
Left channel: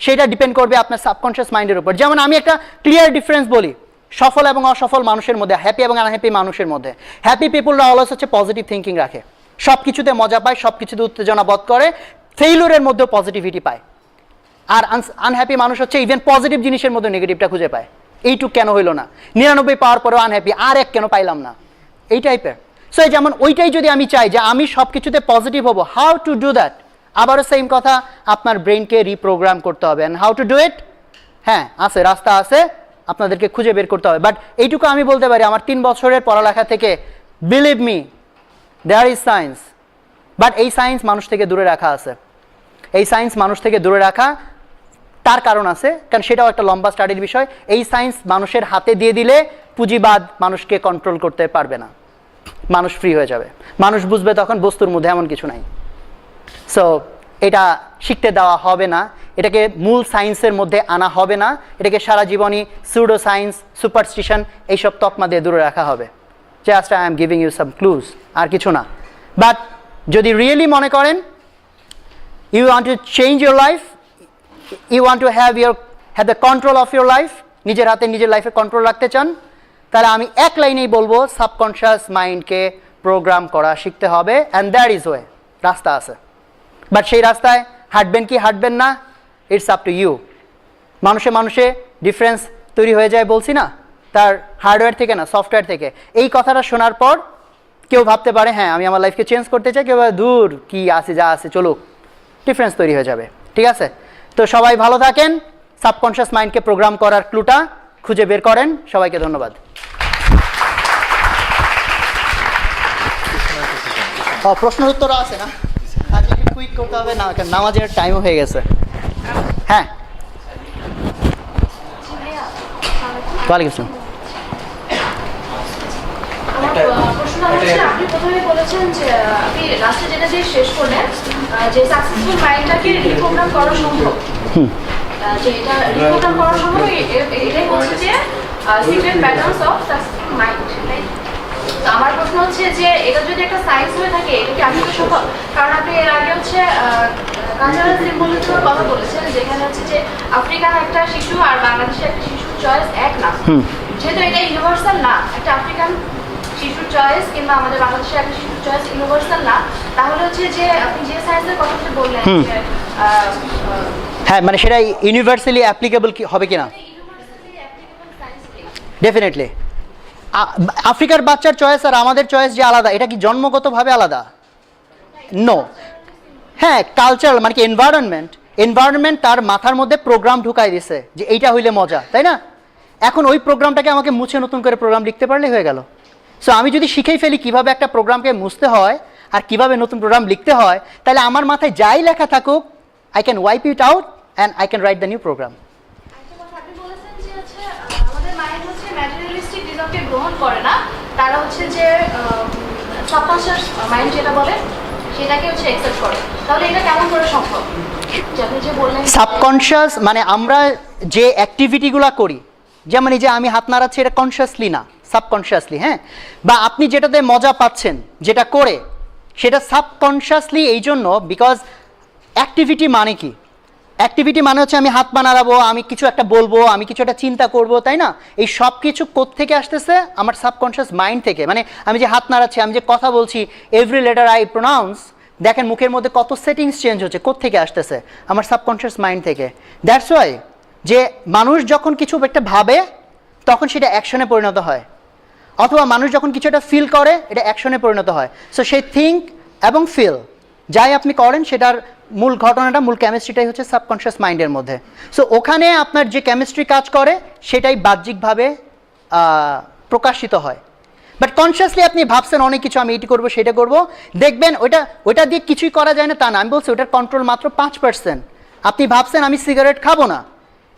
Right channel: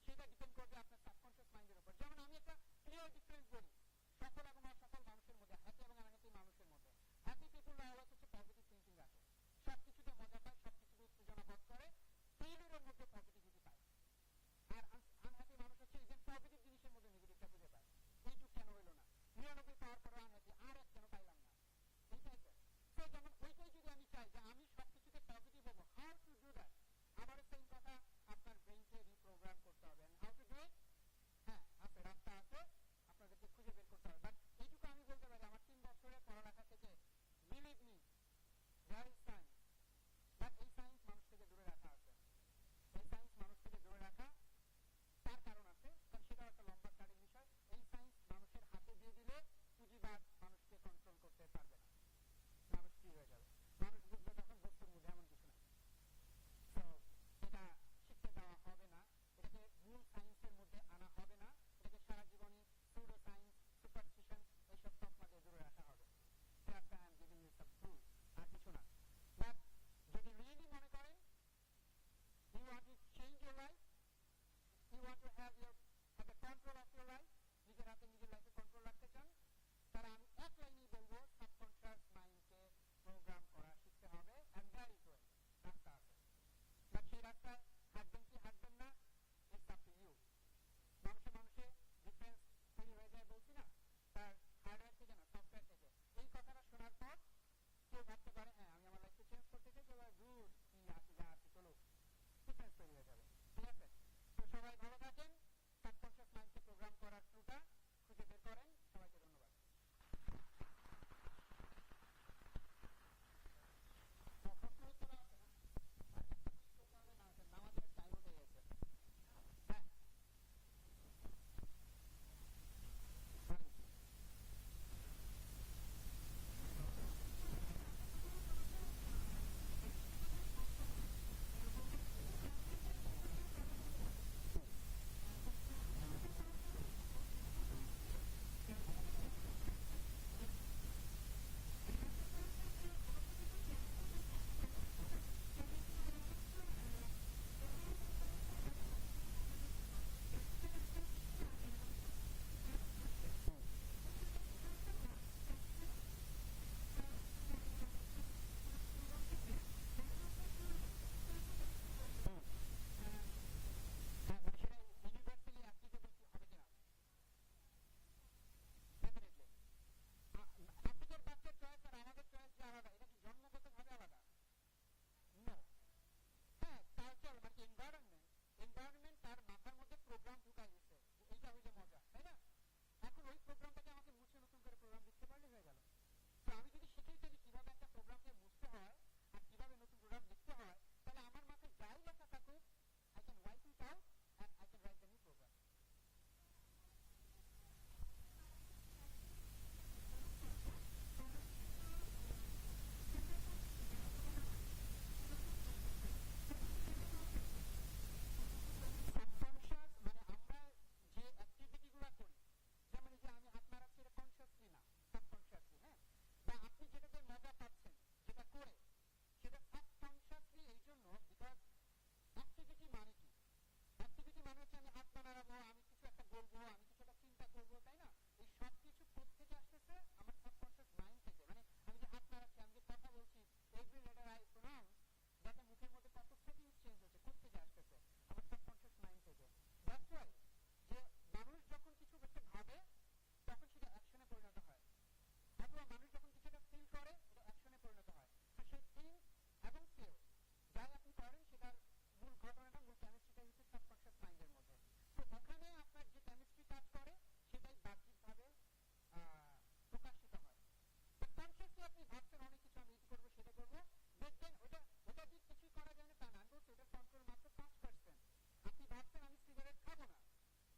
সেটা ডিপেন্ড করবে আপনার সাবকনশিয়াস মাইন্ডের উপর। যেমন আমি একটা ক্লিয়ার ডিফারেন্স বলি সফল এবং অসফল মানুষের মধ্যে, হ্যাপি এবং আনহ্যাপি মানুষের মধ্যে। হ্যাপি পিপুলরা অলওয়েজ হচ্ছে পজিটিভ থিঙ্কিং রাখে, সব কিছুতে মজা পায়, সব কিছুতে উত্তেজনা বোধ করে, ফেইলুরের মধ্যেও পজিটিভিটি পায়। আর আনহ্যাপি মানুষ হচ্ছে ইভেন পজিটিভ জিনিসের মধ্যে নেগেটিভটা খুঁজে পায়। এইটুক কেন হইলো না, 99 পাওয়ার পরেও আনহ্যাপি, আর এক কেন পাইলাম না, এই টাইপের। সো যেমন ওইটাই যদি আমি চাই যে আমি সব কিছুতে পজিটিভ হবো, হাউ টু ডু দ্যাট? আবারও সেম কথা, আপনার ব্রেনকে রিপ্রোগ্রাম করতে হবে। And how to do it? হ্যাঁ, আছে, রাস্তা আছে, আপনাদেরকে খুঁজে বের করতে হবে। বাট এইটুকু আমি বলতে পারি, আমার 3 বছরের পড়ালেখা থেকে, believe me, there is science. But এই সায়েন্স মানুষ থেকে দূরে রাখা আছে। এই সায়েন্স মানুষ থেকে দূরে রাখা তার কারণ আছে, কারণ সেটাও একটা লম্বা স্টাডির বিষয়। এই সায়েন্স মানুষের হাতে দিয়ে দিলে পুঁজিবাদ মানুষকে কন্ট্রোল করতে পারবে না, মানুষ ফ্রি হয়ে যাবে। মানুষ বুঝবে তখন বস্তুর মধ্যে এমন কিছু নাই। সো এটা শিখতে দেওয়া হবে না, এটাকে মূল সায়েন্সের মধ্যে আনা হবে না, এটাকে সারা জীবনই সুডো সায়েন্স, সুপারস্টিশন এইসব তকমা দিয়ে দূরে রাখা হবে। Just I am giving you some clues, আর কিছু না। বাট যদি রিয়েলি মনে করেন you want to change your life, you want to have the control of your life, নিজের হাতে নিজের লাইফে কন্ট্রোল রাখতে চান, তাহলে আমি এক লাইনেই বলবো সাবকনশিয়াস মাইন্ডকে প্রোগ্রাম করা শিখতে হবে। অ্যান্ড দ্যাট ইজ ওয়ে, রাস্তা আছে। বাট সেই রাস্তায় হাঁটবেন কি হাঁটবেন না, ইটস আপ টু ইউ। মানুষে ডিফারেন্স তৈরি হয়ে যায় বলছি না, তার হার্ডওয়্যার থেকে না, সফটওয়্যার থেকে। এই কথাটা শোনার পর কেউ ভাবতে পারে হ্যাঁ আমি আমার লাইফকে চেঞ্জ করতে চাই, কেউ দূর কি আছে যা আছে চলুক, ডিফারেন্স তৈরি হয়ে যাবে। ঠিক আছে, তো সবাই ভালো থাকেন, সাবকনশিয়াস মাইন্ডকে প্রোগ্রাম করার ক্লুটা খুঁজে বের করেন। সবাইকে ধন্যবাদ। প্রশ্নের উত্তর আছে না, আজকে একটু কুইক করতে হবে না, কারণ নামাজের টাইমও হয়ে গেছে। হ্যাঁ, ওয়ালাইকুম আসসালাম। প্রশ্ন হচ্ছে, আপনি প্রথমে বলেছেন যে আপনি লাস্টে যেটা দিয়ে শেষ করলেন যে সাকসেসফুল মাইন্ডটাকে রিপ্রোগ্রাম করা সম্ভব, যে এটা রিপ্রোগ্রাম করা সম্ভব, এটাই হচ্ছে যে secret patterns of successful mind. তো আমার প্রশ্ন হচ্ছে যে এটা যদি একটা সায়েন্স হয়ে থাকে, এটা কি আসলে সম্ভব? কারণ আপনি এর আগে হচ্ছে কালচারাল সিম্বলিজমের কথা বলেছেন, যেখানে হচ্ছে যে আফ্রিকান একটা শিশু আর বাংলাদেশের একটা শিশু চয়েস এক না, যেহেতু এটা ইউনিভার্সাল না, একটা আফ্রিকান শিশুর চয়েস কিংবা আমাদের বাংলাদেশের একটা শিশুর চয়েস ইউনিভার্সাল না, তাহলে হচ্ছে যে আপনি যে সায়েন্সের কথা বললেন যে হ্যাঁ মানে সেটা ইউনিভার্সালি অ্যাপ্লিকেবল হবে কিনা? ডেফিনেটলি। আফ্রিকার বাচ্চার চয়েস আর আমাদের চয়েস যে আলাদা, এটা কি জন্মগতভাবে আলাদা? নো। হ্যাঁ, কালচারাল মানে কি এনভায়রনমেন্ট তার মাথার মধ্যে প্রোগ্রাম ঢুকাই দিছে যে এইটা হইলে মজা, তাই না? এখন ওই প্রোগ্রামটাকে আমাকে মুছে নতুন করে প্রোগ্রাম লিখতে পারলে হয়ে গেল। সো আমি যদি শিখেই ফেলি কিভাবে একটা প্রোগ্রামকে মুছতে হয় আর কিভাবে নতুন প্রোগ্রাম লিখতে হয়, তাহলে আমার মাথায় যাই লেখা থাকুক, I can wipe it out and I can write the new programme. আপনি বলেছেন যে হচ্ছে আমাদের মাইন্ড হচ্ছে ম্যাটেরিয়ালিস্টিক রিজনকে গ্রহণ করে না, তারা হচ্ছে যে সাবকনশিয়াস মাইন্ড যেটা বলে সেটাকে হচ্ছে অ্যাকসেপ্ট করে। তাহলে এটা কেমন করে সম্ভব? আপনি যে বললেন সাবকনশিয়াস মানে আমরা যে অ্যাক্টিভিটিগুলো করি, যেমন এই যে আমি হাত নাড়াচ্ছি, এটা কনসিয়াসলি না, সাবকনশিয়াসলি। হ্যাঁ, বা আপনি যেটাতে মজা পাচ্ছেন যেটা করে, সেটা সাবকনশিয়াসলি এই জন্য, বিকজ অ্যাক্টিভিটি মানে কি? অ্যাক্টিভিটি মানে হচ্ছে আমি হাত পা নাড়াবো, আমি কিছু একটা বলবো, আমি কিছু একটা চিন্তা করবো, তাই না? এই সব কিছু কোত্থেকে আসতেছে? আমার সাবকনশিয়াস মাইন্ড থেকে। মানে আমি যে হাত নাড়াচ্ছি, আমি যে কথা বলছি, এভরি লেটার আই প্রোনাউন্স, দেখেন মুখের মধ্যে কত সেটিংস চেঞ্জ হচ্ছে, কোত্থেকে আসতেছে? আমার সাবকনশিয়াস মাইন্ড থেকে। দ্যাটস ওয়াই যে মানুষ যখন কিছু একটা ভাবে তখন সেটা অ্যাকশনে পরিণত হয়, অথবা মানুষ যখন কিছু একটা ফিল করে এটা অ্যাকশনে পরিণত হয়। সো সেই থিঙ্ক এবং ফিল যাই আপনি করেন, সেটার মূল ঘটনাটা, মূল কেমিস্ট্রিটাই হচ্ছে সাবকনশিয়াস মাইন্ডের মধ্যে। সো ওখানে আপনার যে কেমিস্ট্রি কাজ করে সেটাই বাহ্যিকভাবে প্রকাশিত হয়। বাট কনসিয়াসলি আপনি ভাবছেন অনেক কিছু, আমি এটি করবো সেটা করবো, দেখবেন ওইটা দিয়ে কিছুই করা যায় না তা না। আমি বলছি ওটার কন্ট্রোল মাত্র 5%। আপনি ভাবছেন আমি সিগারেট খাবো না,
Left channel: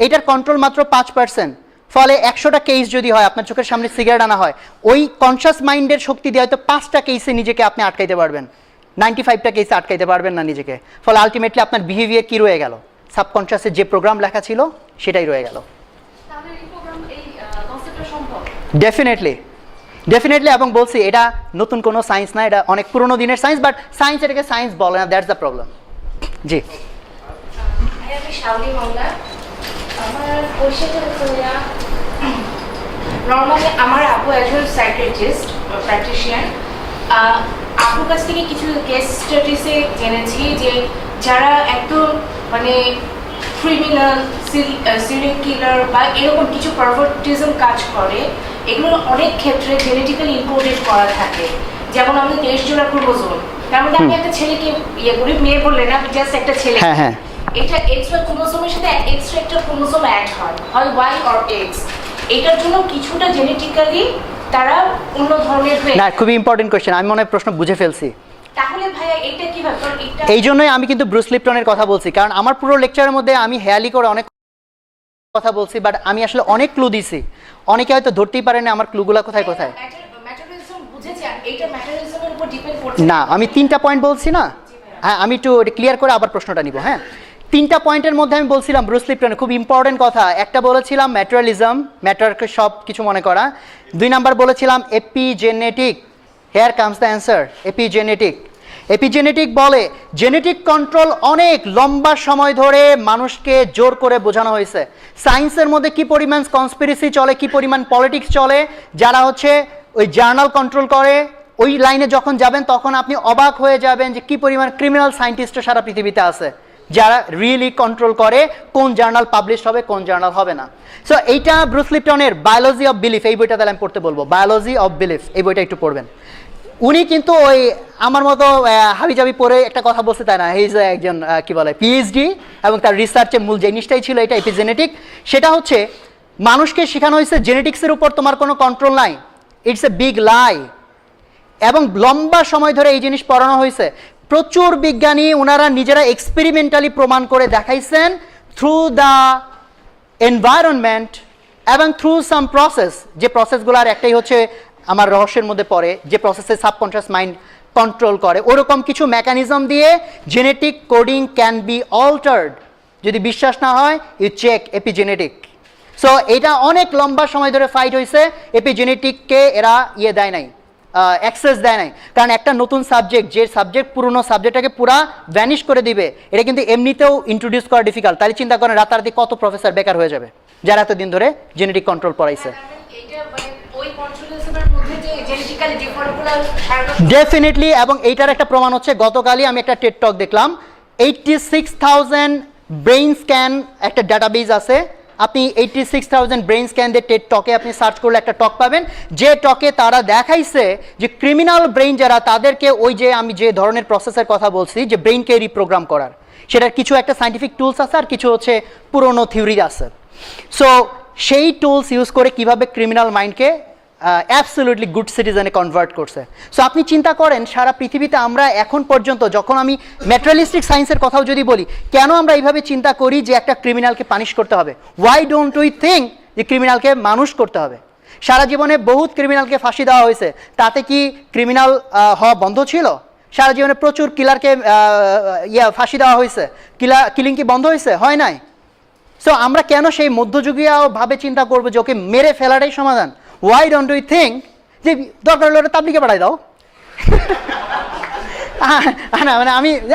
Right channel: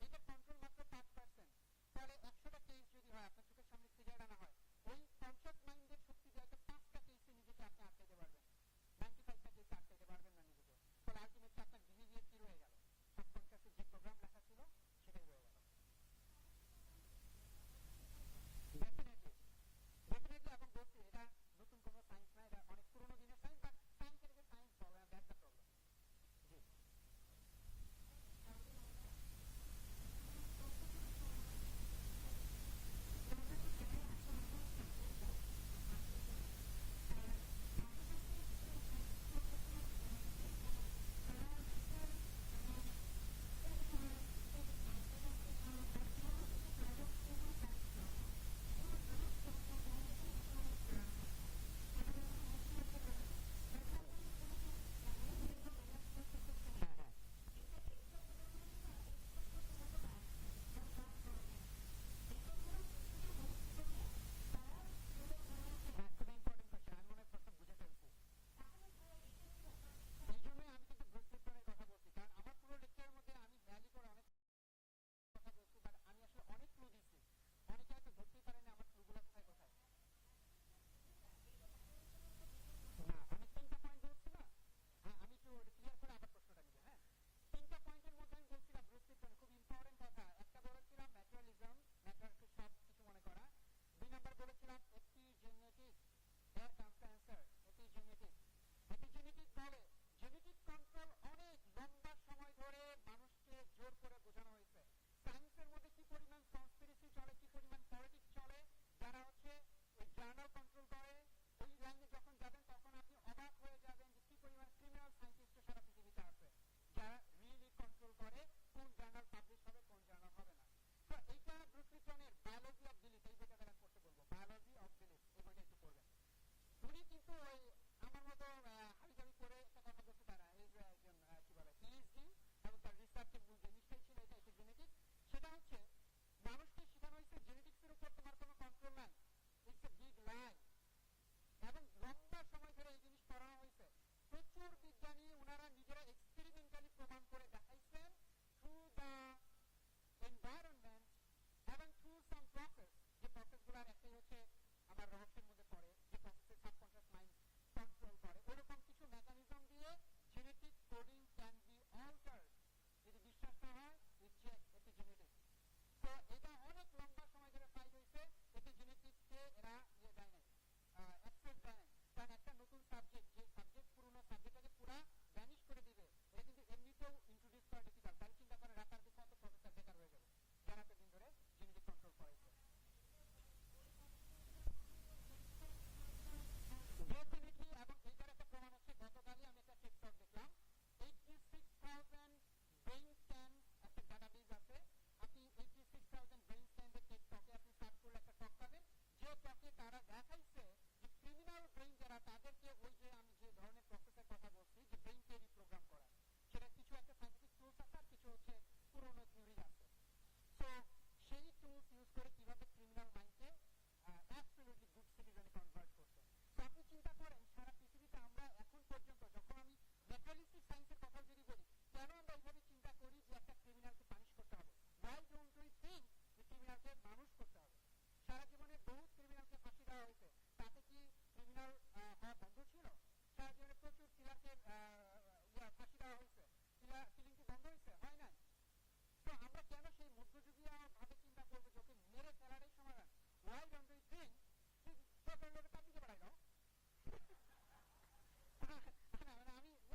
এইটার কন্ট্রোল মাত্র 5%। ফলে 100টা কেস যদি হয়, আপনার চোখের সামনে সিগারেট আনা হয়, ওই কনসিয়াস মাইন্ডের শক্তি দিয়ে হয়তো 5টা কেসে নিজেকে আপনি আটকাইতে পারবেন, 95টা কেসে আটকাইতে পারবেন না নিজেকে। ফলে আলটিমেটলি আপনার বিহেভিয়ার কি রয়ে গেল? সাবকনসিয়াসে যে প্রোগ্রাম লেখা ছিল সেটাই রয়ে গেল। তাহলে এই প্রোগ্রাম এই কনসেপ্টটা সম্ভব? ডেফিনেটলি। এবং বলছি এটা নতুন কোনো সায়েন্স না, এটা অনেক পুরোনো দিনের সায়েন্স, বাট সায়েন্স এটাকে সায়েন্স বলে না, দ্যাটস দ্য প্রবলেম। জি, আমি শাওলি মামলা, আমার পরিচয়টা হচ্ছে নর্মালি আমার আপু একজন সাইকিয়াট্রিস্ট প্র্যাকটিশিয়ান। আপুর কাছ থেকে কিছু কেস স্টাডিজে জেনেছি যে যারা একদম মানে ক্রিমিনাল, সিরিয়াল কিলার বা এরকম কিছু পারভার্টিজম কাজ করে, এগুলো অনেক ক্ষেত্রে জেনেটিক্যালি ইনকোডেড করা থাকে। যেমন আমাদের 23 জোড়া ক্রোমোজোম, তার মধ্যে আপনি একটা ছেলেকে ইয়ে করি, মেয়ে বললেন না, জাস্ট একটা ছেলে, হ্যাঁ, এটা এক্সট্রা ক্রোমোজোমের সাথে এক্সট্রা একটা ক্রোমোজোম অ্যাড হয় ওয়াই অর এক্স। এটার জন্য কিছুটা জেনেটিক্যালি তারা অন্য ধরনের হয়ে। না, খুবই ইম্পর্টেন্ট কোয়েশ্চেন, আমি মনে হয় প্রশ্ন বুঝে ফেলছি। তাহলে ভাইয়া এটা কি ব্যাপার? এটা এই জন্যই আমি কিন্তু ব্রুস লিপটনের কথা বলছি, কারণ আমার পুরো লেকচারের মধ্যে আমি হেয়ালি করে অনেক কথা বলছি, বাট আমি আসলে অনেক ক্লু দিছি, অনেকে হয়তো ধরতেই পারেনি আমার ক্লুগুলো কোথায় কোথায়। ম্যাটারিজম বুঝেছেন, এটা ম্যাটারিজমের উপর ডিপেন্ড করছে না, আমি 3টা পয়েন্ট বলছি না। হ্যাঁ, আমি একটু ক্লিয়ার করে আবার প্রশ্নটা নিব। হ্যাঁ, 3টা পয়েন্টের মধ্যে আমি বলছিলাম ব্রুস লিপটনের খুব ইম্পর্টেন্ট কথা। একটা বলেছিলাম ম্যাটেরিয়ালিজম, ম্যাটারকে সব কিছু মনে করা। 2 নাম্বার বলেছিলাম epigenetic. Hair comes the answer, epigenetic বলে জেনেটিক কন্ট্রোল অনেক লম্বা সময় ধরে মানুষকে জোর করে বোঝানো হয়েছে। সায়েন্সের মধ্যে কি পরিমাণ কনস্পিরেসি চলে, কি পরিমাণ পলিটিক্স চলে, যারা হচ্ছে ওই জার্নাল কন্ট্রোল করে, ওই লাইনে যখন যাবেন তখন আপনি অবাক হয়ে যাবেন যে কি পরিমাণ ক্রিমিনাল সায়েন্টিস্ট সারা পৃথিবীতে আছে, যারা রিয়েলি কন্ট্রোল করে কোন জার্নাল পাবলিশ হবে, কোন জার্নাল হবে না। সো এইটা ব্রুস লিপটনের বায়োলজি অফ বিলিফ, এই বইটা তাহলে আমি পড়তে বলবো, বায়োলজি অফ বিলিফ, এই বইটা একটু পড়বেন। উনি কিন্তু ওই আমার মতো হাবিজাবি পড়ে একটা কথা বলছে তাই না, এই যে একজন কি বলে পিএইচডি, এবং তার রিসার্চের মূল জিনিসটাই ছিল এটা এপিজেনেটিক। সেটা হচ্ছে মানুষকে শেখানো হয়েছে জেনেটিক্সের উপর তোমার কোনো কন্ট্রোল নাই, ইটস এ বিগ লাই। এবং লম্বা সময় ধরে এই জিনিস পড়ানো হয়েছে। প্রচুর বিজ্ঞানী ওনারা নিজেরা এক্সপেরিমেন্টালি প্রমাণ করে দেখাইছেন থ্রু দ্য এনভায়রনমেন্ট এবং থ্রু সাম প্রসেস, যে প্রসেসগুলোর একটাই হচ্ছে আমার রহস্যের মধ্যে পড়ে, যে প্রসেসে সাবকনশিয়াস মাইন্ড কন্ট্রোল করে, ওরকম কিছু মেকানিজম দিয়ে genetic coding can be altered. যদি বিশ্বাস না হয় ইউ চেক এপিজেনেটিক। সো এটা অনেক লম্বা সময় ধরে ফাইট হয়েছে, এপিজেনেটিককে এরা দেয় নাই, অ্যাক্সেস দেয় নাই, কারণ একটা নতুন সাবজেক্ট, যে সাবজেক্ট পুরনো সাবজেক্টটাকে পুরা ভ্যানিশ করে দিবে, এটা কিন্তু এমনিতেও ইন্ট্রোডিউস করা ডিফিকাল্ট। তাহলে চিন্তা করেন রাতারাতি কত প্রফেসর বেকার হয়ে যাবে যারা এতদিন ধরে জেনেটিক কন্ট্রোল পড়াইছে। ডেফিনেটলি, এবং এইটার একটা প্রমাণ হচ্ছে গতকালই আমি একটা টেড টক দেখলাম, 86,000 ব্রেইন স্ক্যান একটা ডাটাবেজ আছে। আপনি 86,000 ব্রেইন স্ক্যান দিয়ে টেড টকে আপনি সার্চ করলে একটা টক পাবেন, যে টকে তারা দেখাইছে যে ক্রিমিনাল ব্রেইন যারা, তাদেরকে ওই যে আমি যে ধরনের প্রসেসের কথা বলছি যে ব্রেইনকে রিপ্রোগ্রাম করার, সেটার কিছু একটা সাইন্টিফিক টুলস আছে আর কিছু হচ্ছে পুরনো থিওরি আছে। সো সেই টুলস ইউজ করে কিভাবে ক্রিমিনাল মাইন্ডকে অ্যাবসলিউটলি গুড সিটিজেনে কনভার্ট করছে। সো আপনি চিন্তা করেন সারা পৃথিবীতে আমরা এখন পর্যন্ত, যখন আমি ম্যাটেরিয়ালিস্টিক সায়েন্সের কথাও যদি বলি, কেন আমরা এইভাবে চিন্তা করি যে একটা ক্রিমিনালকে পানিশ করতে হবে? ওয়াই ডোন্ট উই থিঙ্ক যে ক্রিমিনালকে মানুষ করতে হবে? সারা জীবনে বহুত ক্রিমিনালকে ফাঁসি দেওয়া হয়েছে, তাতে কি ক্রিমিনাল হওয়া বন্ধ ছিল? সারা জীবনে প্রচুর কিলারকে ফাঁসি দেওয়া হয়েছে, কিলিং কি বন্ধ হয়েছে? হয় নাই। সো আমরা কেন সেই মধ্যযুগীয় ভাবে চিন্তা করবো যে ওকে মেরে ফেলাটাই সমাধান? Why don't we think যে দরকার হলে ওটা তাবলিগে পাঠাই দাও? না মানে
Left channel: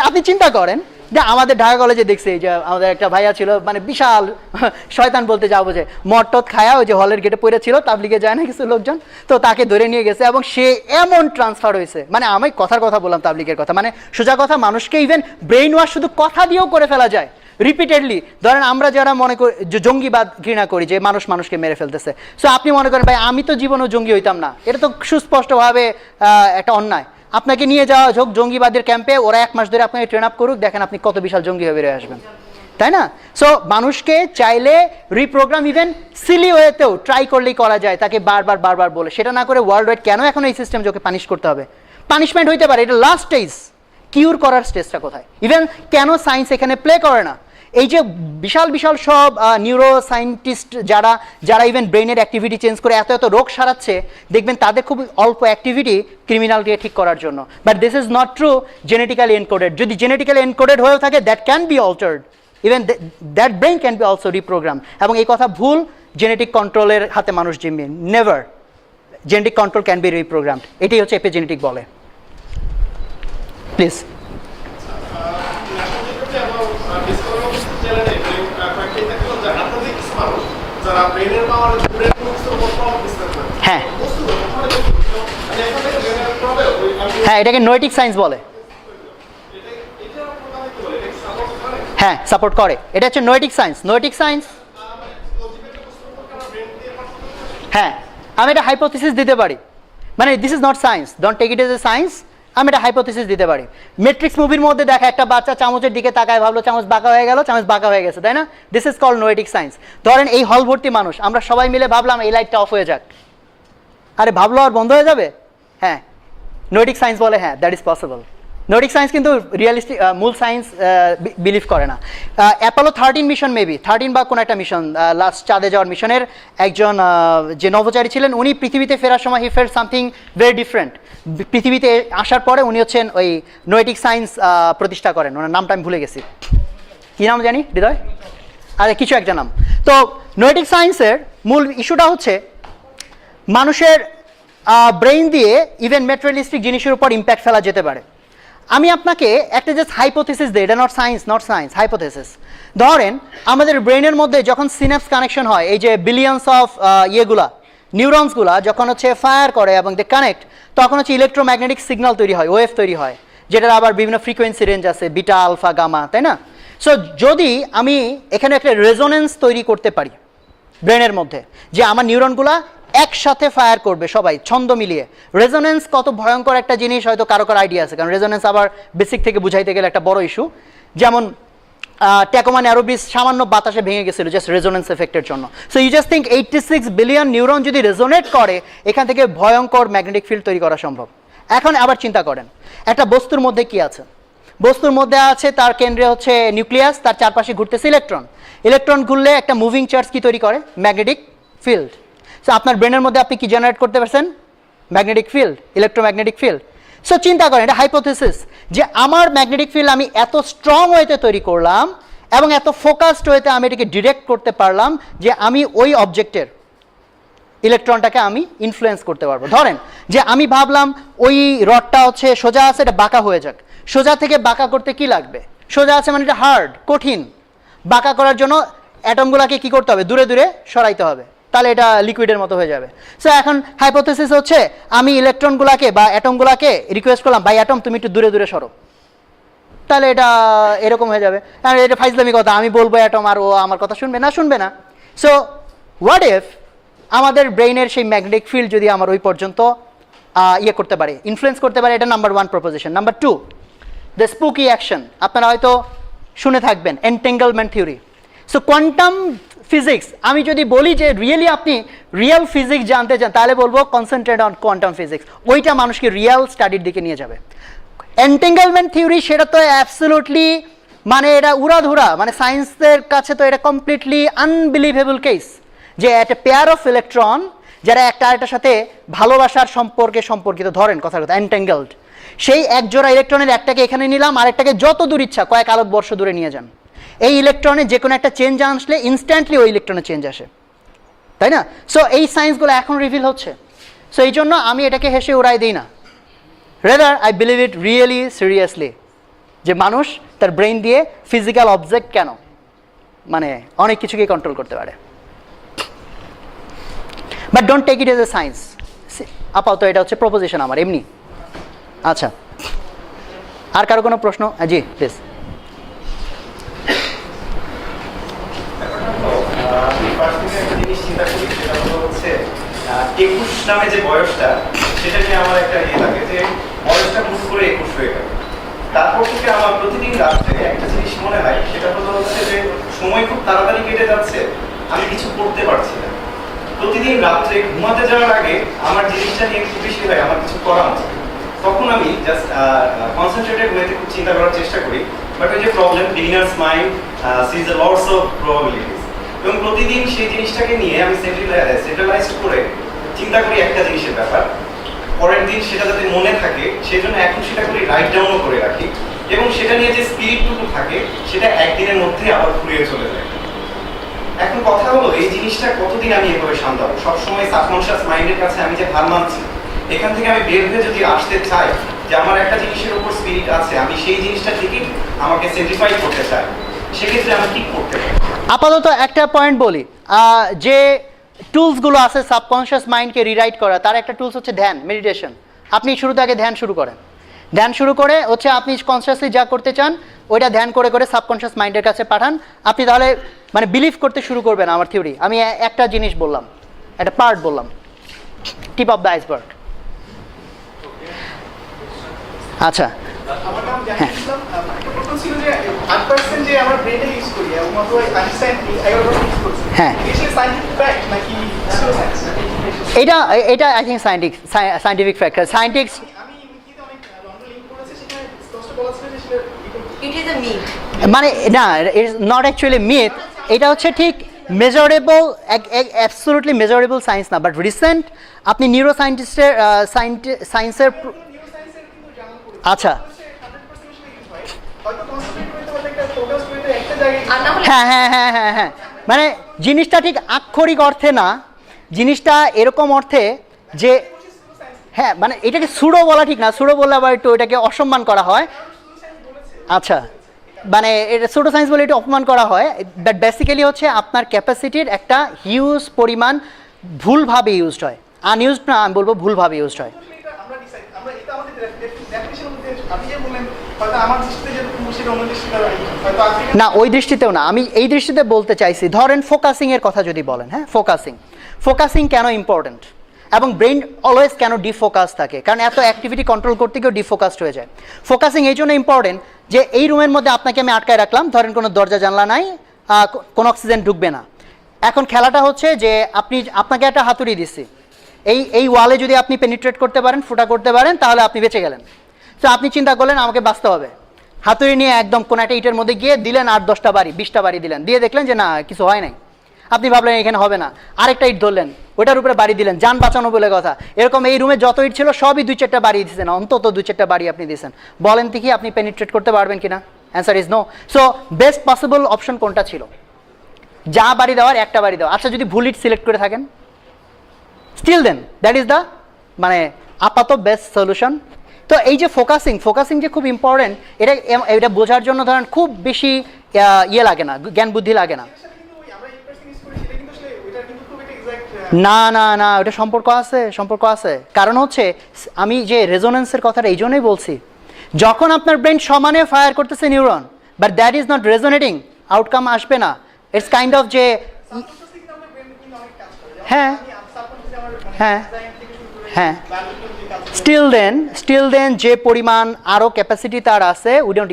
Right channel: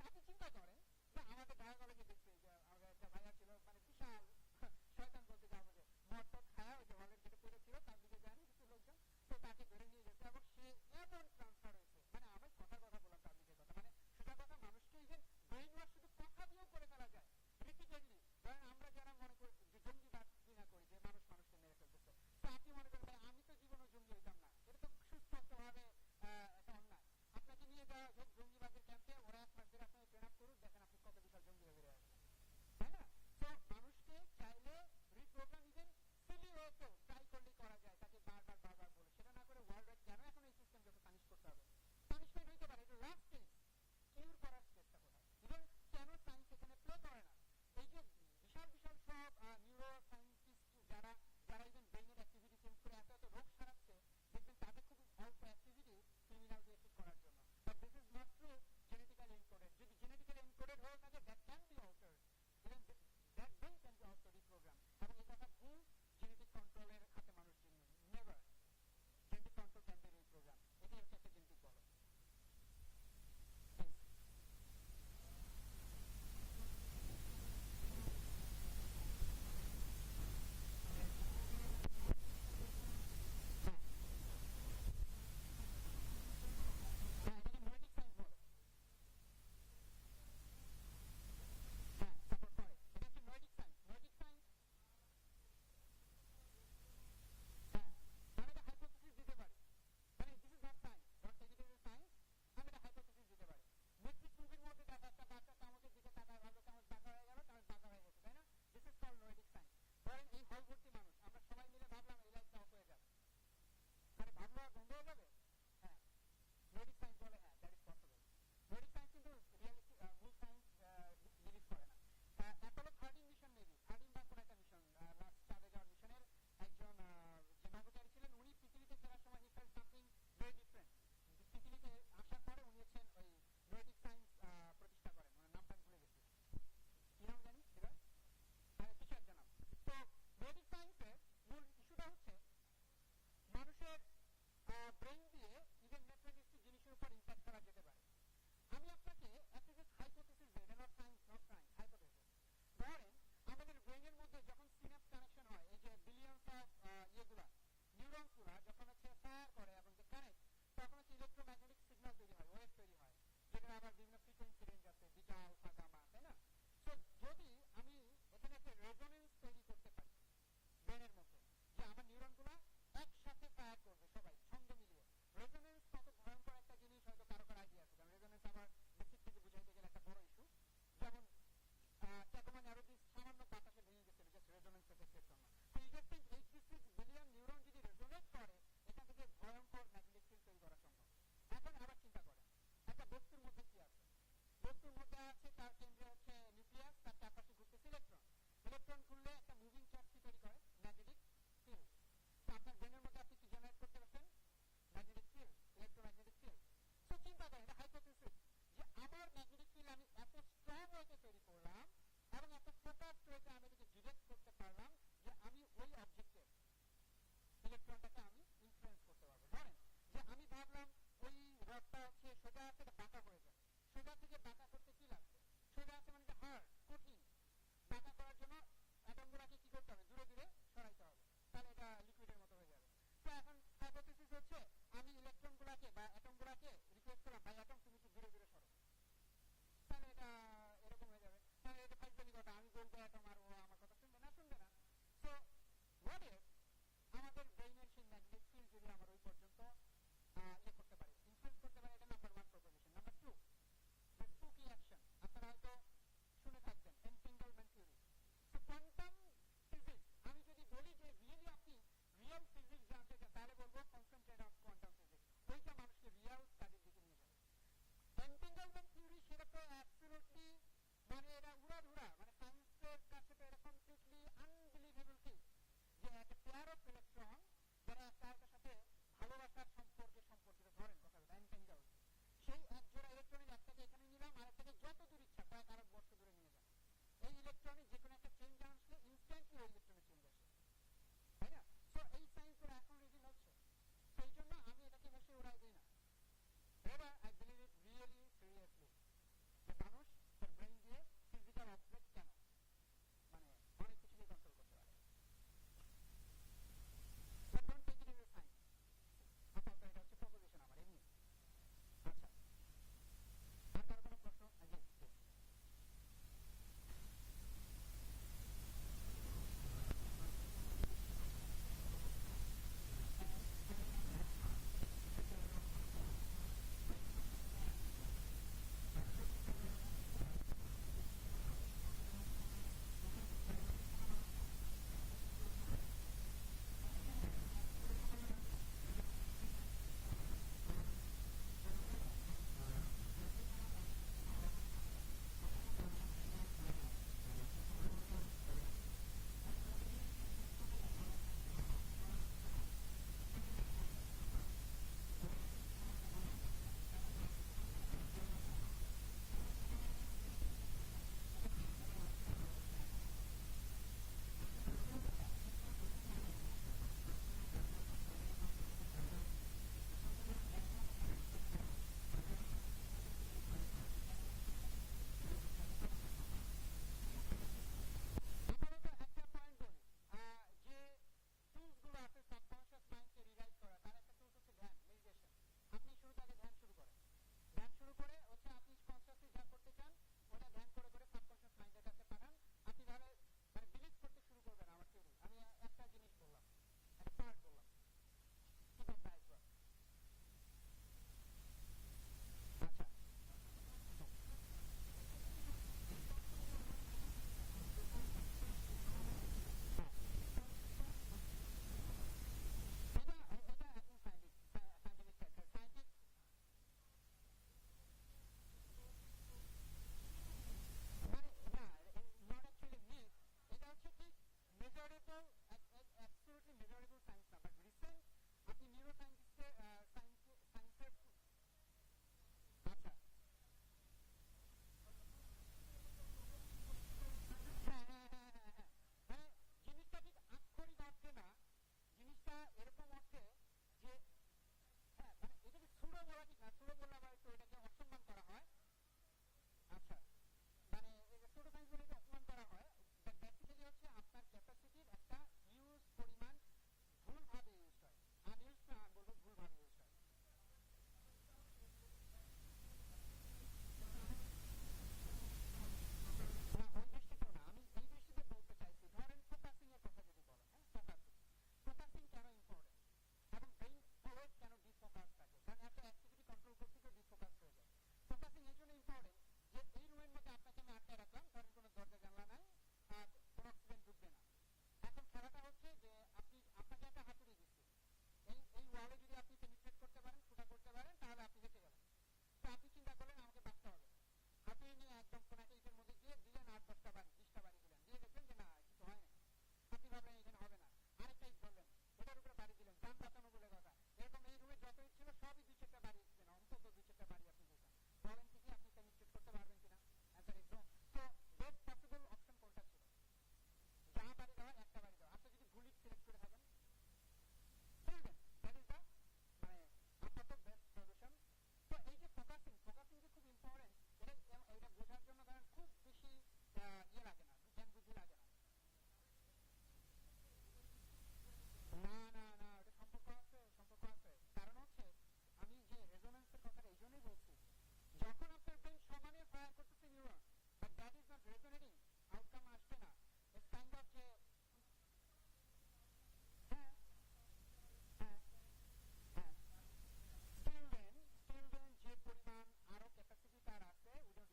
আপনি চিন্তা করেন যে আমাদের ঢাকা কলেজে দেখছি যে আমাদের একটা ভাইয়া ছিল, মানে বিশাল শয়তান বলতে যাবো, যে মটট খায়া ওই যে হলের গেটে পড়ে ছিল, তাবলিগে যায় না কিছু লোকজন, তো তাকে ধরে নিয়ে গেছে এবং সে এমন ট্রান্সফার হয়েছে, মানে আমি কথার কথা বললাম তাবলিগের কথা, মানে সোজা কথা, মানুষকে ইভেন ব্রেইন ওয়াশ শুধু কথা দিয়েও করে ফেলা যায় রিপিটেডলি। ধরেন আমরা যারা মনে করি যে জঙ্গিবাদ ঘৃণা করি, যে মানুষকে মেরে ফেলতেছে, সো আপনি মনে করেন ভাই আমি তো জীবনেও জঙ্গি হইতাম না, এটা তো সুস্পষ্টভাবে একটা অন্যায়। আপনাকে নিয়ে যাওয়া হোক জঙ্গিবাদের ক্যাম্পে, ওরা 1 মাস ধরে আপনাকে ট্রেন আপ করুক, দেখেন আপনি কত বিশাল জঙ্গি হয়ে বেরিয়ে আসবেন, তাই না? সো মানুষকে চাইলে রিপ্রোগ্রাম ইভেন সিলি ওয়েতেও ট্রাই করলেই করা যায়, তাকে বারবার বলে। সেটা না করে ওয়ার্ল্ড ওয়াইড কেন এখন এই সিস্টেম ওকে পানিশ করতে হবে? পানিশমেন্ট হইতে পারে, এটা লাস্ট স্টেজ, কিউর করার স্টেজটা কোথায়? ইভেন কেন সায়েন্স এখানে প্লে করে না? এই যে বিশাল সব নিউরো সায়েন্টিস্ট যারা ইভেন ব্রেনের অ্যাক্টিভিটি চেঞ্জ করে এত রোগ সারাচ্ছে, দেখবেন তাদের খুব অল্প অ্যাক্টিভিটি ক্রিমিনালকে ঠিক করার জন্য। But this is not true genetically encoded. যদি জেনেটিক্যালি এনকোডেড হয়েও থাকে, that can be altered, even that brain can be also reprogram. এবং এই কথা ভুল, জেনেটিক কন্ট্রোলের হাতে মানুষ জিম্মি, never. Genetic control can be reprogrammed, এটাই হচ্ছে এপিজেনেটিক বলে। প্লিজ। হ্যাঁ হ্যাঁ, এটাকে নোয়েটিক সায়েন্স বলে। হ্যাঁ, সাপোর্ট করে, এটা হচ্ছে নোয়েটিক সায়েন্স। নোয়েটিক সায়েন্স, হ্যাঁ, আমি এটা হাইপোথিসিস দিতে পারি, মানে this is not science, don't take it as a science. আমি এটা হাইপোথিসিস দিতে পারি। ম্যাট্রিক্স মুভির মধ্যে দেখা একটা বাচ্চা চামচের দিকে তাকায়, ভাবলো চামচ বাঁকা হয়ে গেল, চামচ বাঁকা হয়ে গেছে, তাই না? This is called noetic science. ধরেন এই হল ভর্তি মানুষ, আমরা সবাই মিলে ভাবলাম এই লাইটটা অফ হয়ে যাক, আরে ভাবলো আর বন্ধ হয়ে যাবে? হ্যাঁ, নোয়েটিক সায়েন্স বলে হ্যাঁ দ্যাট ইজ পসিবল। নোয়েটিক সায়েন্স কিন্তু রিয়েলিস্টিক মূল সায়েন্স বিলিভ করে না। অ্যাপোলো 13 মিশন, মেবি 13 বা কোনো একটা মিশন, লাস্ট চাঁদে যাওয়ার মিশনের একজন যে নভোচারী ছিলেন, উনি পৃথিবীতে ফেরার সময় he felt something very different. পৃথিবীতে আসার পরে উনি হচ্ছেন ওই নোয়েটিক সায়েন্স প্রতিষ্ঠা করেন, ওনার নামটা আমি ভুলে গেছি, কী নাম জানি, হৃদয়, আরে কিছু একটা নাম। তো নোয়েটিক সায়েন্সের মূল ইস্যুটা হচ্ছে মানুষের ব্রেইন দিয়ে ইভেন ম্যাটেরিয়ালিস্টিক জিনিসের উপর ইম্প্যাক্ট ফেলা যেতে পারে। আমি আপনাকে একটা জাস্ট হাইপোথিসিস দিই, এটা নট সায়েন্স, হাইপোথিসিস। ধরেন আমাদের ব্রেইনের মধ্যে যখন সিনাপস কানেকশন হয়, এই যে বিলিয়ন্স অফ নিউরনসগুলা যখন হচ্ছে ফায়ার করে এবং দে কানেক্ট, তখন হচ্ছে ইলেকট্রোম্যাগনেটিক সিগন্যাল তৈরি হয়, ওয়েভ তৈরি হয়, যেটার আবার বিভিন্ন ফ্রিকোয়েন্সি রেঞ্জ আছে, বিটা, আলফা, গামা, তাই না? সো যদি আমি এখানে একটা রেজোনেন্স তৈরি করতে পারি ব্রেনের মধ্যে, যে আমার নিউরনগুলা একসাথে ফায়ার করবে সবাই ছন্দ মিলিয়ে, রেজোনেন্স কত ভয়ঙ্কর একটা জিনিস হয়তো কারো আইডিয়া আছে, কারণ রেজোনেন্স আবার বেসিক থেকে বুঝাইতে গেলে একটা বড় ইস্যু। যেমন ট্যাকোমা ন্যারো ব্রিজ সামান্য বাতাসে ভেঙে গেছিল জাস্ট রেজোনেন্স এফেক্টের জন্য। So you just think 86 billion neuron যদি রেজোনেট করে, এখান থেকে ভয়ঙ্কর ম্যাগনেটিক ফিল্ড তৈরি করা সম্ভব। এখন আবার চিন্তা করেন একটা বস্তুর মধ্যে কি আছে? বস্তুর মধ্যে আছে তার কেন্দ্রে হচ্ছে নিউক্লিয়াস, তার চারপাশে ঘুরতেছে ইলেকট্রন। ইলেকট্রন ঘুরলে একটা মুভিং চার্জ কি তৈরি করে? Magnetic field. সো আপনার ব্রেনের মধ্যে আপনি কি জেনারেট করতে পারছেন? Magnetic field, electromagnetic field. So চিন্তা করেন, এটা হাইপোথিসিস, যে আমার ম্যাগনেটিক ফিল্ড আমি এত স্ট্রং ওয়েতে তৈরি করলাম এবং এত ফোকাসড ওয়েতে আমি এটাকে ডিরেক্ট করতে পারলাম যে আমি ওই অবজেক্টের ইলেকট্রনটাকে আমি ইনফ্লুয়েন্স করতে পারবো। ধরেন যে আমি ভাবলাম ওই রডটা হচ্ছে সোজা আছে, এটা বাঁকা হয়ে যাক। সোজা থেকে বাঁকা করতে কি লাগবে? সোজা আছে মানে এটা হার্ড, কঠিন। বাঁকা করার জন্য অ্যাটমগুলোকে কি করতে হবে? দূরে দূরে সরাইতে হবে, তাহলে এটা লিকুইডের মতো হয়ে যাবে। সো এখন হাইপোথেসিস হচ্ছে আমি ইলেকট্রনগুলোকে বা অ্যাটমগুলোকে রিকোয়েস্ট করলাম, ভাই অ্যাটম তুমি একটু দূরে দূরে সরো, তাহলে এটা এরকম হয়ে যাবে। আর এটা ফাইজলামি কথা, আমি বলবো অ্যাটম আর ও আমার কথা শুনবে না, শুনবে না। সো হোয়াট ইফ আমাদের ব্রেইনের সেই ম্যাগনেটিক ফিল্ড যদি আমার ওই পর্যন্ত ইয়ে করতে পারে, ইনফ্লুয়েন্স করতে পারে, এটা number 1 proposition. Number 2, the spooky action. আপনারা হয়তো শুনে থাকবেন এনটেঙ্গলমেন্ট থিওরি। সো কোয়ান্টাম ফিজিক্স, আমি যদি বলি যে রিয়েলি আপনি রিয়েল ফিজিক্স জানতে চান, তাহলে বলবো কনসেন্ট্রেট অন কোয়ান্টাম ফিজিক্স, ওইটা মানুষকে রিয়েল স্টাডির দিকে নিয়ে যাবে। এনটেঙ্গলমেন্ট থিওরি সেটা তো অ্যাবসলিউটলি মানে এটা উড়াধুরা, মানে সায়েন্সের কাছে তো এটা কমপ্লিটলি আনবিলিভেবল কেস, যে একটা পেয়ার অফ ইলেকট্রন যারা একটা আরেকটার সাথে ভালোবাসার সম্পর্কে সম্পর্কিত, ধরেন কথার কথা এনটেঙ্গলড, সেই এক জোড়া ইলেকট্রনের একটাকে এখানে নিলাম, আরেকটাকে যত দূর ইচ্ছা কয়েক আলোকবর্ষ দূরে নিয়ে যান, এই ইলেকট্রনে যে কোনো একটা চেঞ্জ আসলে ইনস্ট্যান্টলি ওই ইলেকট্রনে চেঞ্জ আসে, তাই না? সো এই সায়েন্সগুলো এখন রিভিল হচ্ছে। সো এই জন্য আমি এটাকে হেসে উড়াই দিই না, rather I believe it really seriously, যে মানুষ তার ব্রেইন দিয়ে ফিজিক্যাল অবজেক্ট কেন মানে অনেক কিছুকে কন্ট্রোল করতে পারে। But don't take it as a science. আপাতত এটা হচ্ছে প্রপোজিশন আমার এমনি। আচ্ছা, আর কারো কোনো প্রশ্ন? জি প্লিজ। একুশ নামে যে বয়সটা, সেটা নিয়ে আমার একটা ইয়ে লাগে যে বয়সটা হুট করে 21 হয়ে গেল। তারপর থেকে আমার প্রতিদিন রাত্রে একটা জিনিস মনে হয়, সেটা হলো হচ্ছে যে সময় খুব তাড়াতাড়ি কেটে যাচ্ছে, আমি কিছু করতে পারছি না। প্রতিদিন রাত্রে ঘুমাতে যাওয়ার আগে আমার জিনিসটা নিয়ে খুব বেশি হয় আমার কিছু করা উচিত। তখন আমি জাস্ট কনসেন্ট্রেটেড ওয়েতে খুব চিন্তা করার চেষ্টা করি, বাট ওই যে problem, beginners mind sees the lots of probabilities, এবং প্রতিদিন সেই জিনিসটাকে নিয়ে আমি সেন্ট্রালাইজ করে চিন্তা করি একটা জিনিসের ব্যাপার, পরের দিন সেটা যাতে মনে থাকে সেই জন্য এখন সেটা করি রাইট ডাউনও করে রাখি, এবং সেটা নিয়ে যে স্পিরিটটুকু থাকে সেটা একদিনের মধ্যে আবার ফুরিয়ে চলে যায়। এখন কথা হলো এই জিনিসটা কতদিন আমি এভাবে সামলাবো? সবসময় সাবকনশিয়াস মাইন্ডের কাছে আমি যে হার মানছি, এখান থেকে আমি বের হয়ে যদি আসতে চাই যে আমার একটা জিনিসের উপর স্পিরিট আছে, আমি সেই জিনিসটা ঠিকই আমাকে সেন্টিফাই করতে চাই, সেক্ষেত্রে আমি কি করতে পারি? আপাতত একটা পয়েন্ট বলি, যে টুলসগুলো আছে সাবকনশিয়াস মাইন্ডকে রিরাইট করা, তার একটা টুলস হচ্ছে ধ্যান, মেডিটেশন। আপনি শুরুতে আগে ধ্যান শুরু করেন, ধ্যান শুরু করে হচ্ছে আপনি কনসিয়াসলি যা করতে চান ওইটা ধ্যান করে করে সাবকনশিয়াস মাইন্ডের কাছে পাঠান। আপনি তাহলে মানে বিলিভ করতে শুরু করবেন আমার থিওরি। আমি একটা জিনিস বললাম, একটা পার্ট বললাম, টিপ অফ দ্য আইসবার্গ। আচ্ছা, আমার নাম জাহিদুল্লাহ। একটা প্রশ্ন ছিল যে 8% যে আমরা ব্রেনে ইউজ করি এবং মাত্র আইনস্টাইন 11% ইউজ করছে, হ্যাঁ, এটা কি সায়েন্টিফিক ফ্যাক্ট নাকি সায়েন্স? এটা I think scientific factor. Scientific আমি কিন্তু অনেক লন্ডন লিংক করেছে, সেখানে স্পষ্ট বলা ছিল যে সেটা It is a myth. মানে না, ইটস নট অ্যাকচুয়ালি মিথ, এটা হচ্ছে ঠিক মেজারেবল, অ্যাবসলিউটলি মেজারেবল সায়েন্স না। বাট রিসেন্ট আপনি নিউরো সায়েন্টিস্টের সায়েন্সের, আচ্ছা হয়তো কনসেন্ট্রেট করতে পারলে একটা ফোকাস করতে একটা জায়গায় আর না হলে হ্যাঁ হ্যাঁ হ্যাঁ হ্যাঁ হ্যাঁ, মানে জিনিসটা ঠিক আক্ষরিক অর্থে না, জিনিসটা এরকম অর্থে যে হ্যাঁ, মানে এটাকে সুডো বলা ঠিক না, সুডো বললে আবার একটু এটাকে অসম্মান করা হয়। আচ্ছা, মানে এটা সুডো সায়েন্স বলে এটা অপমান করা হয়, বাট বেসিক্যালি হচ্ছে আপনার ক্যাপাসিটির একটা হিউজ পরিমাণ ভুলভাবে ইউজড হয়, আনইউজড না, আমি বলবো ভুলভাবে ইউজড হয়। আমরা ডিসাইড, আমরা এটা আমাদের ডেফিনিশনের মধ্যে আপনি যে বললেন হয়তো আমার দৃষ্টিতে যে সেটা অন্য দৃষ্টিতে হয়তো আফ্রিকা না, ওই দৃষ্টিতেও না, আমি এই দৃষ্টিতে বলতে চাইছি, ধরেন ফোকাসিংয়ের কথা যদি বলেন, হ্যাঁ ফোকাসিং কেন ইম্পর্টেন্ট এবং ব্রেইন অলওয়েজ কেন ডিফোকাস থাকে, কারণ এত অ্যাক্টিভিটি কন্ট্রোল করতে গিয়েও ডিফোকাসড হয়ে যায়। ফোকাসিং এই জন্য ইম্পর্টেন্ট যে এই রুমের মধ্যে আপনাকে আমি আটকায় রাখলাম, ধরেন কোনো দরজা জানলা নাই, কোনো অক্সিজেন ঢুকবে না। এখন খেলাটা হচ্ছে যে আপনাকে একটা হাতুড়ি দিচ্ছি, এই ওয়ালে যদি আপনি পেনিট্রেট করতে পারেন, ফুটা করতে পারেন, তাহলে আপনি বেঁচে গেলেন। তো আপনি চিন্তা করলেন আমাকে বাঁচতে হবে, হাতুড়ি নিয়ে একদম কোনো একটা ইটের মধ্যে গিয়ে দিলেন 8-10টা বাড়ি 20টা বাড়ি দিলেন, দিয়ে দেখলেন যে না কিছু হয় নাই, আপনি ভাবলেন এখানে হবে না, আরেকটা ইট ধরলেন, ওটার উপরে বাড়ি দিলেন, যান বাঁচানো বলে কথা। এরকম এই রুমে যত ইট ছিল সবই 2-4টা বাড়ি দিয়েছেন, অন্তত 2-4টা বাড়ি আপনি দিয়েছেন। বলেন দেখি আপনি পেনিট্রেট করতে পারবেন কিনা? Answer is no. So best possible option কোনটা ছিল? যা বাড়ি দেওয়ার একটা বাড়ি দেওয়া। আচ্ছা, যদি ভুল ইট সিলেক্ট করে থাকেন, still then that is the মানে আপাতত বেস্ট সলিউশন। তো এই যে ফোকাসিং যে খুব ইম্পর্টেন্ট, এটা বোঝার জন্য ধরেন খুব বেশি ইয়ে লাগে না, জ্ঞান বুদ্ধি লাগে না। কিন্তু ওই আমরা 8% ইউজ করি সেটা কিন্তু আসলে ওইটার কিন্তু খুব একটা এক্সাক্ট না ওটা সম্পর্ক আছে। কারণ হচ্ছে আমি যে রেজোনেন্সের কথাটা এই জন্যই বলছি, যখন আপনার ব্রেন সমানে ফায়ার করতেছে neuron, but that is not resonating, outcome আসবে না। ইটস কাইন্ড অফ যে সাবকনশাসলি কিন্তু আমাদের ব্রেন কিন্তু অনেক কাজ করে। যেমন হ্যাঁ আমি সাবকনশাসলি আমার হ্যাঁ ডিজাইন থেকে শুরু করে হ্যাঁ বায়োলজিক্যাল যে কাজ স্টিল দেন যে পরিমাণ আরও ক্যাপাসিটি তার আছে, we don't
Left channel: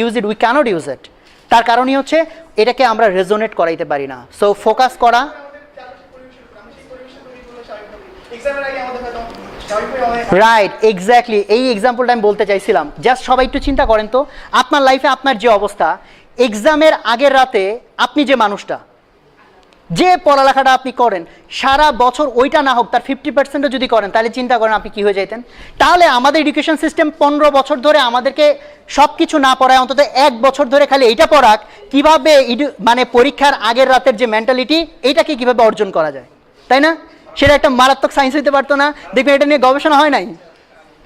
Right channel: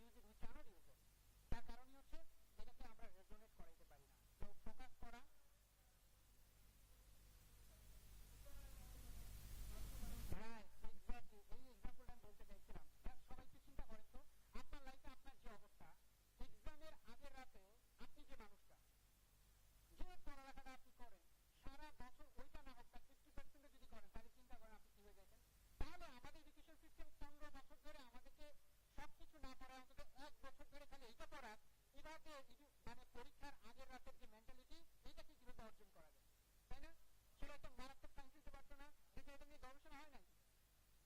use it, we can't use it. তার কারণই হচ্ছে এটাকে আমরা রেজোনেট করাইতে পারি না। সো ফোকাস করা, আমাদের চারপাশে পরিবেশের উপর আমি সেই পরিবেশের তৈরি করলে স্বাভাবিকভাবে এক্সামের আগে আমাদের হয়তো স্বাভাবিকভাবে অনেক রাইট, এক্স্যাক্টলি এই এক্সাম্পলটা আমি বলতে চাইছিলাম। জাস্ট সবাই একটু চিন্তা করেন তো, আপনার লাইফে আপনার যে অবস্থা, এক্সামের আগের রাতে আপনি যে মানুষটা, যে পড়ালেখাটা আপনি করেন সারা বছর, ওইটা না হোক তার 50%ও যদি করেন, তাহলে চিন্তা করেন আপনি কি হয়ে যেতেন। তাহলে আমাদের এডুকেশন সিস্টেম 15 বছর ধরে আমাদেরকে সব কিছু না পড়ায়, অন্তত 1 বছর ধরে খালি এইটা পড়াক কিভাবে মানে পরীক্ষার আগের রাতের যে মেন্টালিটি, এইটাকে কিভাবে অর্জন করা যায়, তাই না? সেটা একটা মারাত্মক সায়েন্স হইতে পারতো না? দেখবেন এটা নিয়ে গবেষণা হয় নাই,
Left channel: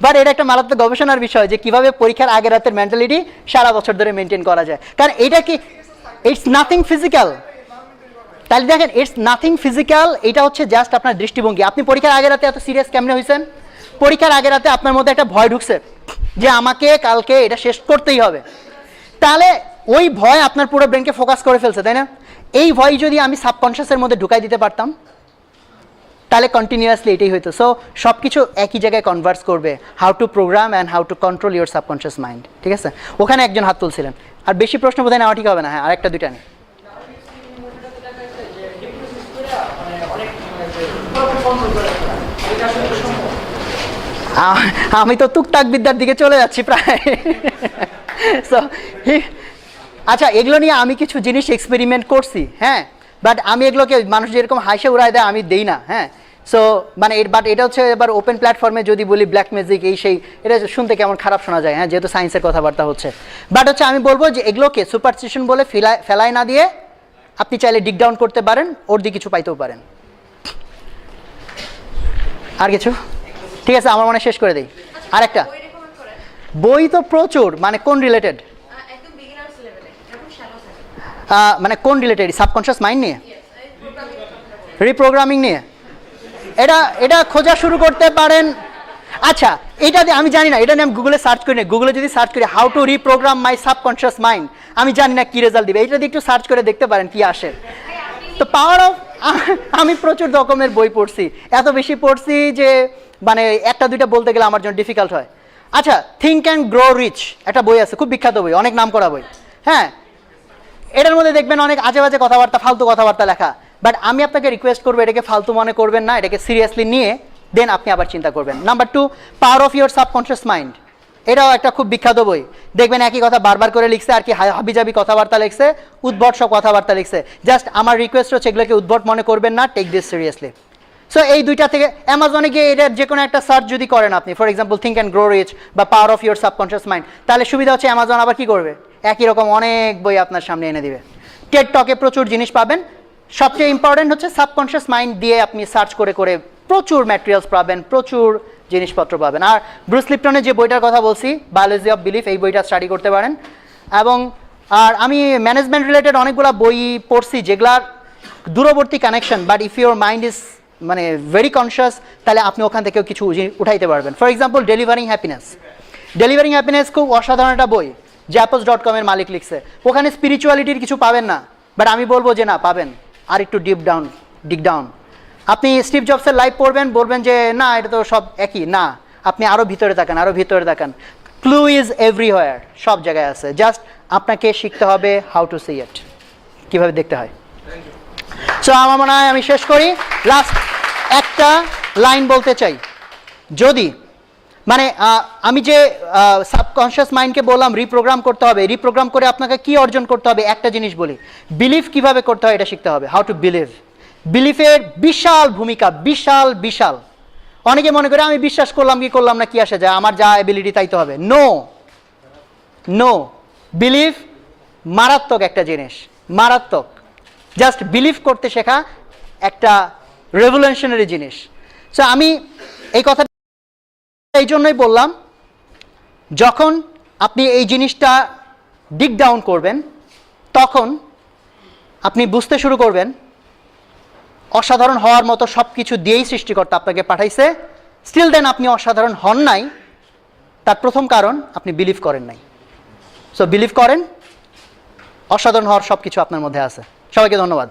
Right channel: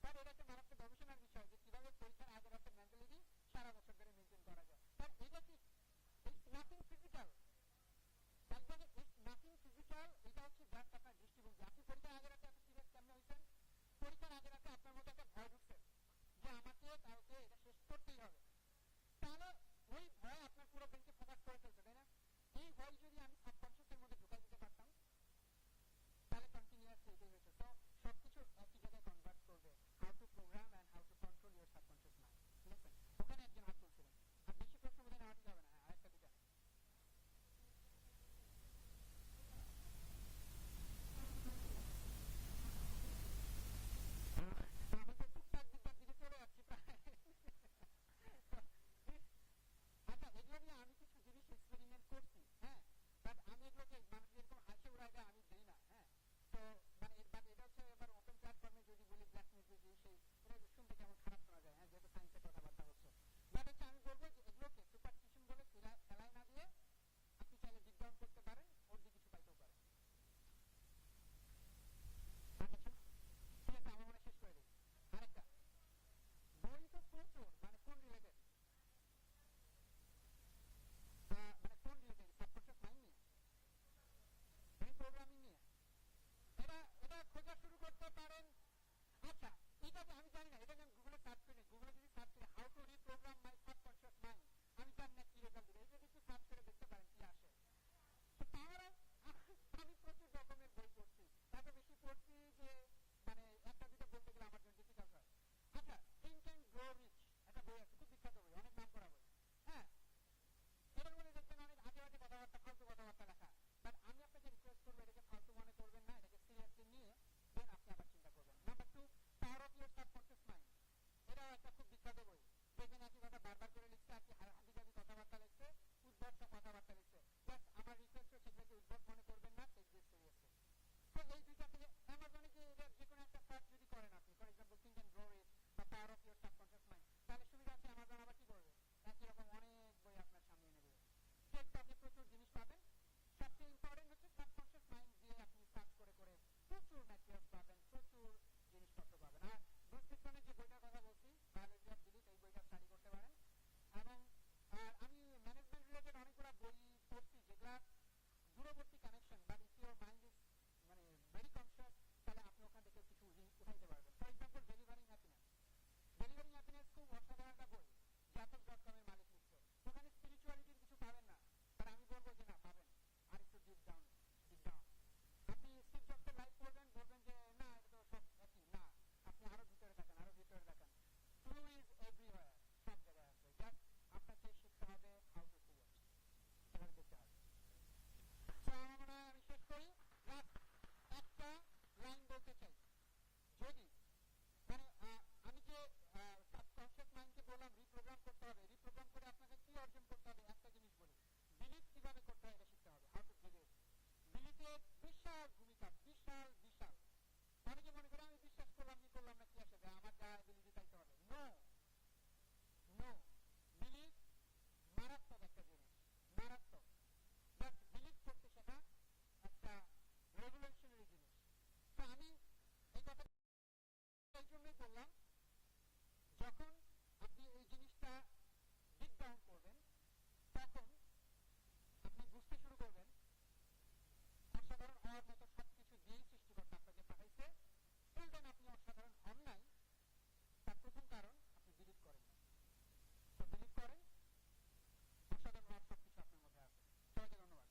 বাট এটা একটা মারাত্মক গবেষণার বিষয় যে কিভাবে পরীক্ষার আগের রাতের মেন্টালিটি সারা বছর ধরে মেনটেন করা যায়। কারণ এটা কি, ইটস নাথিং ফিজিক্যাল। তাহলে দেখেন, ইটস নাথিং ফিজিক্যাল, এটা হচ্ছে জাস্ট আপনার দৃষ্টিভঙ্গি। আপনি পরীক্ষার আগের রাতে এত সিরিয়াস কেমনে হয়েছেন? পরীক্ষার আগের রাতে আপনার মধ্যে একটা ভয় ঢুকছে যে আমাকে কালকে এটা শেষ করতেই হবে। তাহলে ওই ভয় আপনার পুরো ব্রেনকে ফোকাস করে ফেলছে, তাই না? এই ভয় যদি আমি সাবকনশিয়াসের মধ্যে ঢুকাই দিতে পারতাম, তাহলে কন্টিনিউয়াসলি এটাই হইতো। সো সব কিছু একই জায়গায় কনভার্স করবে, how to program and how to control your subconscious mind. ঠিক আছে, ওখানে একজন হাত তুলছিলেন। আর বেশি প্রশ্ন বোধহয় নেওয়া ঠিক হবে না। হ্যাঁ, আরেকটা দুইটা নেই। আমি তো টুকটাক বিদ্যার দিকে চলে যাচ্ছি প্রায়। সো আচ্ছা, এগুলো নিয়ে আমি কিছু জিনিস এক্সপেরিমেন্ট করছি, হ্যাঁ, বাট আমি এগুলোকে মানুষ যেরকম হাসে উড়ায় দেয় আমি দেই না, হ্যাঁ। সো মানে বাট এটা হচ্ছে এবার ওপেন প্ল্যাটফর্মে যদি বলি ব্ল্যাক ম্যাজিক এই সেই, এটা শুনতে কেমন খারাপ শোনা যায়, হ্যাঁ, যেহেতু সায়েন্সের কথাবার্তা হচ্ছে। বাট হচ্ছে আমি বলবো যে এগুলোকে সুপারস্টিশন বলে ফেলায় না দিয়ে আপনি চাইলে ডিগ ডাউন করতে পারেন, ওর দিয়ে কিছু পাইতেও পারেন। আর কিছু? ঠিক আছে, আমার মনে হয় শেষ করে দিই। আরেকটা বই তো প্রচুর, মানে কোন রিলেটেড? মানে কোন রিলেটেড? সাবকনশিয়াস মাইন্ড নিয়ে, রিপ্রোগ্রামিং নিয়ে? এটা খোঁজা শুরু করতে পারেন। আচ্ছা, এটা দিয়ে আমি জানি না, এটা নিয়ে আমি গুগলে সার্চ করি না। গুগলে যদি সার্চ করি how to reprogramme my subconscious mind, আমি জানি না কি রেজাল্ট দিবে। এটা দিয়ে একটু সার্চ করে দেখতে পারেন কি আসে। তো পাওয়ার অফ, আমি প্রচুর রকমের বই পড়ছি, এত বেশি পড়ছি যে মানে একটা দুইটা বলতে গেলে আমার জন্য ডিফিকাল্ট হয়। আচ্ছা, থিঙ্ক অ্যান্ড গ্রো রিচ একটা বই আছে, খুব বিখ্যাত বই, অনেক নাম করা বই, হ্যাঁ। এটার মধ্যে দেখবেন অনেক আজে বাজে কথাবার্তা, ফালতু কথাবার্তা লেখা। বাট আমি আপনাকে রিকোয়েস্ট করবো, এটাকে ফালতু মনে করবেন না, এটাকে সিরিয়াসলি নিয়ে দেন আপনি আবার চিন্তা করবেন। Number 2, power of your subconscious mind, এটাও একটা খুব বিখ্যাত বই। দেখবেন একই কথা বারবার করে লিখছে, আর কি হাবিজাবি কথাবার্তা লিখছে, উদ্ভট সব কথাবার্তা লিখছে। জাস্ট আমার রিকোয়েস্ট হচ্ছে এগুলোকে উদ্ভট মনে করবেন না, টেক দিস সিরিয়াসলি। সো এই দুইটা থেকে অ্যামাজনে গিয়ে এটার যে কোনো একটা সার্চ যদি করেন আপনি, for example think and grow rich বা power of your subconscious mind, তাহলে সুবিধা হচ্ছে অ্যামাজন আবার কি করবে, একই রকম অনেক বই আপনার সামনে এনে দিবে। টেড টকে প্রচুর জিনিস পাবেন। সবচেয়ে ইম্পর্টেন্ট হচ্ছে সাবকনশিয়াস মাইন্ড দিয়ে আপনি সার্চ করে করে প্রচুর ম্যাটেরিয়ালস পাবেন, প্রচুর জিনিসপত্র পাবেন। আর ব্রুস লিপটনের যে বইটার কথা বলছি, বায়োলজি অফ বিলিফ, এই বইটা স্টাডি করতে পারেন। এবং আর আমি ম্যানেজমেন্ট রিলেটেড অনেকগুলো বই পড়ছি যেগুলার দূরবর্তী connection, but if your mind is মানে ভেরি কনসিয়াস, তাহলে আপনি ওখান থেকেও কিছু উঠাইতে পারবেন। ফর এক্সাম্পল ডেলিভারিং হ্যাপিনেস খুব অসাধারণ একটা বই, jappos.com এর মালিক লিখছে। ওখানে স্পিরিচুয়ালিটির কিছু পাবেন না, বাট আমি বলবো যে না, পাবেন। আর একটু ডিগ ডাউন আপনি স্টিভ জবসের লাইফ পড়বেন, বলবেন যে না, এটা তো সব একই। না, আপনি আরও ভিতরে তাকান, ক্লু ইজ এভরিওয়্যার, সব জায়গায় আছে। জাস্ট আপনাকে শিখতে হবে হাউ টু সি ইট, কীভাবে দেখতে হয়। সো আমার মনে হয় আমি শেষ করি। লাস্ট একটা লাইন বলতে চাই, যদি মানে আমি যে সাবকনশিয়াস মাইন্ডকে বললাম রিপ্রোগ্রাম করতে হবে, রিপ্রোগ্রাম করে আপনাকে কি অর্জন করতে হবে, একটা জিনিস বলি, বিলিভ কিভাবে করতে হয় এটা শিখতে হবে, হাউ টু বিলিভ। বিলিফের বিশাল ভূমিকা, বিশাল। অনেকে মনে করে আমি বিশ্বাস করলাম কি করলাম না কি আসে যায়, আমার যা এবিলিটি তাই তো হবে। নো, বিলিভ মারাত্মক একটা জিনিস, মারাত্মক। জাস্ট বিলিভ করতে শেখা একটা রেভলিউশনারি জিনিস। সো আমি এই কথা এই জন্যই বললাম, যখন আপনি এই জিনিসটা ডিগ ডাউন করবেন তখন আপনি বুঝতে শুরু করবেন অসাধারণ হওয়ার মতো সব কিছু দিয়েই সৃষ্টিকর্তা আপনাকে পাঠাইছে, স্টিল দেন আপনি অসাধারণ হন নাই। তার প্রথম কারণ আপনি বিলিভ করেন নাই। সো বিলিভ করেন, অসাধারণ হওয়ার সব কিছু আপনার মধ্যে আছে। সবাইকে ধন্যবাদ।